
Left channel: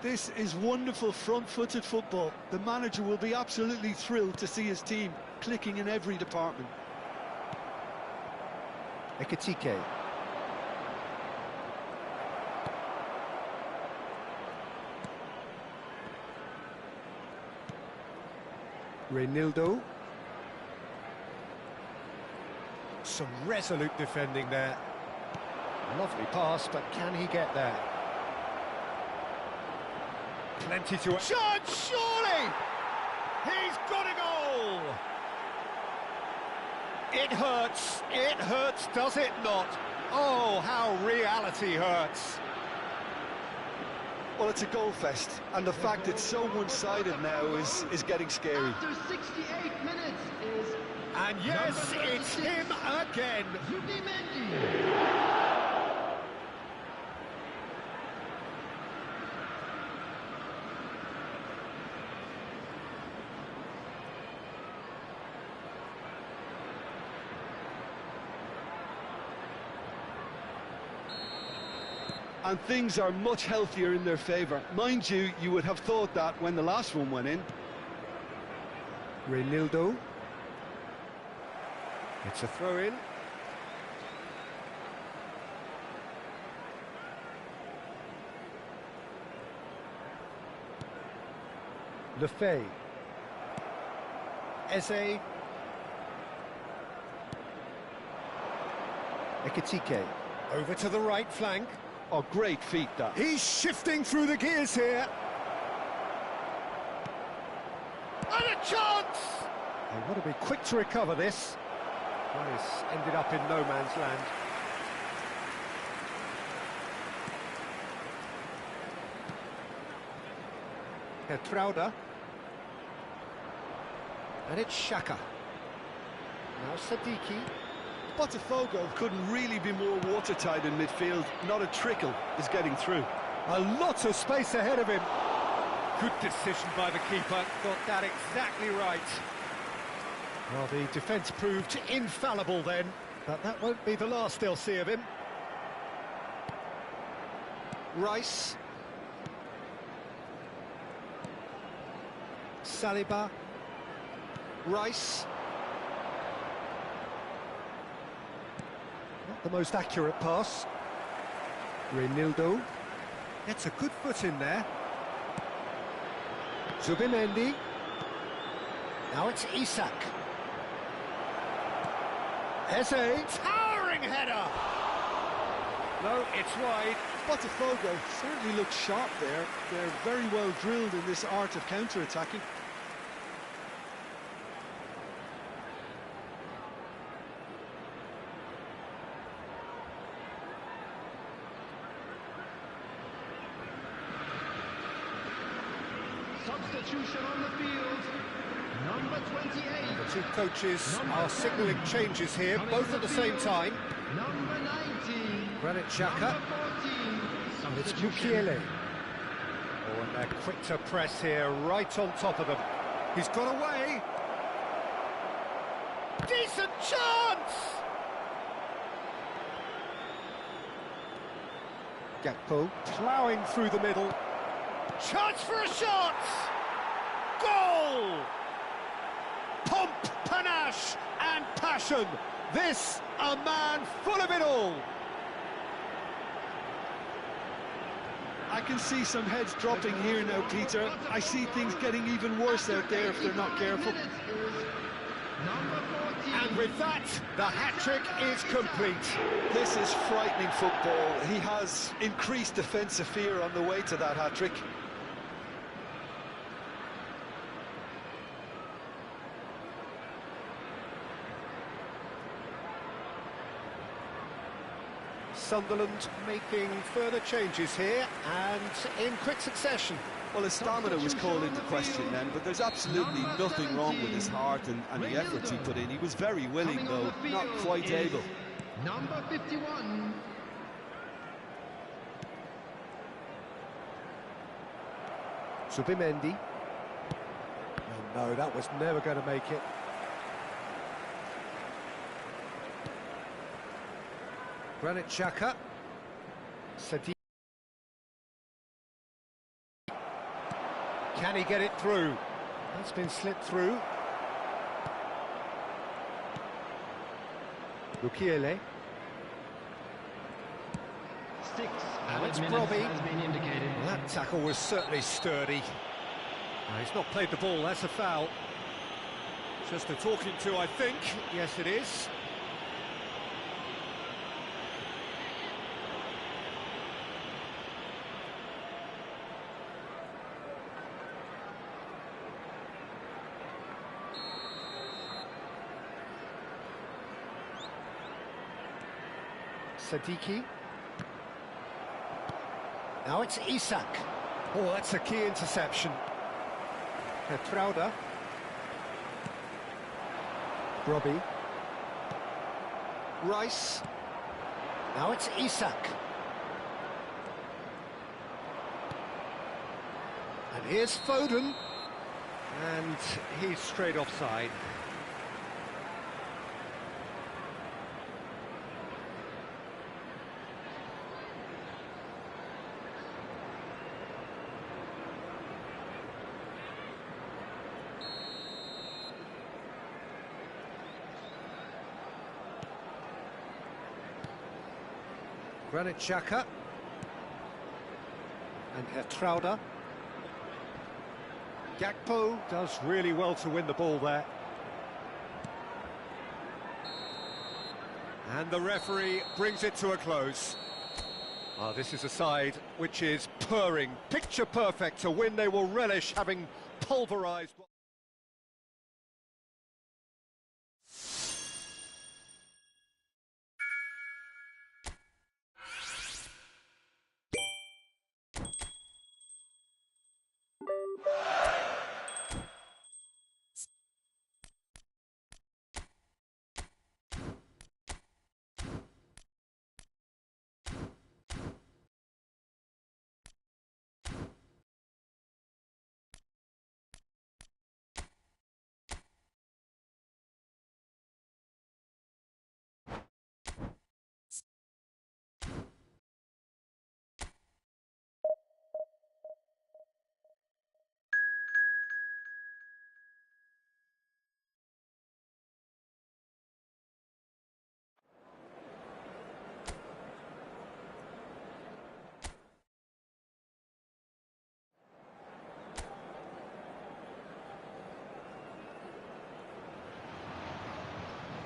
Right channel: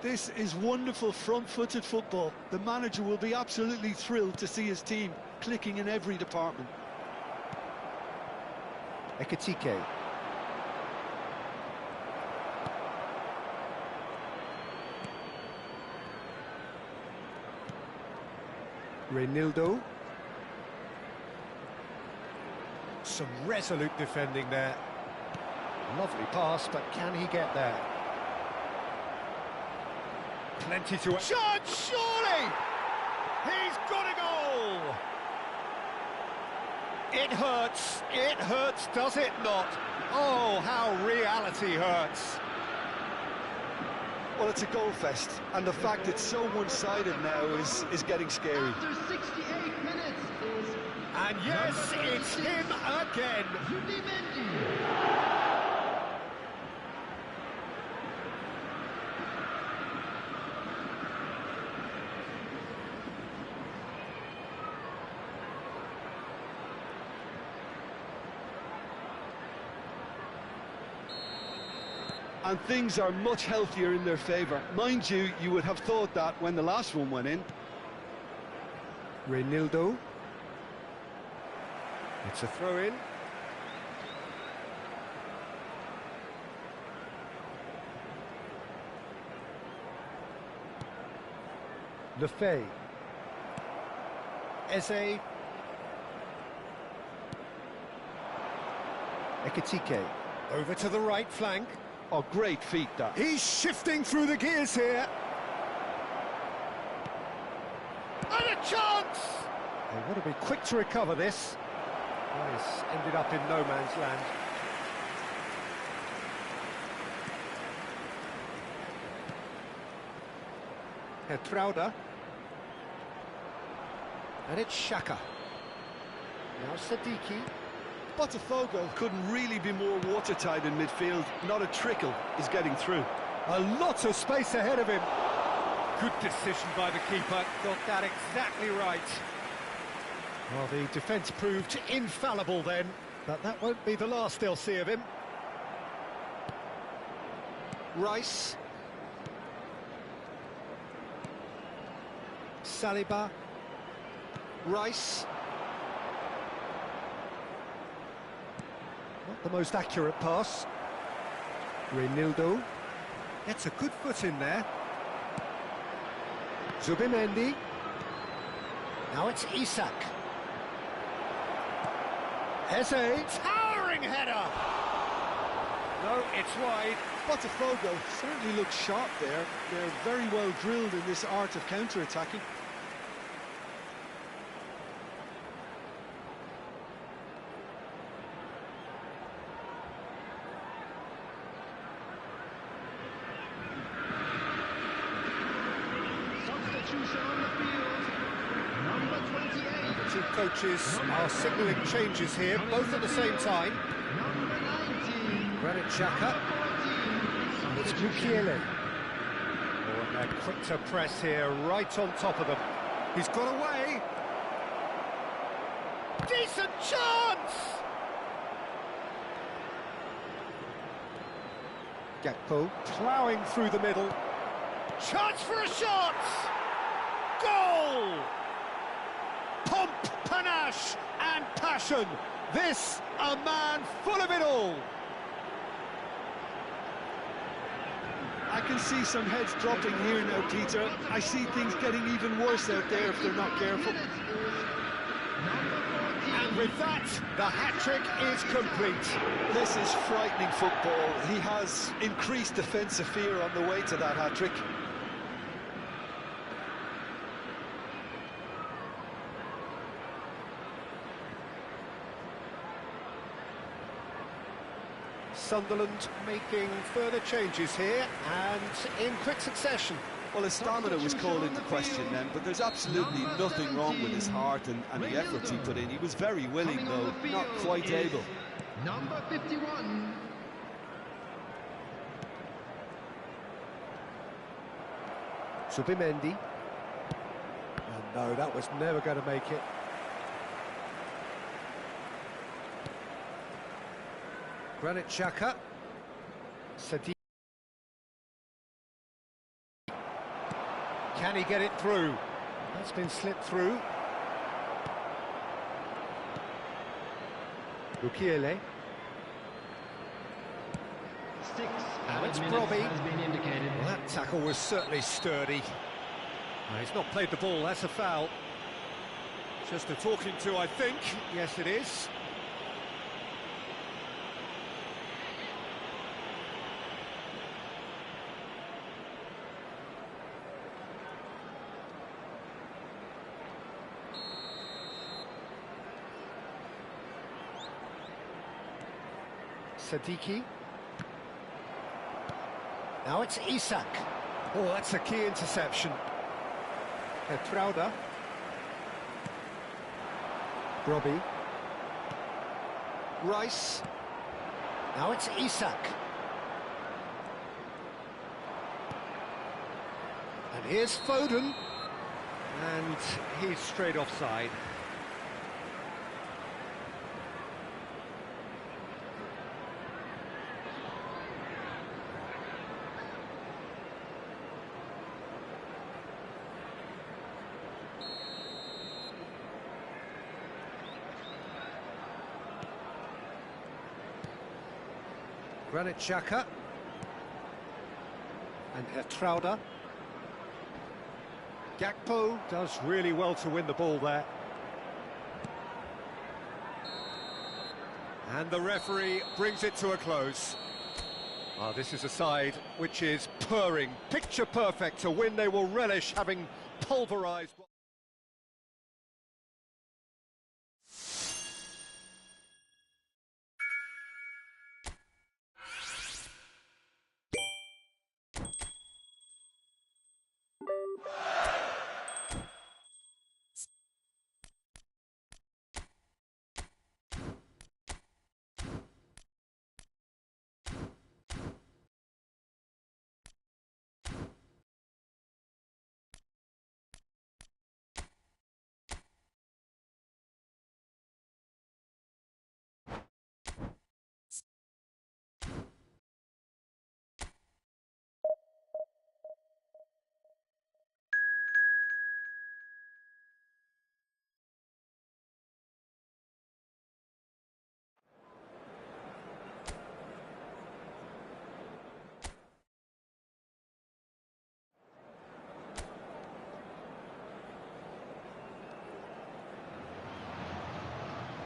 This is wonderful front-footed football. The manager will be absolutely thrilled to see his team clicking in every department. Ekitike. Reinildo. Some resolute defending there. Lovely pass, but can he get there? Plenty to... Chance, surely! He's got a goal! It hurts, does it not? Oh, how reality hurts. Well, it's a goal fest, and the fact it's so one-sided now is getting scary. After 68 minutes is... And yes, it's him again. Zubimendi. And things are much healthier in their favour. Mind you, you would have thought that when the last one went in. Reinildo. It's a throw-in. Lefebvre. Eze. Ekitike. Over to the right flank. Oh, great feat, that. He's shifting through the gears here. And a chance! They want to be quick to recover this. Nice, ended up in no man's land. Hertrauda. And it's Xhaka. Now Sadiki. Botafogo couldn't really be more watertight in midfield. Not a trickle is getting through. A lot of space ahead of him. Good decision by the keeper. Got that exactly right. Well, the defence proved infallible then, but that won't be the last they'll see of him. Rice. Saliba. Rice. Not the most accurate pass. Reinildo. Gets a good foot in there. Zubimendi. Now it's Isak. Eze. Towering header! No, it's wide. Botafogo certainly looks sharp there. They're very well drilled in this art of counter-attacking. Substitution on the field. Number 28. The two coaches are signalling changes here, both at the same time. Number 19. Granit Xhaka. Number 14. And it's Substitution. Mukiele. Oh, and they're quick to press here, right on top of them. He's got away. Decent chance! Gakpo ploughing through the middle. Chance for a shot! Goal! Pomp, panache and passion. This, a man full of it all. I can see some heads dropping here now, Peter. I see things getting even worse out there if they're not careful. Number 14. And with that, the hat-trick is complete. This is frightening football. He has increased defensive fear on the way to that hat-trick. Sunderland making further changes here, and in quick succession. Well, his stamina was called into question then, but there's absolutely nothing wrong with his heart and the efforts he put in. He was very willing, Coming on though, the not field quite is able. Number 51. Zubimendi. Oh, no, that was never going to make it. Granit Xhaka. Sadiki. Can he get it through? That's been slipped through. Lukiele. Six Now added it's minutes Brobbey. has been indicated. Well, that tackle was certainly sturdy. He's not played the ball, that's a foul. Just a talking to, I think. Yes, it is. Sadiki. Now it's Isak. Oh, that's a key interception. Geertruida. Brobbey. Rice. Now it's Isak. And here's Foden. And he's straight offside. Granit Xhaka and Geertruida. Gakpo does really well to win the ball there. And the referee brings it to a close. Ah, this is a side which is purring, picture perfect, a win they will relish, having pulverised.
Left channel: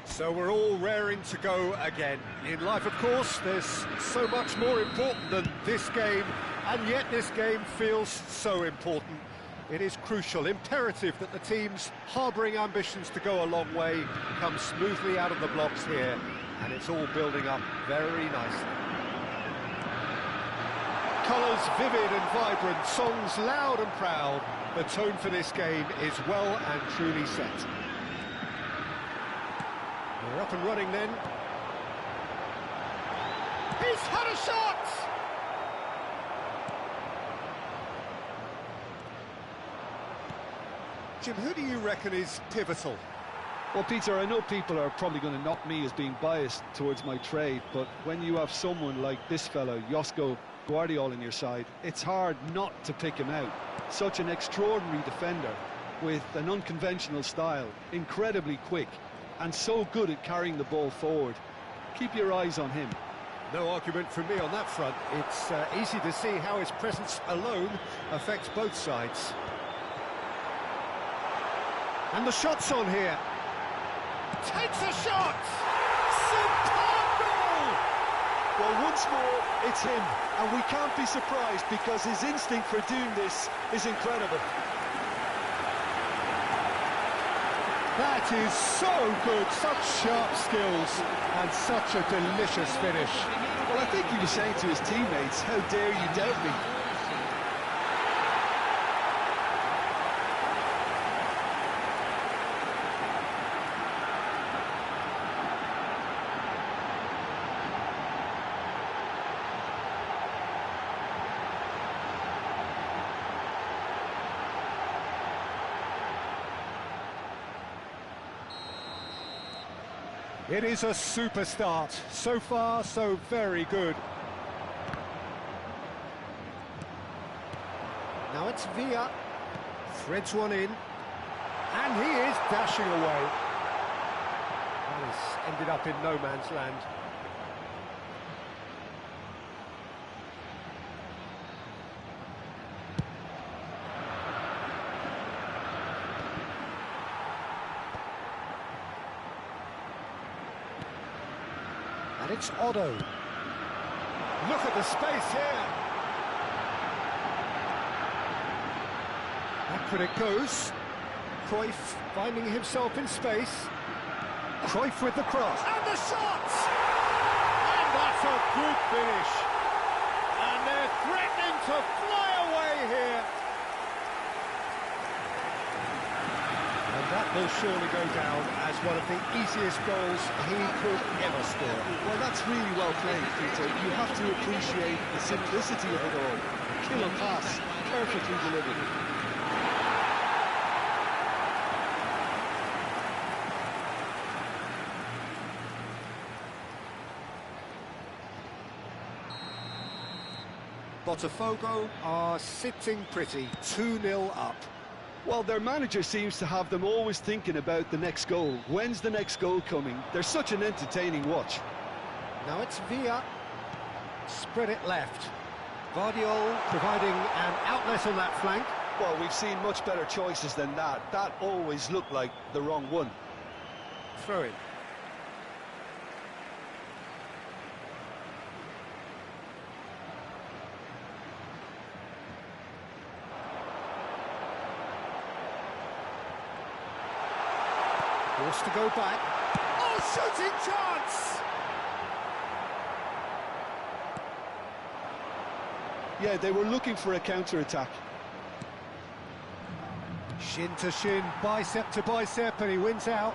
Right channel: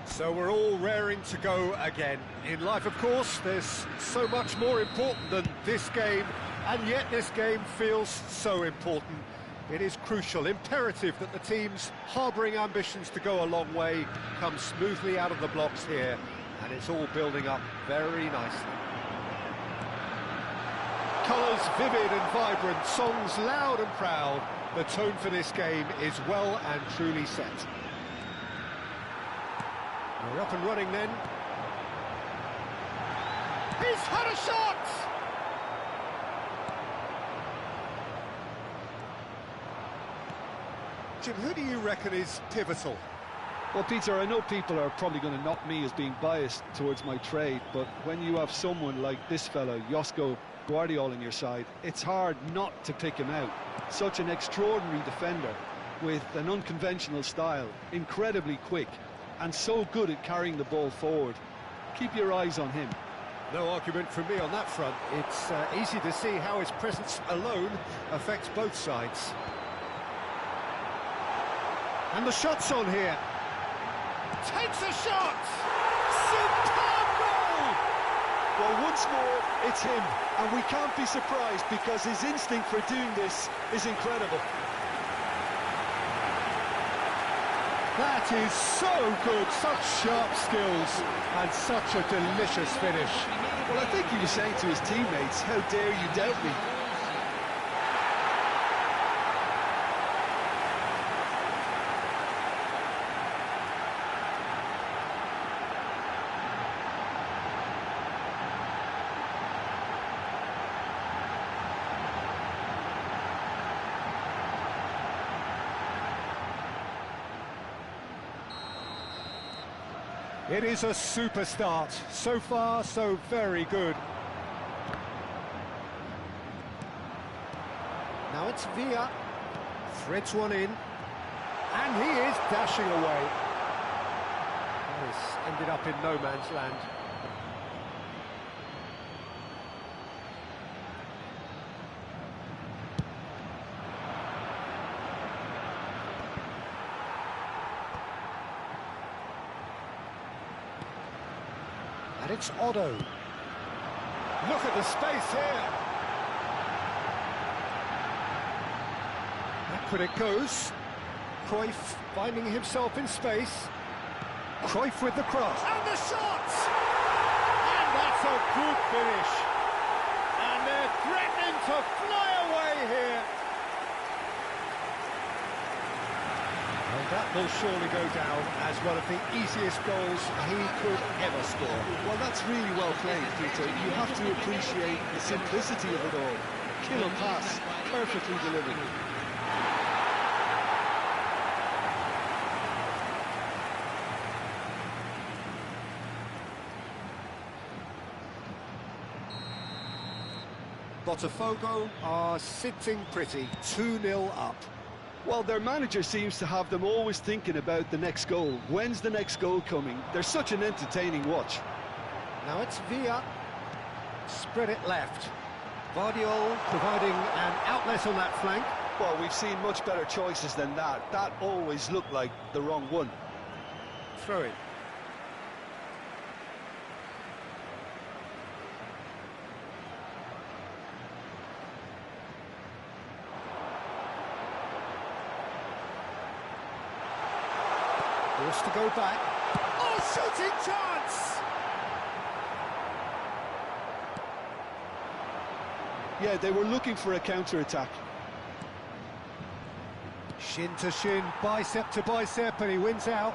So we're all raring to go again. In life, of course, there's so much more important than this game, and yet this game feels so important. It is crucial, imperative that the teams harbouring ambitions to go a long way come smoothly out of the blocks here, and it's all building up very nicely. Colours vivid and vibrant, songs loud and proud. The tone for this game is well and truly set. We're up and running then. He's had a shot! Jim, who do you reckon is pivotal? Well, Peter, I know people are probably going to knock me as being biased towards my trade, but when you have someone like this fellow, Josko Guardiola, on your side, it's hard not to pick him out. Such an extraordinary defender with an unconventional style, incredibly quick, and so good at carrying the ball forward. Keep your eyes on him. No argument from me on that front. It's easy to see how his presence alone affects both sides. And the shot's on here. Takes a shot! Superb goal! Well, once more, it's him, and we can't be surprised because his instinct for doing this is incredible. That is so good, such sharp skills, and such a delicious finish. Well, I think he was saying to his teammates, how dare you doubt me? It is a super start. So far, so very good. Now it's Villa. Threads one in. And he is dashing away. That has ended up in no man's land. And it's Otto. Look at the space here. Back it goes. Cruyff finding himself in space. Cruyff with the cross. And the shot! And that's a good finish. And they're threatening to fly away here. And that will surely go down as one of the easiest goals he could ever score. Well, that's really well played, Peter. You have to appreciate the simplicity of it all. A killer pass, perfectly delivered. Botafogo are sitting pretty, 2-0 up. Well, their manager seems to have them always thinking about the next goal. When's the next goal coming? They're such an entertaining watch. Now it's Villa. Spread it left. Vardiol providing an outlet on that flank. Well, we've seen much better choices than that. That always looked like the wrong one. Throw in. Forced to go back. Oh, shooting chance! Yeah, they were looking for a counter-attack. Shin to shin, bicep to bicep, and he wins out.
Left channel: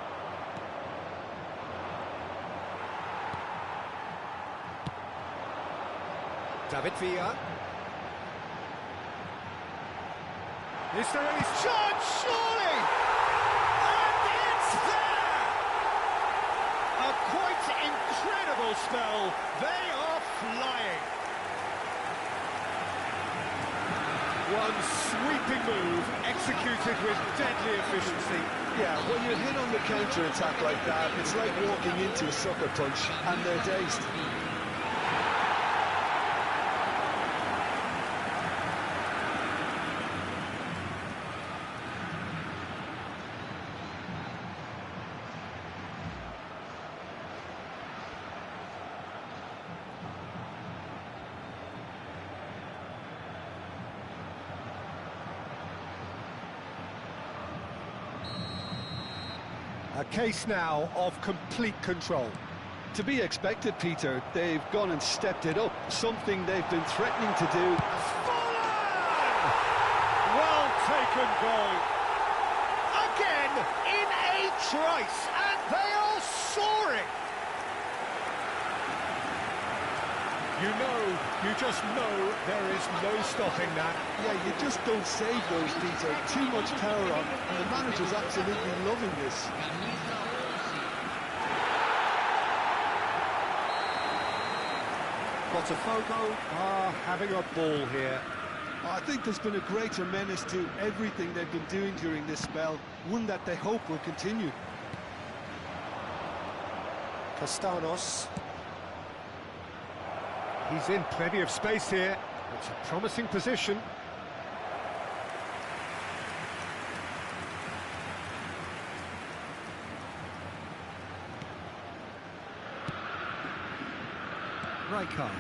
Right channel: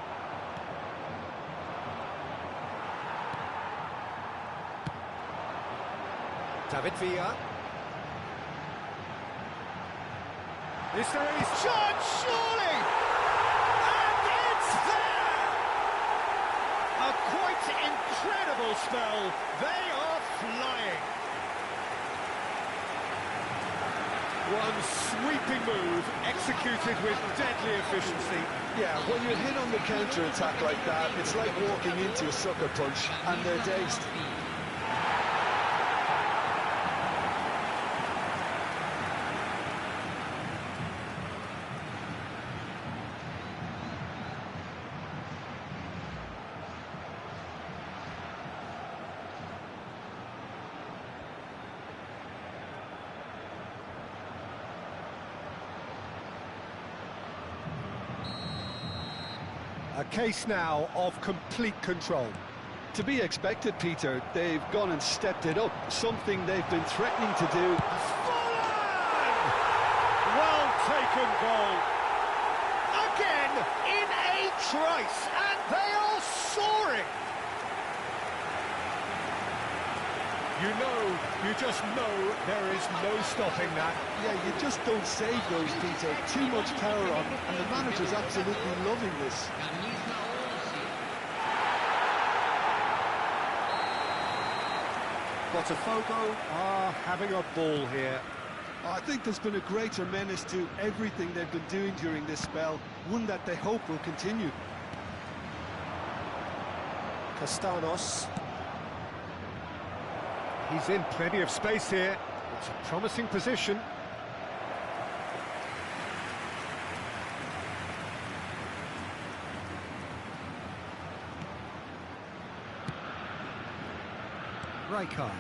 David Villa. Is there any chance? Surely! And it's there! A quite incredible spell. They are flying. One sweeping move, executed with deadly efficiency. Yeah, when you're hit on the counter-attack like that, it's like walking into a sucker punch, and they're dazed. A case now of complete control. To be expected, Peter. They've gone and stepped it up, something they've been threatening to do. Fallen! Well taken goal. Again, in a trice, and they are soaring. You just know there is no stopping that. Yeah, you just don't save those, Peter. Too much power on, and the manager's absolutely loving this. Camisa 11. Botafogo are having a ball here. I think there's been a greater menace to everything they've been doing during this spell, one that they hope will continue. Castanos. He's in plenty of space here. It's a promising position. Rijkaard.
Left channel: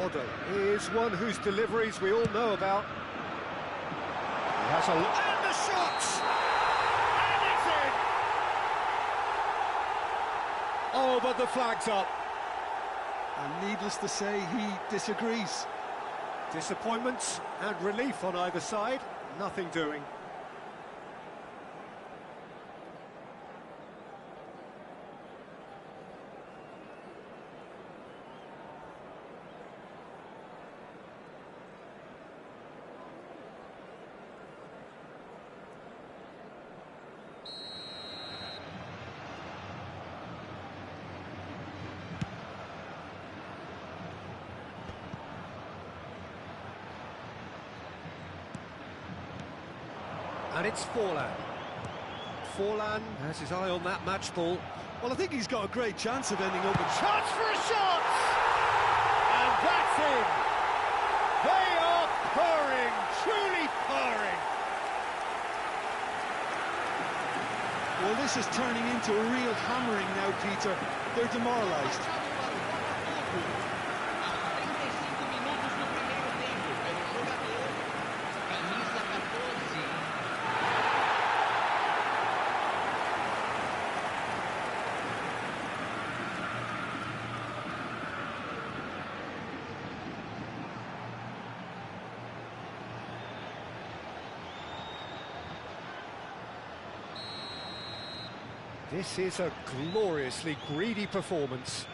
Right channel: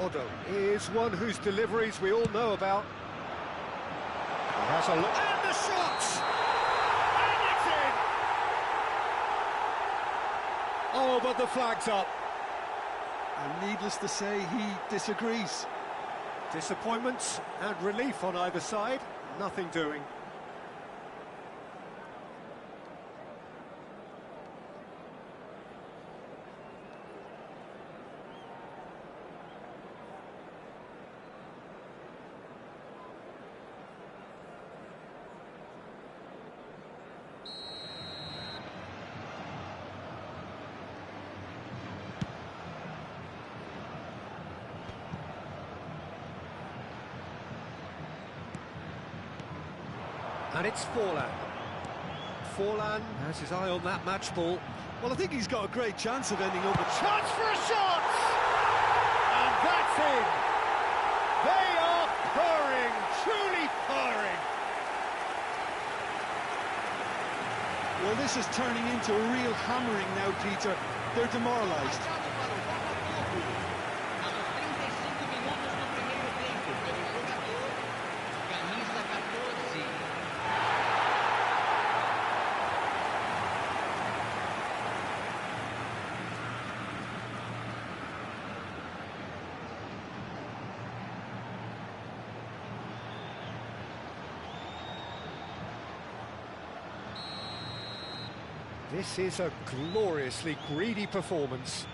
Otto is one whose deliveries we all know about. He has a look. And the shot! And it's in! Oh, but the flag's up. And needless to say, he disagrees. Disappointment and relief on either side. Nothing doing. And it's Forlan. Forlan has his eye on that match ball. Well, I think he's got a great chance of ending up with... Chance for a shot! And that's in! They are purring, truly purring! Well, this is turning into a real hammering now, Peter. They're demoralised. Marcado para o Botafogo. Aos 35 minutos do primeiro tempo, pelo jogador, camisa 14. This is a gloriously greedy performance.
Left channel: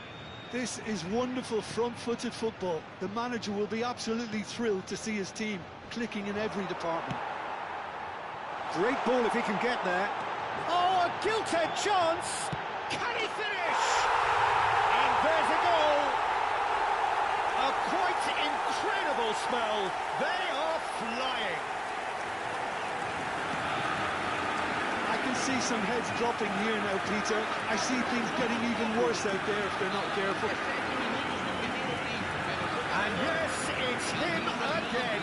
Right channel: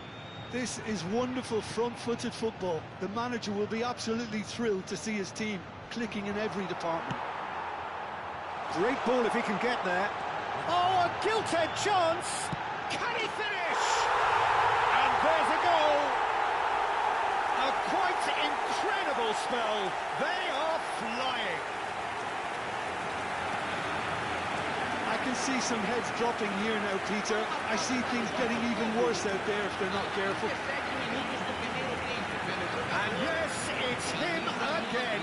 This is wonderful front-footed football. The manager will be absolutely thrilled to see his team clicking in every department. Great ball if he can get there. Oh, a gilt-edged chance! Can he finish? And there's a goal! A quite incredible spell. They are flying. I can see some heads dropping here now, Peter. I see things getting even worse out there if they're not careful. 17 minutos do primeiro tempo, pelo jogador. And yes, it's him again.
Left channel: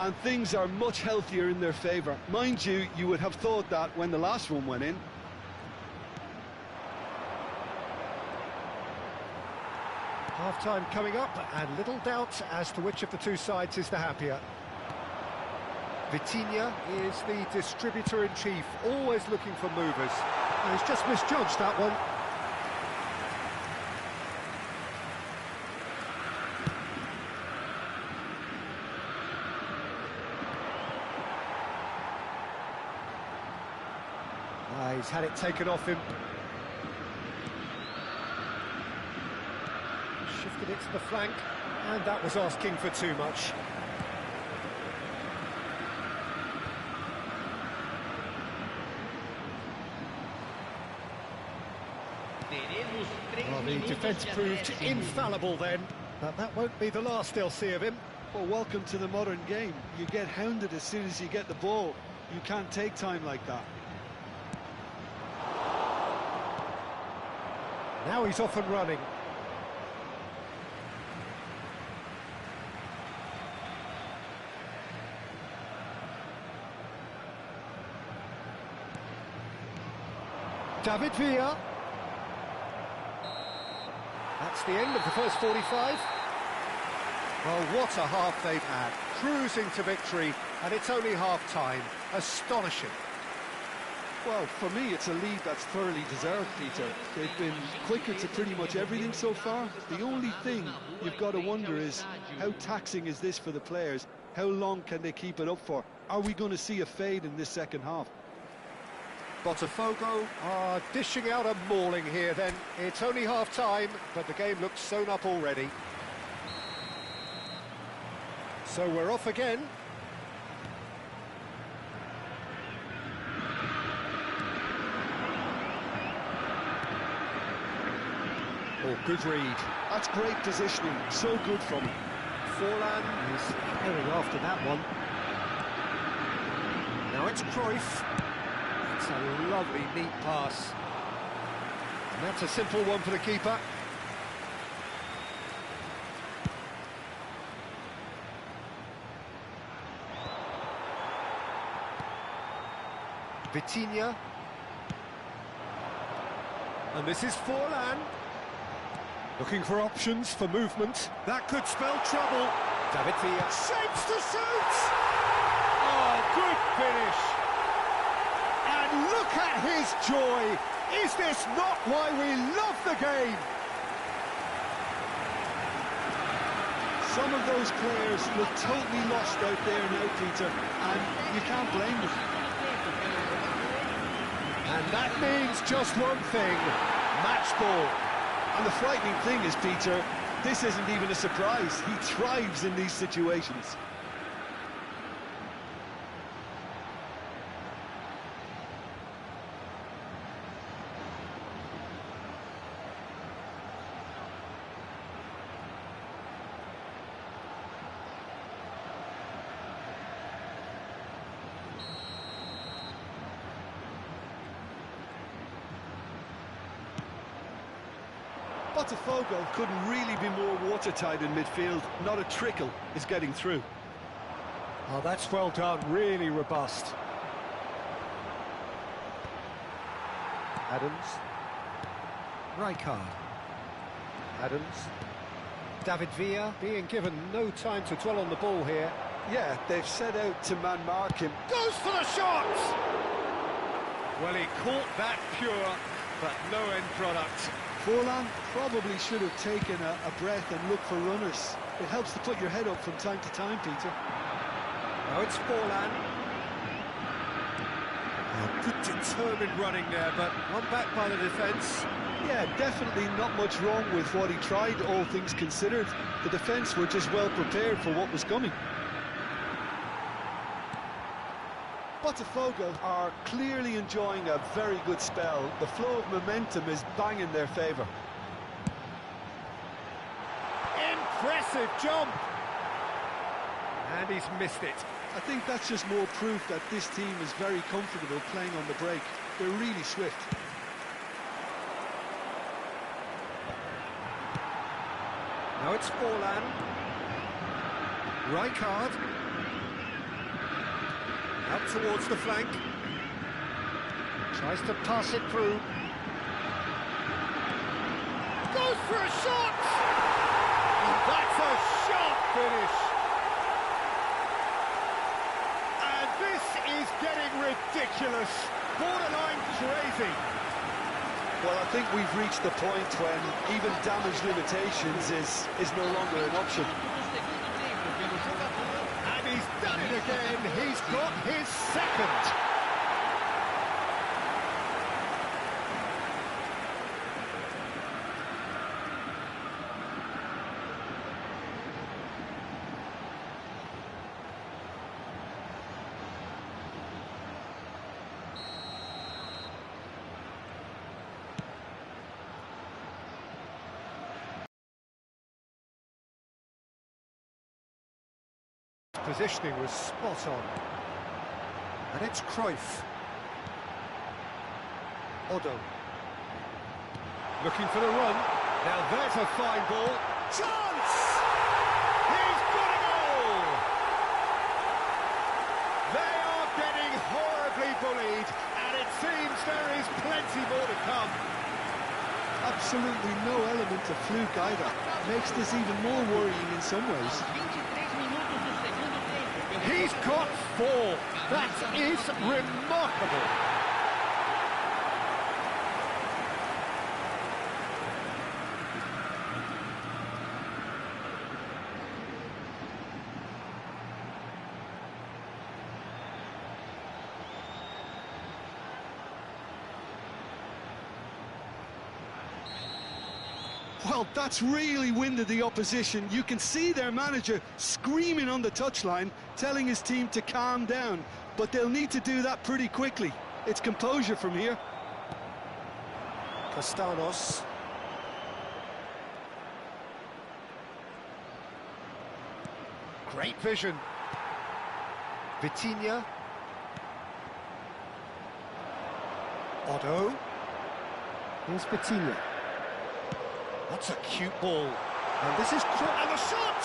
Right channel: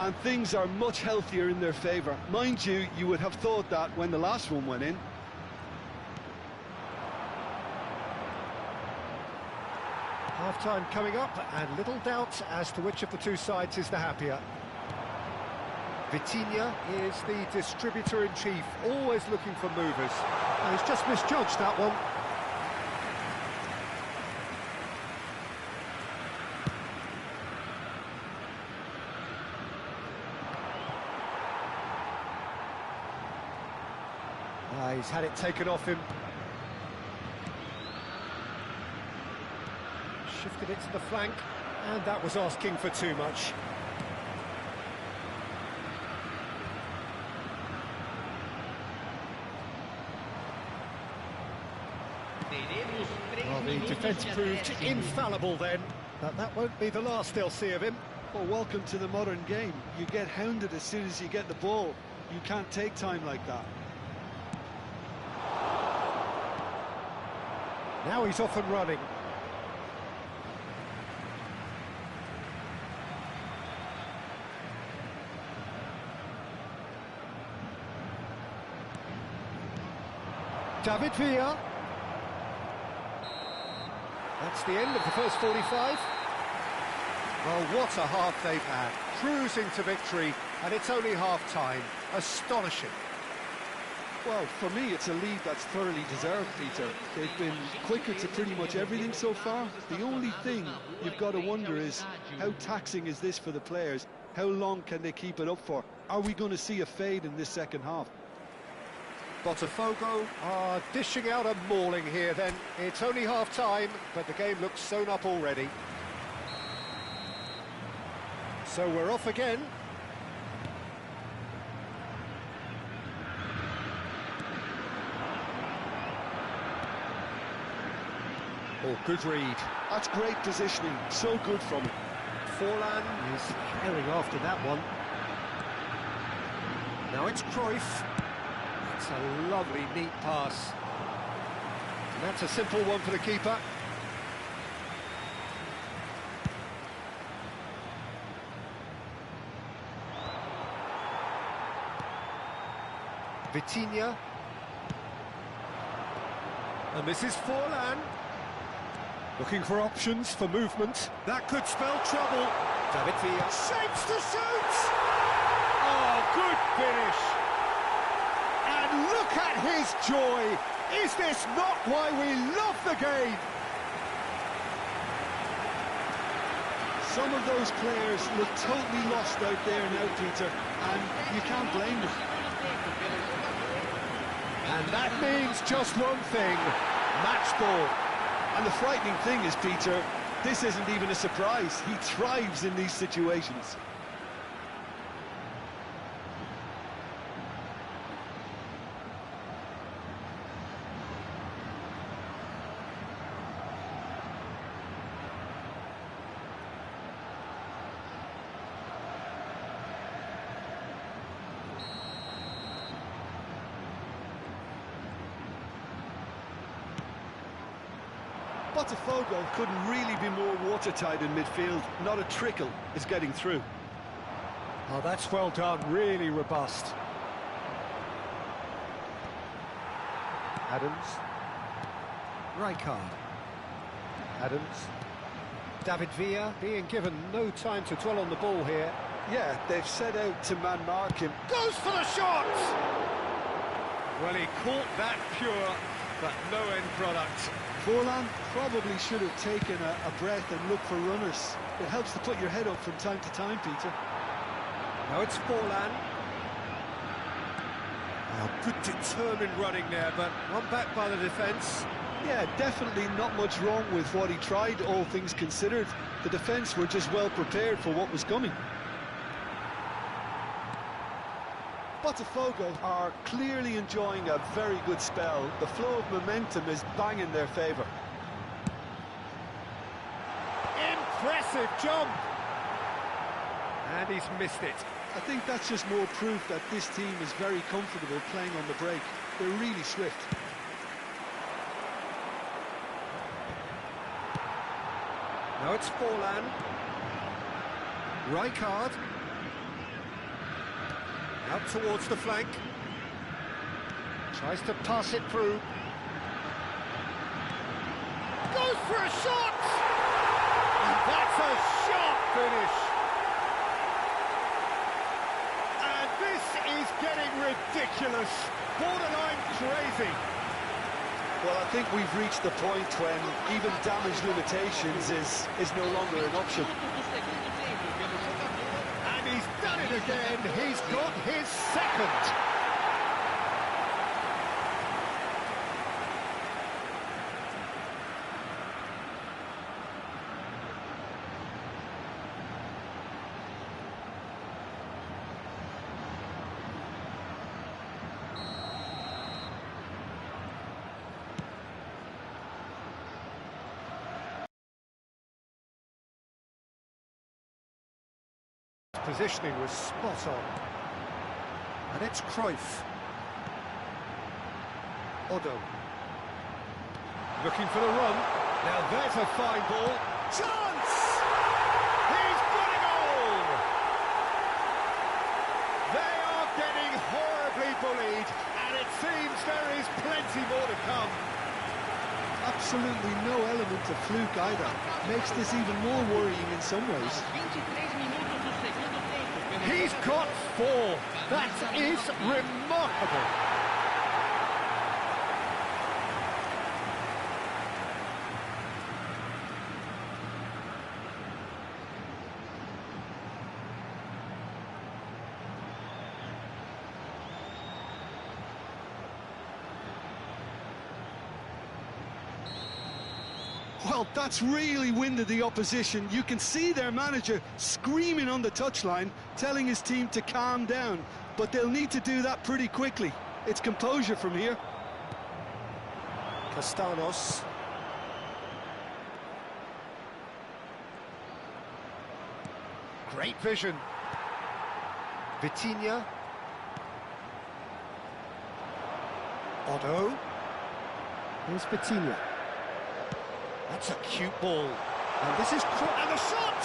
And things are much healthier in their favour. Mind you, you would have thought that when the last one went in. Half-time coming up, and little doubt as to which of the two sides is the happier. Vitinha is the distributor-in-chief, always looking for movers. And he's just misjudged that one. He's had it taken off him. Shifted it to the flank, and that was asking for too much. Teremos 3 Well, the minutos defence e proved acréscimo. infallible then, but that won't be the last they'll see of him. Well, welcome to the modern game. You get hounded as soon as you get the ball. You can't take time like that. Now he's off and running. David Villa. That's the end of the first 45. Well, what a half they've had. Cruising to victory, and it's only half-time. Astonishing. Well, for me, it's a lead that's thoroughly deserved, Peter. They've been quicker to pretty much everything so far. The only thing you've got to wonder is, how taxing is this for the players? How long can they keep it up for? Are we going to see a fade in this second half? Botafogo are dishing out a mauling here then. It's only half-time, but the game looks sewn up already. So we're off again. Oh, good read. That's great positioning. So good from him. Forlan is herring after that one. Now it's Cruyff. It's a lovely, neat pass. And that's a simple one for the keeper. Vitinha. And this is Forlan. Looking for options for movement. That could spell trouble. David Villa shapes to shoot! Oh, good finish! And look at his joy! Is this not why we love the game? Some of those players look totally lost out there now, Peter, and you can't blame them. And that means just one thing, match ball. And the frightening thing is, Peter, this isn't even a surprise. He thrives in these situations. Botafogo couldn't really be more watertight in midfield. Not a trickle is getting through. Oh, that's well done, really robust. Adams. Rijkaard. Adams. David Villa being given no time to dwell on the ball here. Yeah, they've set out to man-mark him. Goes for the shot! Well, he caught that pure, but no end product. Forlan probably should have taken a breath and looked for runners. It helps to put your head up from time to time, Peter. Now it's Forlan. Oh, good determined running there, but one back by the defence. Yeah, definitely not much wrong with what he tried, all things considered. The defence were just well prepared for what was coming. Botafogo are clearly enjoying a very good spell. The flow of momentum is bang in their favour. Impressive jump! And he's missed it. I think that's just more proof that this team is very comfortable playing on the break. They're really swift. Now it's Forlan. Rijkaard. Out towards the flank. Tries to pass it through. Goes for a shot! And that's a sharp finish. And this is getting ridiculous. Borderline crazy. Well, I think we've reached the point when even damage limitations is no longer an option. And he's done it again. He's got his second. Positioning was spot on. And it's Cruyff. Odo. Looking for the run. Now there's a fine ball. Chance! He's got a goal! They are getting horribly bullied, and it seems there is plenty more to come. Absolutely no element of fluke either. Makes this even more worrying in some ways. He's got 4. That is remarkable. Well, that's really winded the opposition. You can see their manager screaming on the touchline, telling his team to calm down. But they'll need to do that pretty quickly. It's composure from here. Castanos. Great vision. Vitinha. Odo. Here's Vitinha. That's a cute ball. And this is... And the shot!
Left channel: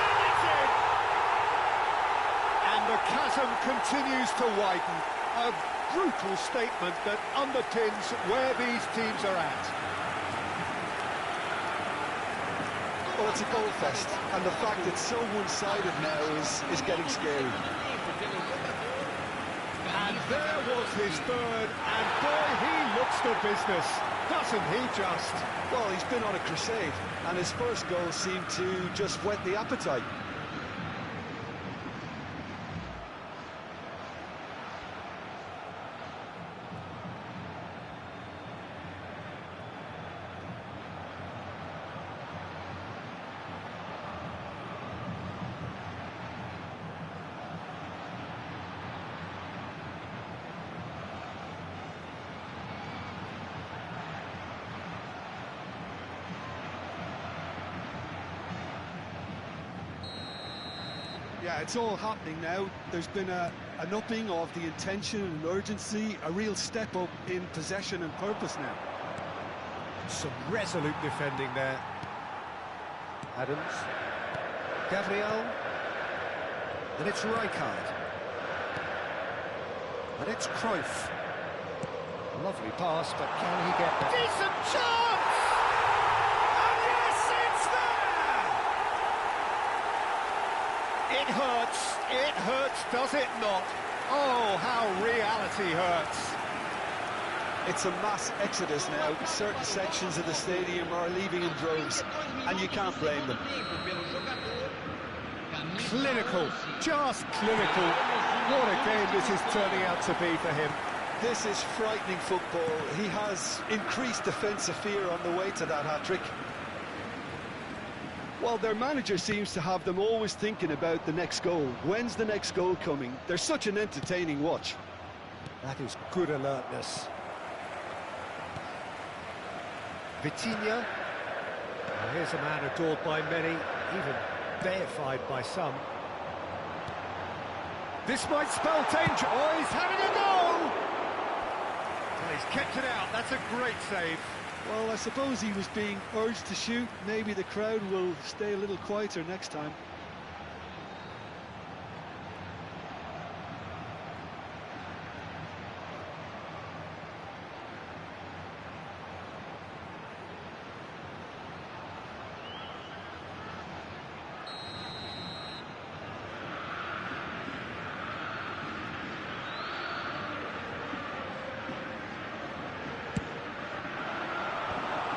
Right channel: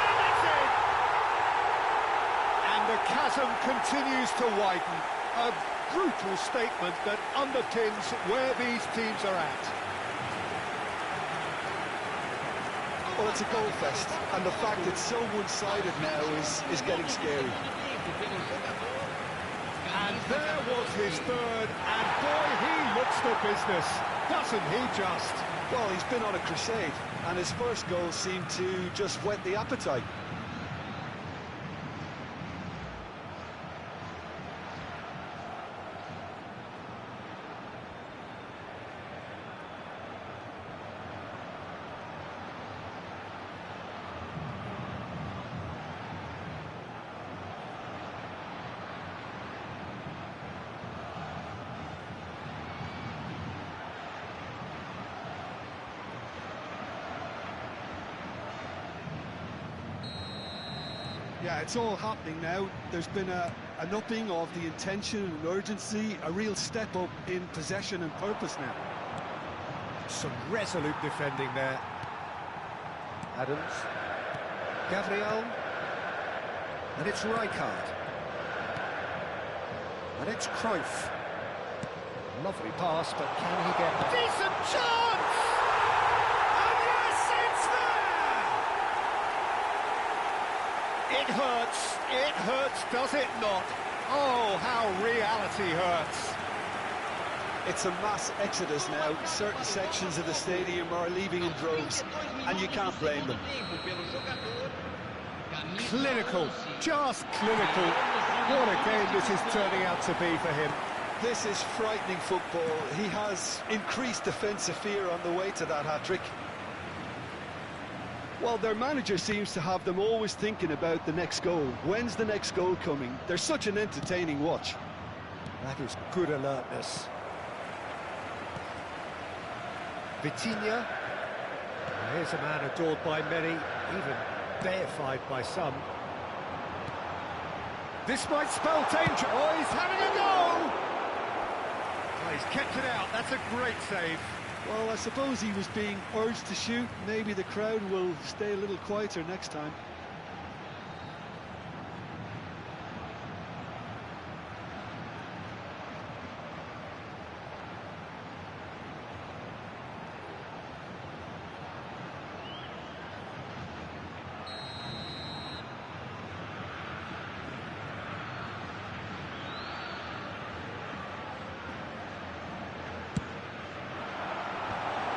And it's in! And the chasm continues to widen. A brutal statement that underpins where these teams are at. Well, it's a goal fest, and the fact it's so one-sided now is getting scary. And there was his third, and boy, he looks the business, doesn't he just? Well, he's been on a crusade, and his first goal seemed to just whet the appetite. Yeah, it's all happening now. There's been an upping of the intention and urgency, a real step up in possession and purpose now. Some resolute defending there. Adams. Gabriel. And it's Rijkaard. And it's Cruyff. Lovely pass, but can he get there? Decent chance! And yes, it's there! It hurts, does it not? Oh, how reality hurts. It's a mass exodus now. Certain sections of the stadium are leaving in droves, and you can't blame them. Clinical, just clinical. What a game this is turning out to be for him. This is frightening football. He has increased defensive fear on the way to that hat-trick. Well, their manager seems to have them always thinking about the next goal. When's the next goal coming? They're such an entertaining watch. That is good alertness. Vitinha. Now here's a man adored by many, even deified by some. This might spell danger. Oh, he's having a go! Oh, he's kept it out. That's a great save. Well, I suppose he was being urged to shoot. Maybe the crowd will stay a little quieter next time.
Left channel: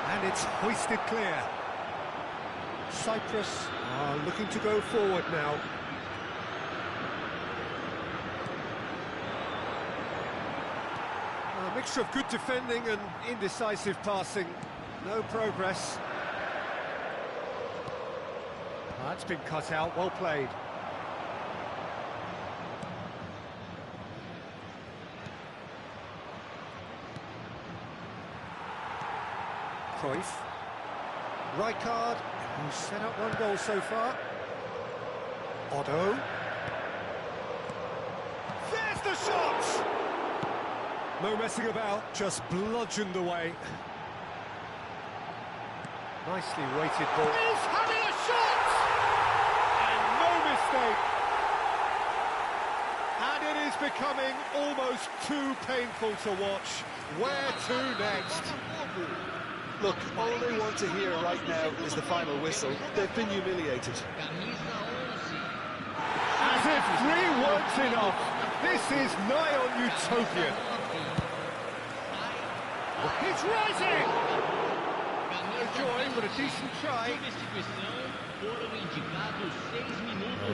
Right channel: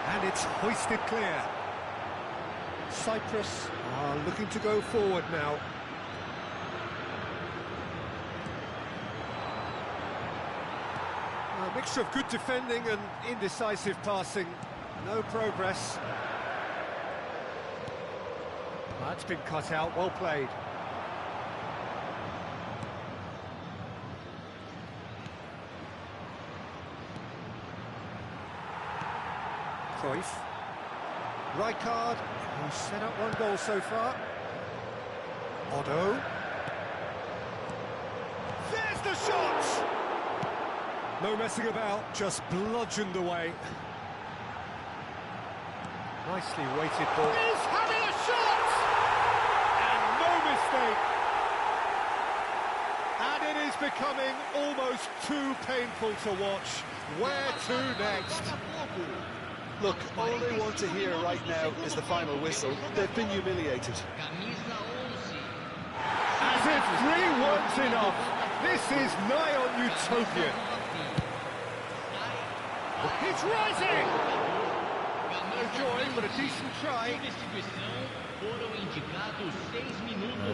And it's hoisted clear. Cyprus are looking to go forward now. A mixture of good defending and indecisive passing. No progress. That's been cut out, well played. Cruyff. Rijkaard, who's set up one goal so far. Otto. There's the shot! No messing about, just bludgeoned away. Nicely weighted ball. He's having a shot! And no mistake! And it is becoming almost too painful to watch. Where to next? Look, all they want to hear right now is the final whistle. They've been humiliated. As if 3 weren't enough, this is nigh on utopian. It's rising! No joy, but a decent try.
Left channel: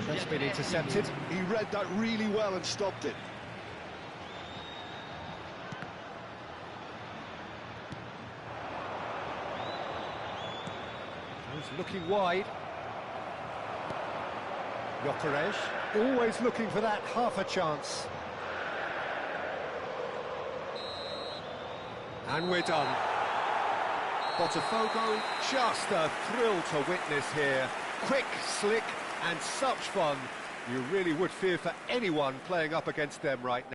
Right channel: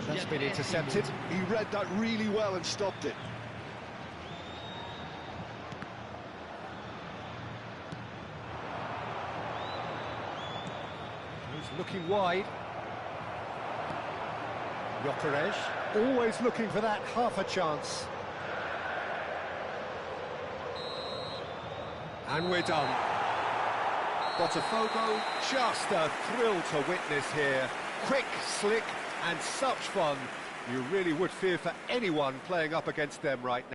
That's been intercepted. He read that really well and stopped it. Looking wide. Gyökeres, always looking for that half a chance. And we're done. Botafogo, just a thrill to witness here. Quick, slick, and such fun. You really would fear for anyone playing up against them right now.